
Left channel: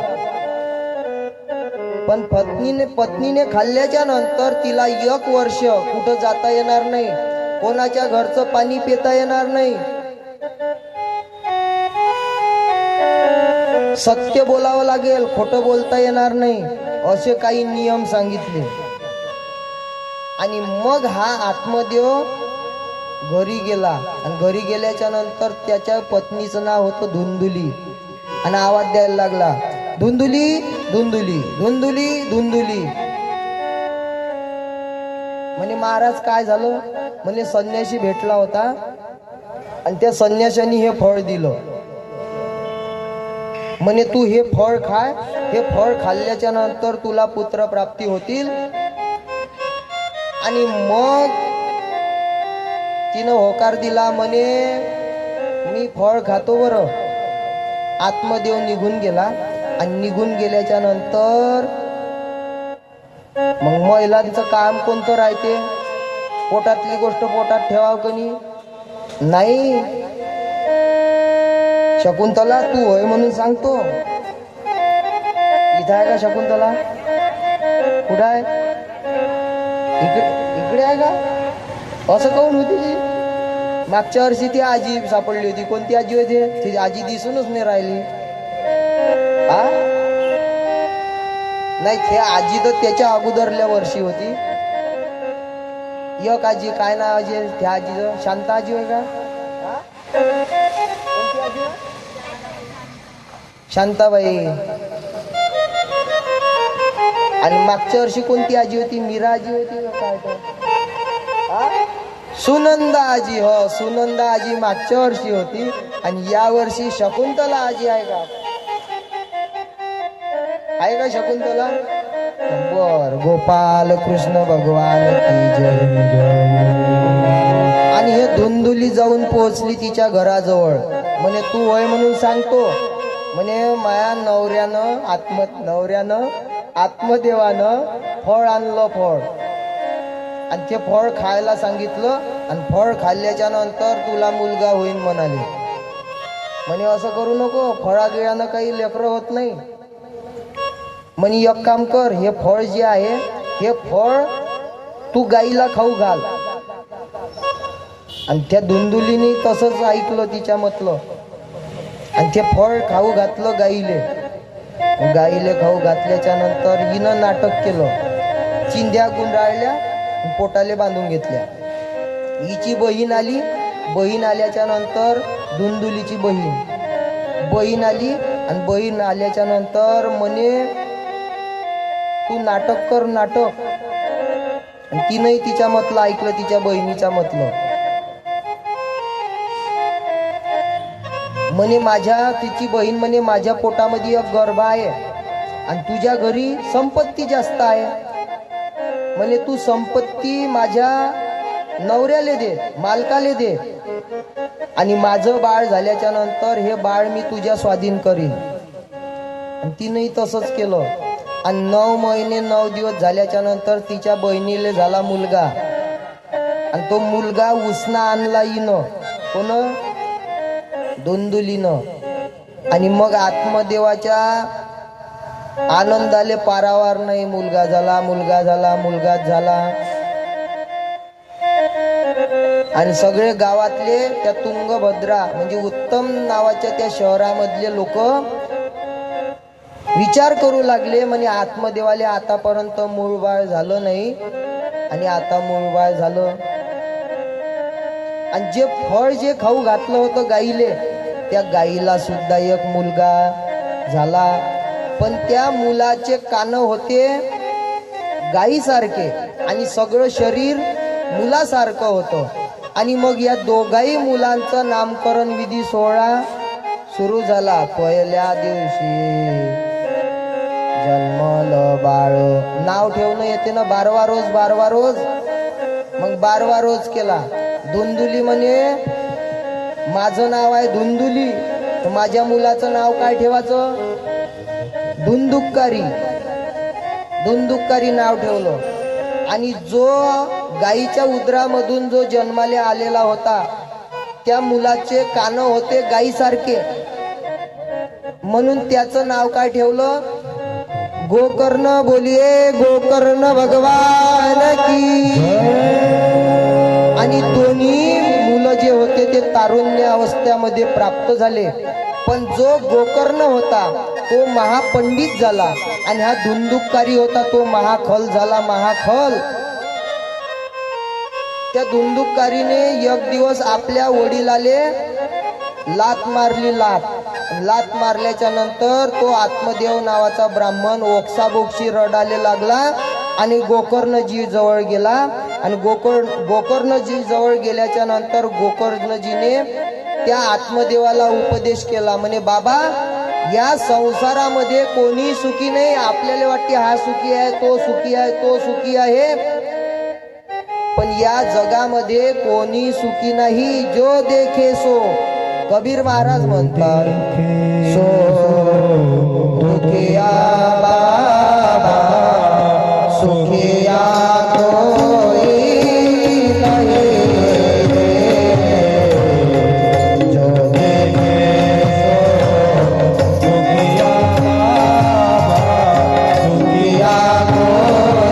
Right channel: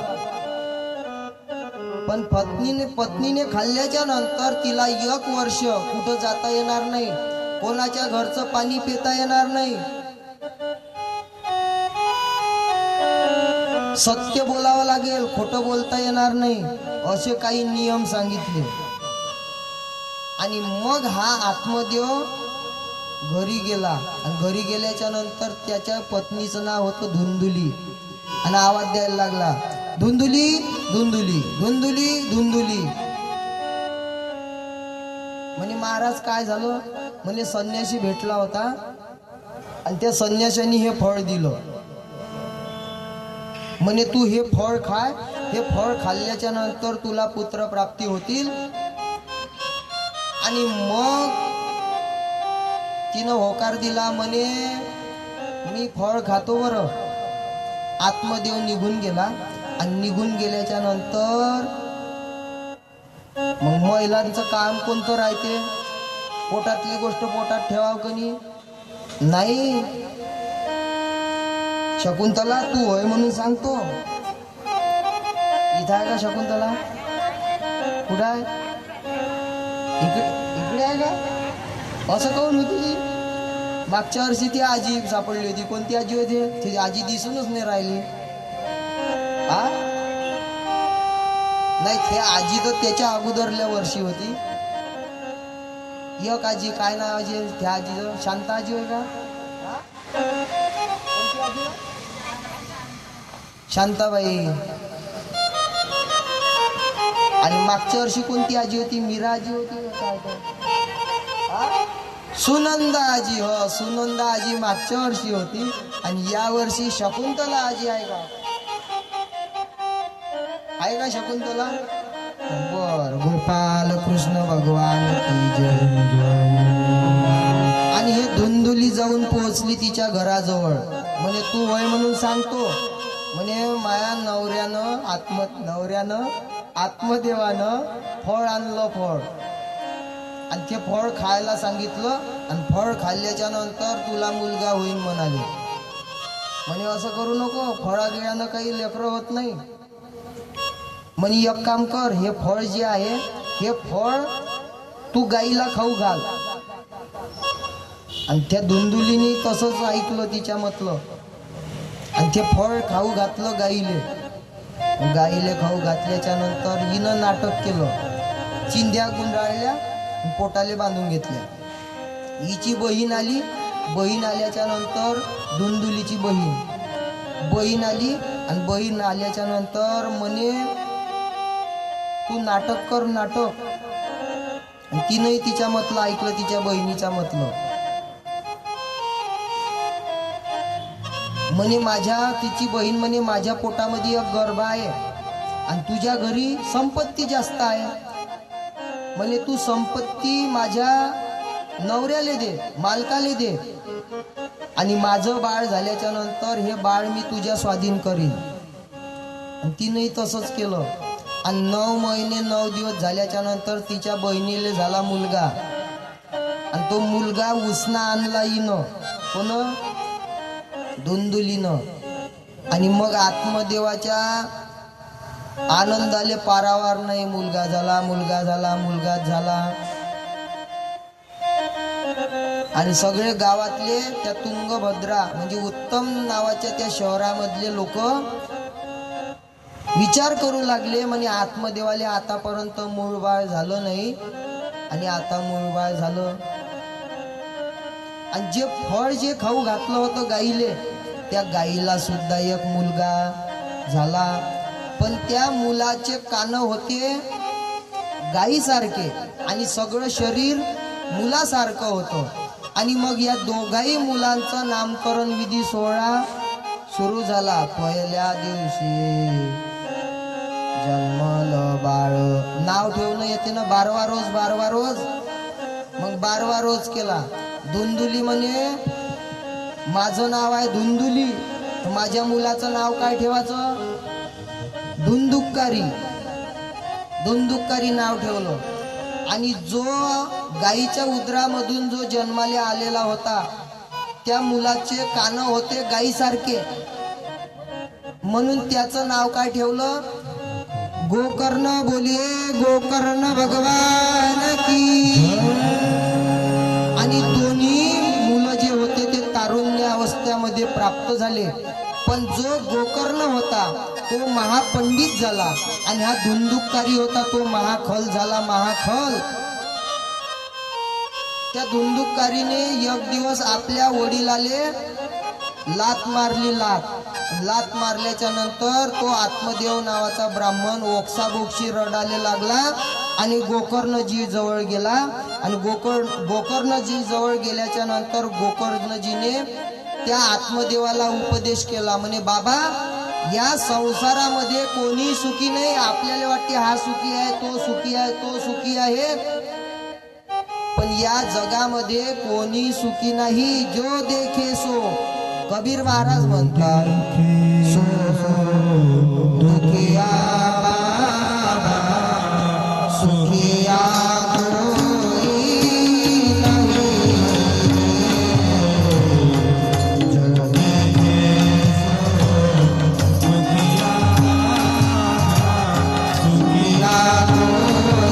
पण पत्नीने खाल्ल्याच्या नंतर तिला 1 वर्ष कुठं जाता येणार नाही, कोणाच्या घरचं पाणी पिता येणार नाही, सत्य बोलावं लागेल, खोटं बोलता येणार नाही, असे काही नियम सांगितले. आणि मग हा आत्मदेव घरी गेला आणि घरी गेल्याच्या नंतर त्याच्या पत्नीचं नाव होतं धुंदुली. आणि आवाज द्यायला लागला, धुंदुली धुंदुली धुंदुली धुंदुली. म्हणे महाराज काय झालं? म्हणे संन्यासी भेटला होता आणि त्या संन्याशाने हे फळ दिलं. म्हणे तू हे फळ खाय, हे फळ खाल्ल्याच्या नंतर तुला पुत्र प्राप्ती होतील. आणि मग तिनं होकार दिला, म्हणे मी फळ खातो बरं. आत्मदेव निघून गेला आणि निघून गेल्याच्या नंतर मग महिलांचं काम कोणतं राहते? पोटातली गोष्ट पोटात ठेवाव कनी नाही. शकुंतला तू होय म्हणून सांगतो. इथं आहे का शकुंतला? कुठं आहे? इकडे आहे का? असं काऊन होती ती? मागच्या वर्षी ती आजी सापडली होती. कोणती आजी होती? ती आजी दिसूनच नाही राहिली. हा नाही, ते आजी तर त्याच्या अगोदरल्या वर्षी होती. एक आजी, काय नाव आजी त्या आजीचं? शांता आजी होय का? कोणती आजी? शांताबाई. आणि मागच्या वर्षी कोणती आजी होती? मीरा आजी होती काय? सुनंदा आजी. हो, सुनंदा आजी मागच्या वर्षी होती. आणि या वर्षी शकुंतला आजी आहे का? आहे का शकुंतला? बर, गोपाल कृष्ण भगवान की जय. आणि हे धुंदुली जाऊन पोहोचली तिच्या घराजवळ. म्हणे तू होय म्हणून सांगतो. म्हणे माया नवऱ्यानं आत्मदेवानं फळ आणलं, फळ. आणि ते फळ खायला सांगितलं आणि फळ खाल्ल्याच्या नंतर तुला मुलगा होईल म्हणाले. म्हणे असं करू नको, फळागिळानं काही लेकरं होत नाही. म्हणे एक काम कर, हे फळ जे आहे हे फळ तू गाईला खाऊ घाल. आणि त्या धुंदुलीने तसंच ऐकलं तिच्या म्हटलं आणि ते फळ खाऊ घातलं गाईले. गाईले खाऊ घातल्याच्या नंतर हिनं नाटक केलं. चिंध्या गुंडाळल्या, पोटाले बांधून घेतल्या. हिची बहीण आली. बहीण आल्याच्या नंतर धुंदुलीची बहीण आली आणि बहीण आल्याच्या नंतर म्हणे तू नाटक कर, नाटक. आणि तिनंही तिच्या म्हटलं ऐकलं, तिच्या बहिणीच्या म्हटलं. म्हणे तिची बहीण म्हणे माझ्या पोटामध्ये एक गर्भ आहे आणि तुझ्या घरी संपत्ती जास्त आहे. म्हणे तू संपत्ती माझ्या नवऱ्याले दे, मालकाले दे, आणि माझं बाळ झाल्याच्या नंतर हे बाळ मी तुझ्या स्वाधीन करीन. आणि तिनेही तसंच केलं. आणि 9 महिने 9 दिवस झाल्याच्या नंतर तिच्या बहिणीले झाला मुलगा. आणि तो मुलगा उसना आणला हिनं, कोण? धुंदुलीनं. आणि मग आत्मदेवाच्या आनंदाले पारावार नाही. मुलगा झाला, मुलगा झाला, मुलगाच झाला. आणि सगळे गावातले त्या तुंगभद्रा म्हणजे उत्तम नावाच्या त्या शहरामधले लोक विचार करू लागले, म्हणे आत्मदेवाले आतापर्यंत मूळबाळ झालं नाही आणि आता मूळबाळ झालं. आणि जे फळ जे खाऊ घातलं होतं गाईले, त्या गाईला सुद्धा एक मुलगा झाला. पण त्या मुलाचे कान होते गाईसारखे आणि सगळं शरीर मुलासारखं होतं. आणि मग या दोघाही मुलांचं नामकरण विधी सोहळा सुरू झाला. पहिल्या दिवशी जन्मलं बाळ, नाव ठेवणं येते ना, 12वा रोज 12वा रोज. मग 12वा रोज केला. धुंदुली म्हणे माझं नाव आहे धुंदुली, तर माझ्या मुलाचं नाव काय ठेवायचं? धुंदुक्कारी. धुंदुक्कारी नाव ठेवलं. आणि जो गाईच्या उदरामधून जो जन्माले आलेला होता, त्या मुलाचे कान होते गाईसारखे, म्हणून त्याचं नाव काय ठेवलं? गोकर्ण. बोलिये गोकर्ण भगवान की. आणि दोन्ही मुलं जे होते ते तारुण्य अवस्थेमध्ये प्राप्त झाले. पण जो गोकर्ण होता तो महापंडित झाला आणि हा धुंदुककारी होता तो महाखल झाला. महाखल. त्या धुंदुककारीने एक दिवस आपल्या वडिलाले लात मारली. लात मारल्याच्या नंतर तो आत्मदेव नावाचा ब्राह्मण ओक्साबोक्षी रडायला लागला आणि गोकर्णजी जवळ गेला. आणि गोकर्णजी जवळ गेल्याच्या नंतर गोकर्णजीने त्या आत्मदेवाला उपदेश केला. म्हणे बाबा, या संसारामध्ये कोणी सुखी नाही. आपल्याला वाटते हा सुखी आहे, तो सुखी आहे, तो सुखी आहे, पण या जगामध्ये कोणी सुखी नाही. जो देखे सो. कबीर महाराज म्हणतात, सो दुखिया बाबा सुखिया कोई नहीं. जो देखे सो दुखिया बाबा सुखिया कोई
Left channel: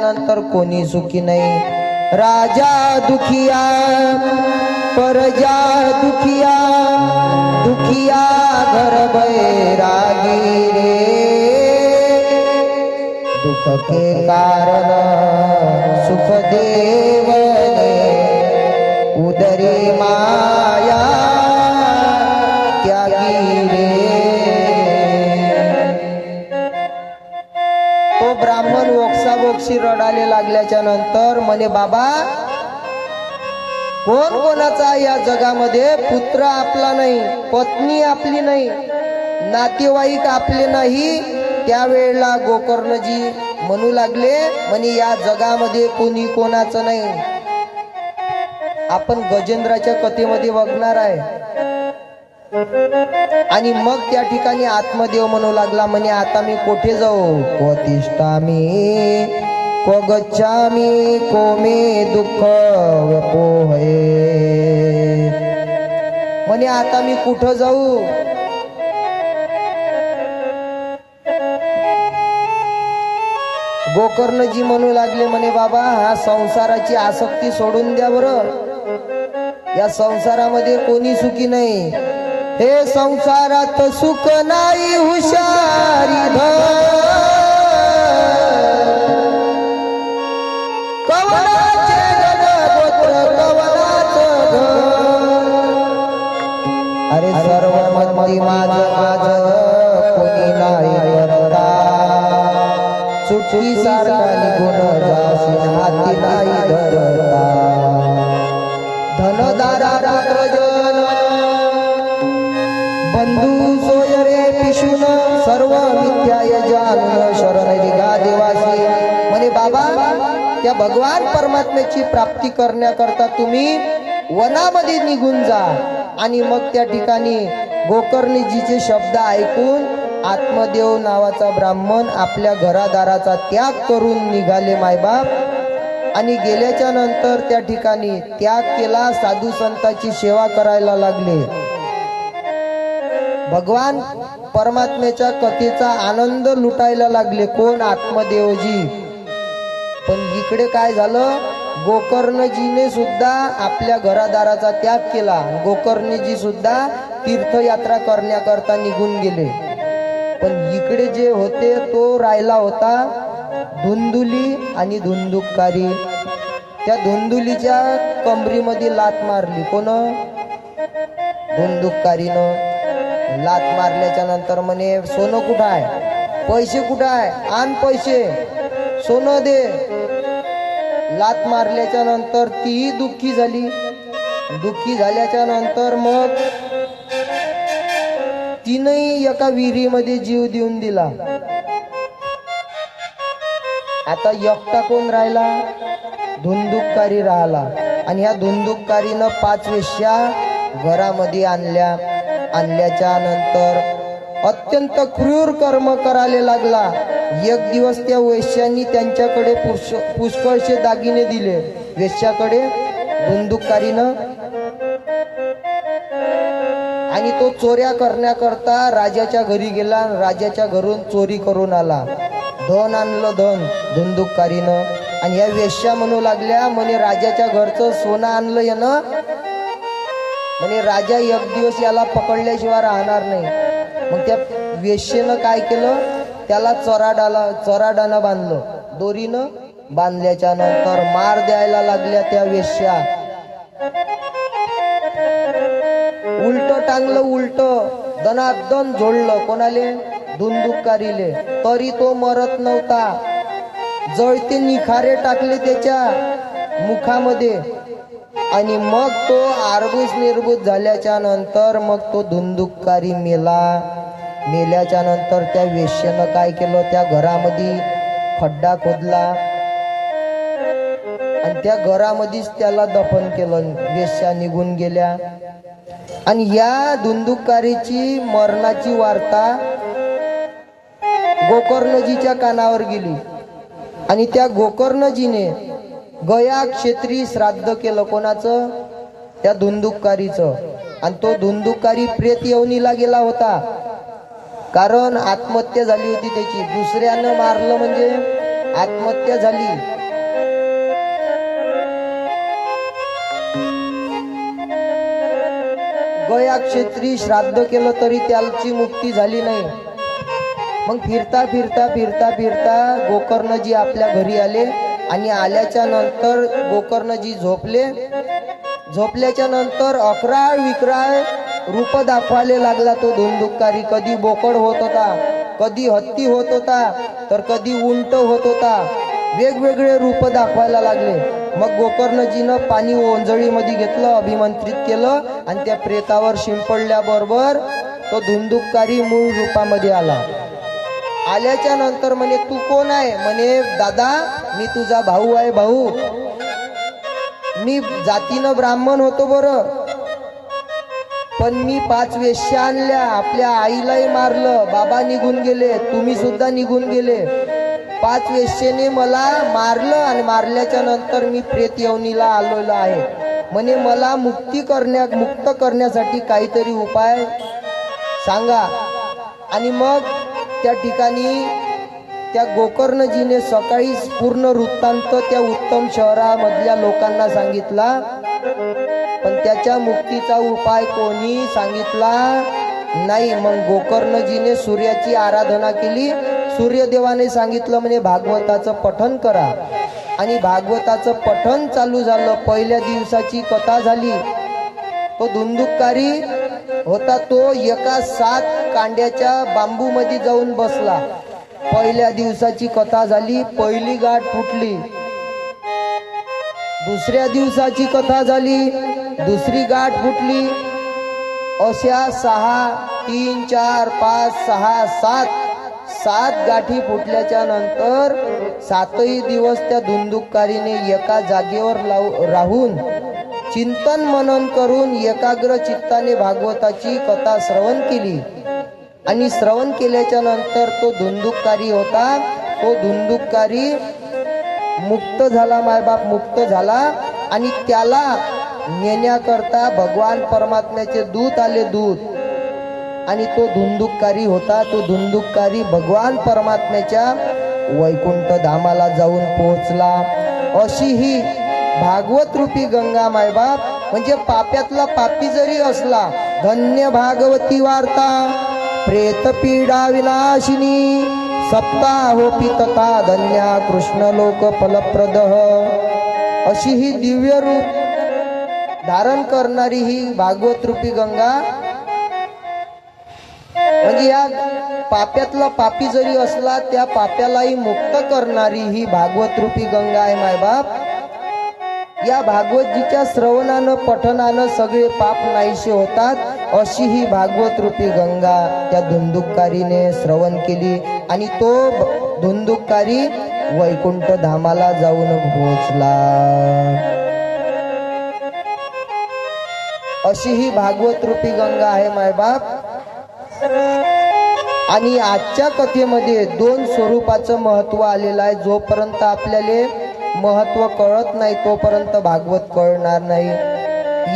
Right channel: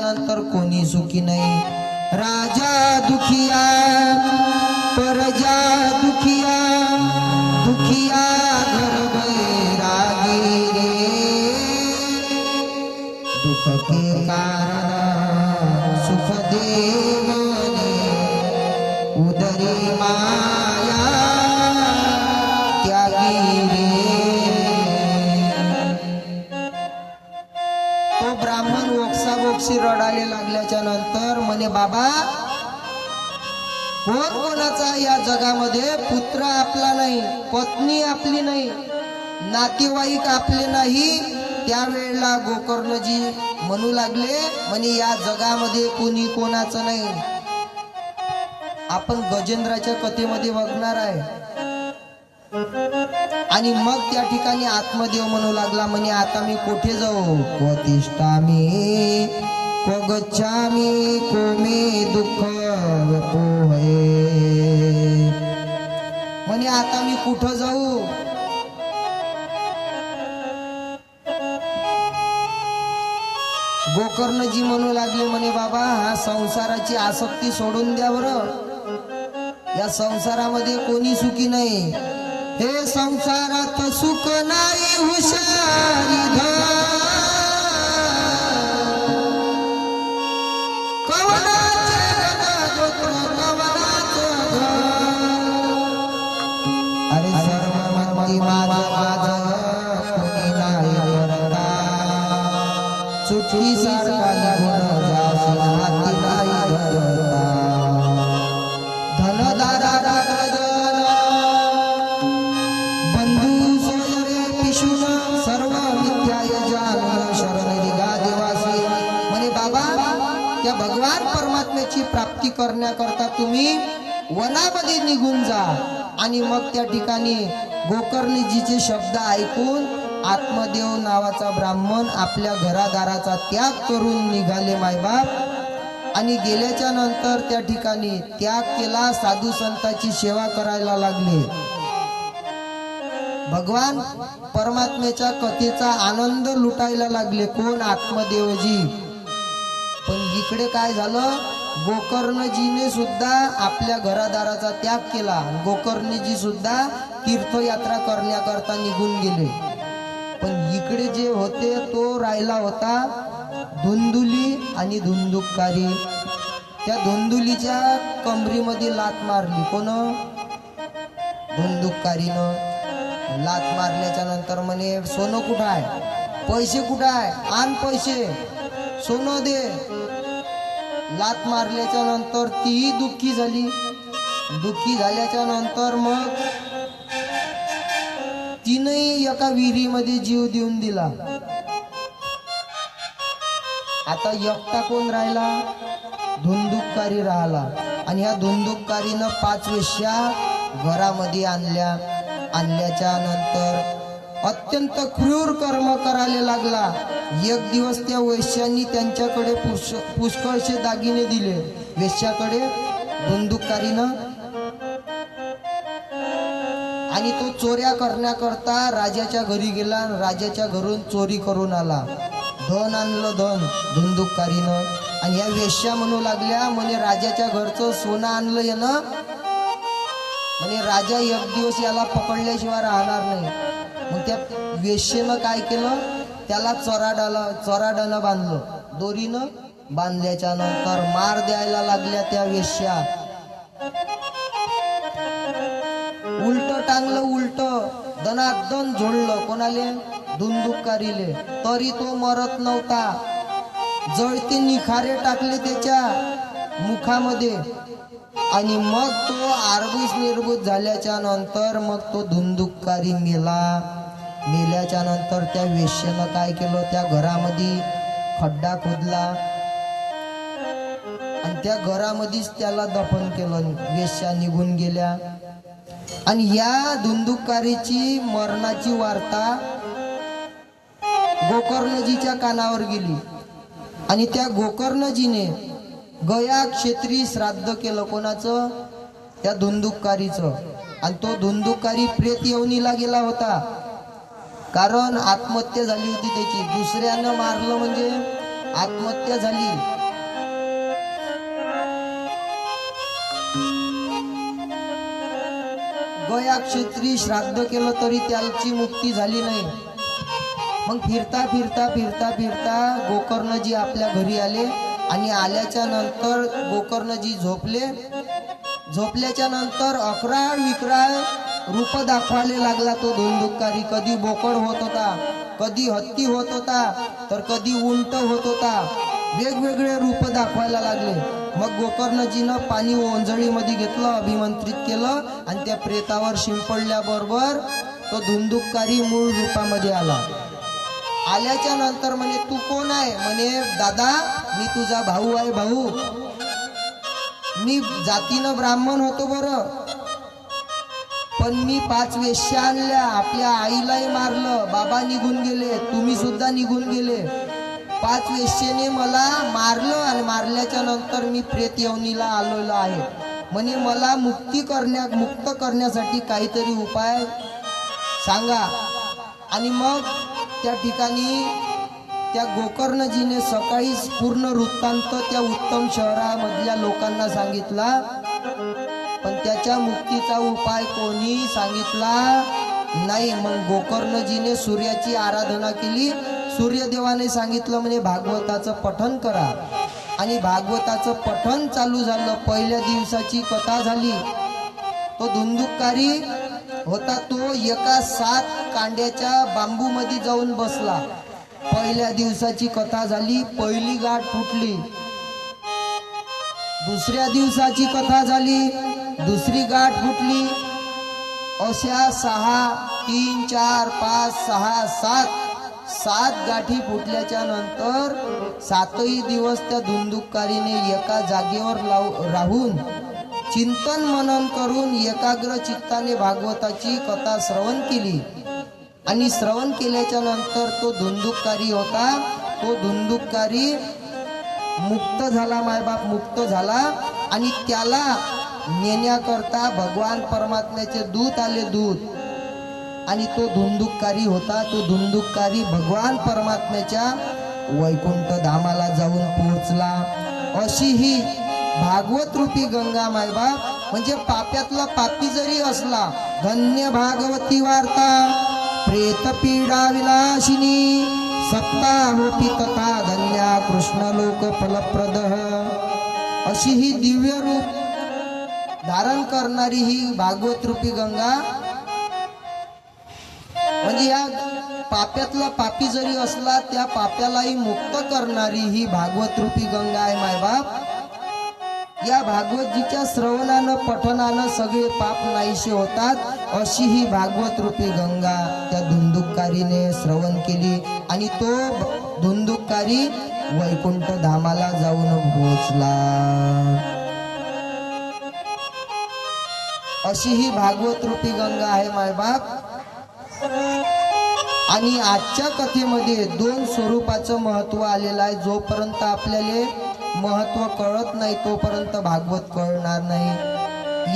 नंतर कोणी सुखी नाही. राजा दुखिया परजा दुखिया, दुखिया घर बैरागी रे. दुख के कारण सुख देवने उदरी माया त्यागी रे. दिवशी रडाले लागल्याच्या नंतर म्हणे बाबा, कोण कोणाचा या जगामध्ये पुत्र आपला नाही, पत्नी आपली नाही, नातेवाईक आपले नाही. त्यावेळेला गोकर्णजी म्हणू लागले, म्हणे या जगामध्ये कोणी कोणाचं नाही. आपण गजेंद्राच्या कथेमध्ये बघणार आहे. आणि मग त्या ठिकाणी आत्मदेव म्हणू लागला, म्हणे आता मी कोठे जाऊ? क्वतिष्ठामी क्व गच्छामी को मे दुःख व्यपोहे. म्हणे आता मी कुठं जाऊ? गोकर्णजी म्हणू लागले, म्हणे बाबा, हा संसाराची आसक्ती सोडून द्या बरं. या संसारामध्ये कोणी सुखी नाही. हे संसारात सुख नाही, हुशारी धर. कवनाचे गोत्र कवनाचं घर. अरे सर्व मती माझं माझं कोणी नाही करता. सुटली सारखा निघून जाशील हाती नाही धरता. धनदारा पुत्रजन बंधू सोय रे पिशून सर्व मिथ्याय जाणून शरण दिगा देवासी. म्हणे बाबा, त्या भगवान परमात्म्याची प्राप्ती करण्याकरता तुम्ही वनामध्ये निघून जा. आणि मग त्या ठिकाणी गोकर्णजीचे शब्द ऐकून आत्मदेव नावाचा ब्राह्मण आपल्या घरादाराचा त्याग करून निघाले मायबाप. आणि गेल्याच्या नंतर त्या ठिकाणी त्याग केला, साधू संतांची सेवा करायला लागले. भगवान परमात्म्याच्या कथेचा आनंद लुटायला लागले. कोण? आत्मदेवजी. पण इकडे काय झालं? गोकर्णजीने सुद्धा आपल्या घरादाराचा त्याग केला. गोकर्णजी सुद्धा तीर्थयात्रा करण्याकरता निघून गेले. पण इकडे जे होते तो राहिला होता धुंदुली आणि धुंदुककारी. त्या धुंदुलीच्या कमरीमध्ये लात मारली. कोण? धुंदुककारीनं लात मारल्याच्या नंतर म्हणे, सोनं कुठं आहे? पैसे कुठं आहे? आण पैसे, सोनं दे. लात मारल्याच्या नंतर तीही दुःखी झाली. दुःखी झाल्याच्या नंतर मग तिनही एका विहिरीमध्ये जीव देऊन दिला. आता एकटा कोण राहिला? धुंदुककारी राहिला. आणि ह्या धुंदुककारीनं 5 वेश्या घरामध्ये आणल्या. आणल्याच्या नंतर अत्यंत क्रूर कर्म करायला लागला. एक दिवस त्या वेश्यांनी त्यांच्याकडे पुष्कळशे दागिने दिले. वेश्याकडे धुंदुककारीनं. आणि तो चोऱ्या करण्याकरता राजाच्या घरी गेला. राजाच्या घरून चोरी करून आला. धन आणलं, धन धुंदुककारीनं. आणि या वेश्या म्हणू लागल्या, म्हणे राजाच्या घरचं सोनं आणलं यानं. म्हणे राजा एक दिवस याला पकडल्याशिवाय राहणार नाही. मग त्या वेश्येनं काय केलं? त्याला चोराडानं बांधलं. दोरीनं बांधल्याच्या नंतर मार द्यायला लागल्या त्या वेश्या. उलट टांगलं, उलट दनादन झोडलं. कोणाले? धुंदुककारीले. तरी तो मरत नव्हता. जळते निखारे टाकले त्याच्या मुखामध्ये. आणि मग तो आरबूस निर्बूस झाल्याच्या नंतर मग तो धुंदुककारी मेला. मेल्याच्या नंतर त्या वेश्येनं काय केलं? त्या घरामध्ये खड्डा खोदला आणि त्या घरामध्येच त्याला दफन केलं. वेश्या निघून गेल्या. आणि या धुंदुककारीची मरणाची वार्ता गोकर्णजीच्या कानावर गेली. आणि त्या गोकर्णजीने गया क्षेत्री श्राद्ध केलं. कोणाचं? त्या धुंदुककारीचं. आणि तो धुंदुककारी प्रेत योनीला गेला होता. कारण आत्महत्या झाली होती त्याची. दुसऱ्यानं मारलं म्हणजे आत्महत्या झाली. गया क्षेत्री श्राद्ध केलं तरी त्याची मुक्ती झाली नाही. मग फिरता फिरता फिरता फिरता गोकर्णजी आपल्या घरी आले. आणि आल्याच्या नंतर गोकर्णजी झोपले. झोपल्याच्या नंतर अकराळ विक्राळ रूप दाखवायला लागला तो धुंदुककारी. कधी बोकड होत होता, कधी हत्ती होत होता, तर कधी उंट होत होता. वेगवेगळे रूप दाखवायला लागले. मग गोकर्णजीनं पाणी ओंजळीमध्ये घेतलं, अभिमंत्रित केलं आणि त्या प्रेतावर शिंपडल्याबरोबर तो धुंदुककारी मूळ रूपामध्ये आला. आल्याच्या नंतर म्हणे तू कोण आहे? म्हणे दादा मी तुझा भाऊ आहे. भाऊ मी जातीनं ब्राह्मण होतो बरं, पण मी 5 वेश्या आणल्या, आपल्या आईलाही मारलं, बाबा निघून गेले, तुम्ही सुद्धा निघून गेले. 5 वेश्येने मला मारलं आणि मारल्याच्या नंतर मी प्रेत योनीला आलेलो आहे. म्हणे मला मुक्त करण्यासाठी काहीतरी उपाय सांगा. आणि मग त्या ठिकाणी त्या गोकर्णजीने सकाळी पूर्ण वृत्तांत त्या उत्तम शहरामधल्या लोकांना सांगितला, पण त्याच्या मुक्तीचा उपाय कोणी सांगितला नाही. मग गोकर्णजीने सूर्याची आराधना केली. सूर्यदेवाने सांगितलं म्हणे भागवताचं पठण करा. आणि भागवताचं पठण चालू झालं. पहिल्या दिवसाची कथा झाली. तो धुंदुककारी होता, तो एका 7 कांड्याच्या बांबू मध्ये जाऊन बसला. पहिल्या दिवसाची कथा झाली. पहिली गाठ फुटली. दुसऱ्या दिवसाची कथा झाली. दुसरी गाठ फुटली. अशा 6, 3, 4, 5, 6, 7 गाठी फुटल्याच्या नंतर 7ही दिवस त्या धुंदुककारीने एका जागेवर राहून चिंतन मनन करून एकाग्र चित्ताने भागवताची कथा श्रवण केली. आणि श्रवण केल्याच्या नंतर तो धुंदुककारी होता, तो धुंदुककारी मुक्त झाला, मायबाप मुक्त झाला. आणि त्याला नेण्याकरता भगवान परमात्म्याचे दूत आले, दूत. आणि तो धुंदुककारी होता, तो धुंदुककारी भगवान परमात्म्याच्या वैकुंठ धामाला जाऊन पोहोचला. अशी ही भागवत रूपी गंगा मायबाप, म्हणजे पाप्यातला पापी जरी असला, धन्य भागवती वार्ता प्रेत पीडा विनाशिनी सत्ता होपी तथा धन्या कृष्ण लोक फलप्रद. अशी ही दिव्य रूप धारण करणारी ही भागवत रूपी गंगा, म्हणजे या पाप्यातला पापी जरी असला त्या पाप्यालाही मुक्त करणारी ही भागवत रूपी गंगा आहे मायबाप. या भागवतजीच्या श्रवणानं पठणानं सगळे पाप नाहीसे होतात. अशी ही भागवत रूपी गंगा त्या धुंदुककारीने श्रवण केली आणि तो धुंदुककारी वैकुंठ धामाला जाऊन पोहोचला. अशी ही भागवत रूपी गंगा आहे मायबाप. आणि आजच्या कथेमध्ये 2 स्वरूपाचं महत्व आलेलं आहे. जोपर्यंत आपल्याला महत्व कळत नाही तोपर्यंत भागवत कळणार नाही.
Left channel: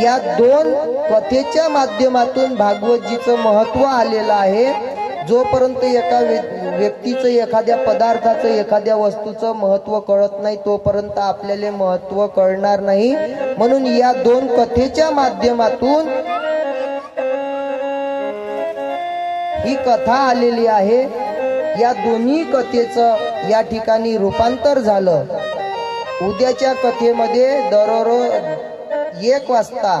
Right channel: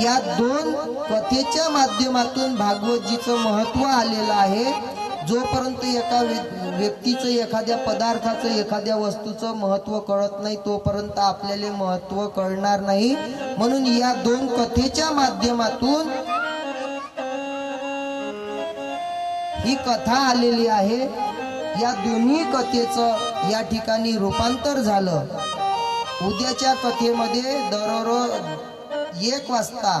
या 2 कथेच्या माध्यमातून भागवतजीचं महत्व आलेलं आहे. जोपर्यंत एका व्यक्तीचं, एखाद्या पदार्थाचं, एखाद्या वस्तूचं महत्व कळत नाही तोपर्यंत आपल्याला महत्व कळणार नाही. म्हणून या 2 कथेच्या माध्यमातून ही कथा आलेली आहे. या दोन्ही कथेचं या ठिकाणी रूपांतर झालं. उद्याच्या कथेमध्ये दररोज 1 वाजता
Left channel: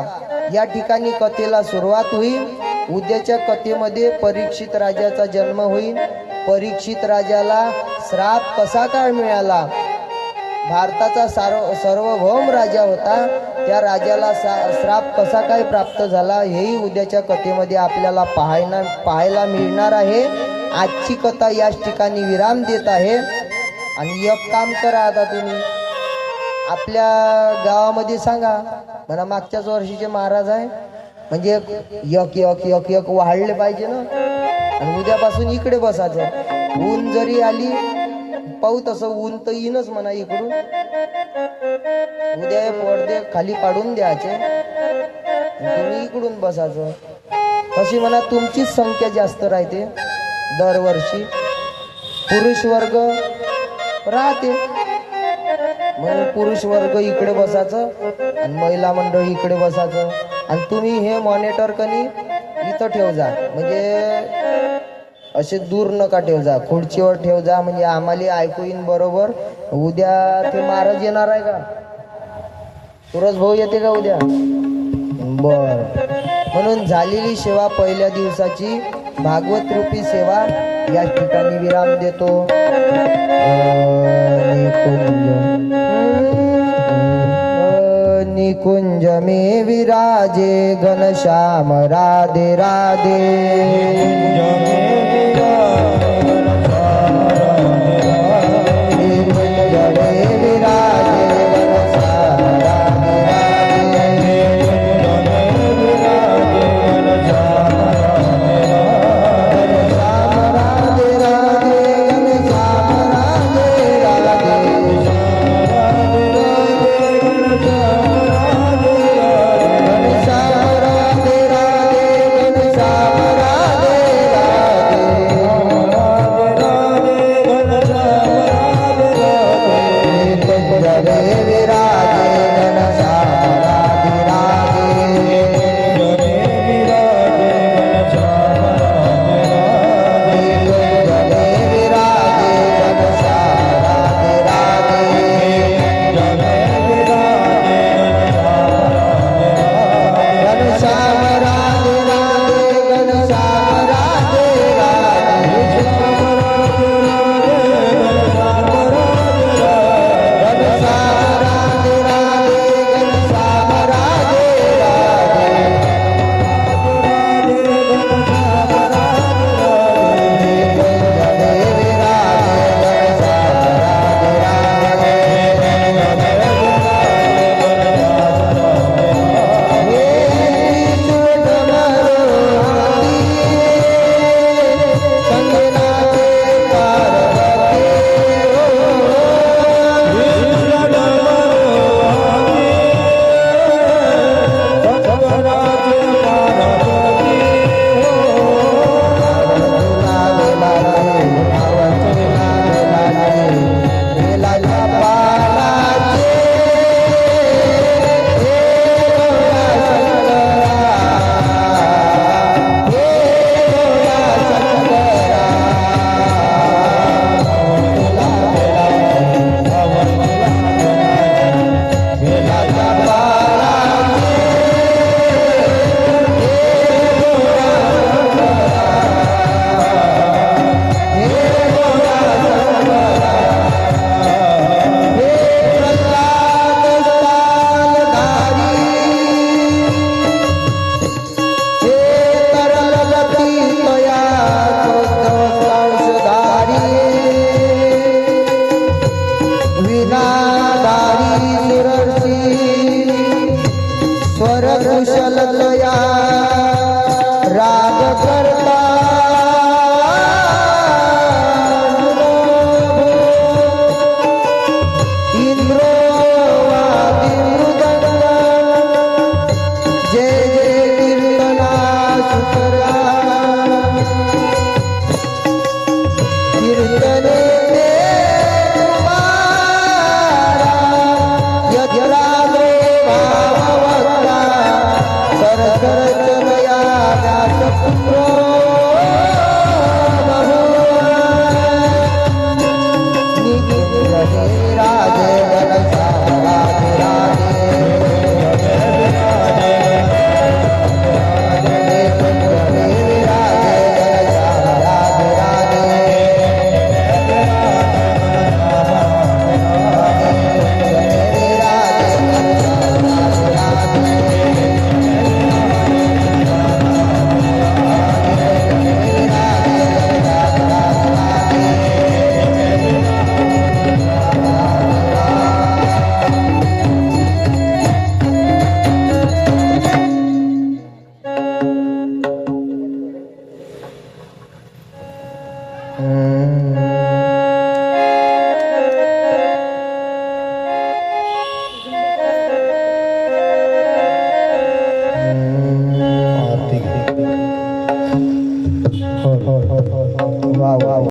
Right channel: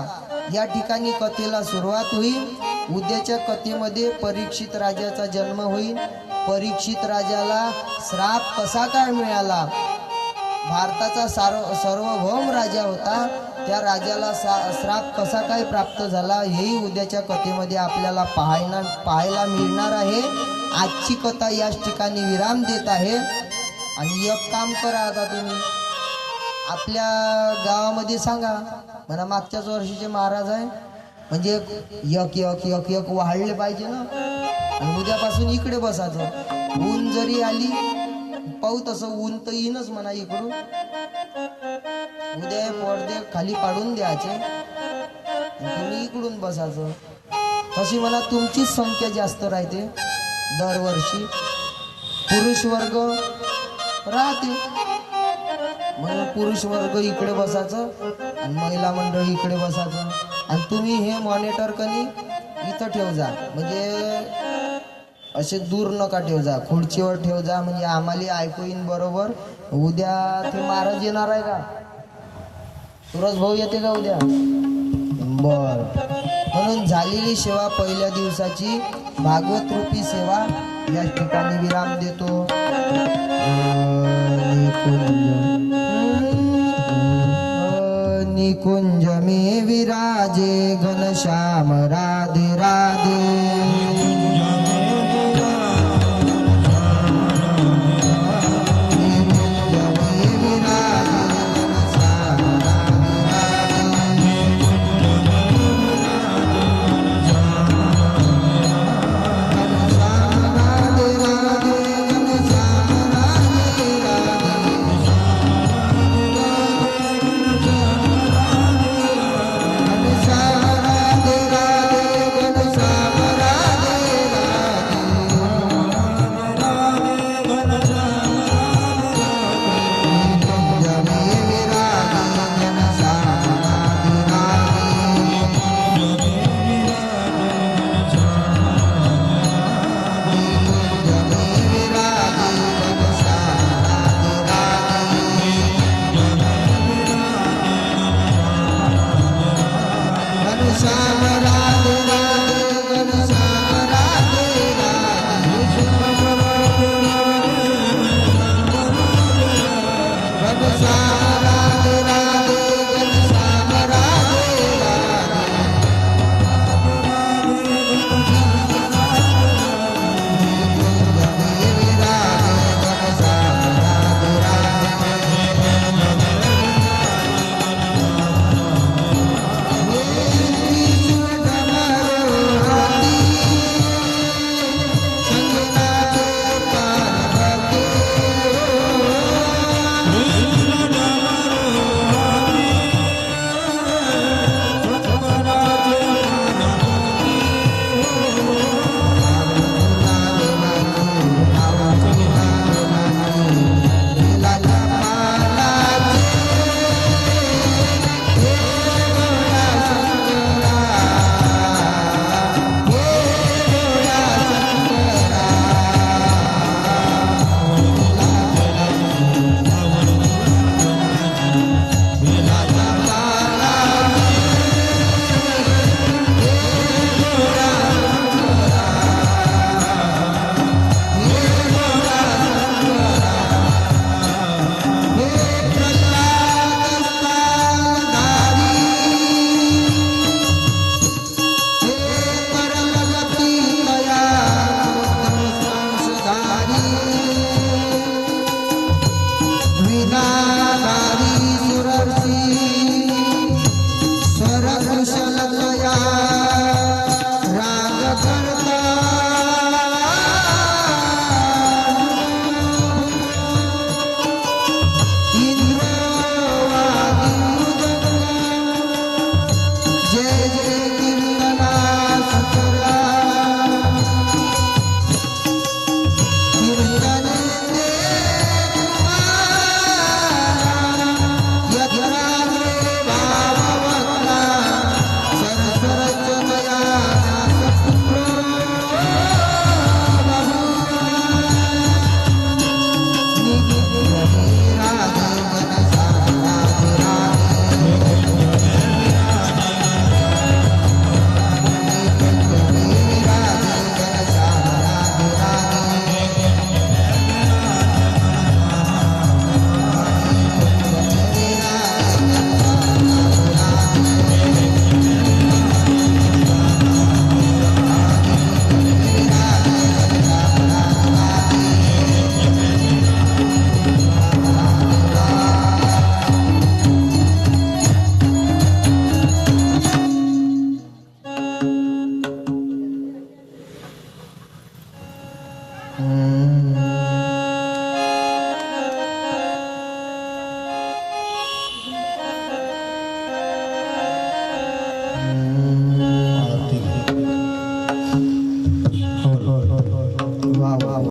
या ठिकाणी कथेला सुरुवात होईल. उद्याच्या कथेमध्ये परीक्षित राजाचा जन्म होईल. परीक्षित राजाला श्राप कसा काय मिळाला, भारताचा सार्वभौम राजा होता, त्या राजाला श्राप कसा काय प्राप्त झाला, हेही उद्याच्या कथेमध्ये आपल्याला पाहायला मिळणार आहे. आजची कथा याच ठिकाणी विराम देत आहे. आणि एक काम करा, आता तुम्ही आपल्या गावामध्ये सांगा म्हणा मागच्याच वर्षीचे महाराज आहे, म्हणजे एक एक एक एक वाढले पाहिजे ना. आणि उद्यापासून इकडे बसायचं. ऊन जरी आली पाहू, तसं ऊन तर येईनच म्हणा इकडून. उद्या पडदे खाली पाडून द्यायचे, तुम्ही इकडून बसायचं. तशी म्हणा तुमचीच संख्या जास्त राहते दरवर्षी. पुरुष वर्ग राहते म्हणून पुरुष वर्ग इकडे बसायचं आणि महिला मंडळी इकडे बसायचं. आणि तुम्ही हे मॉनिटर कनी इथं ठेव जा, म्हणजे असे दूर नका ठेव जा, खुर्चीवर ठेव जा, म्हणजे आम्हाला ऐकू येईन बरोबर. उद्या ते महाराज येणार आहे का? सुरज भाऊ येते का उद्या? बर. म्हणून झालेली सेवा पहिल्या दिवसाची भागवत रूपी सेवा या ठिकाणी विराम देतो. निकुंज में विराजे घनश्याम राधे राधे. कीर्तन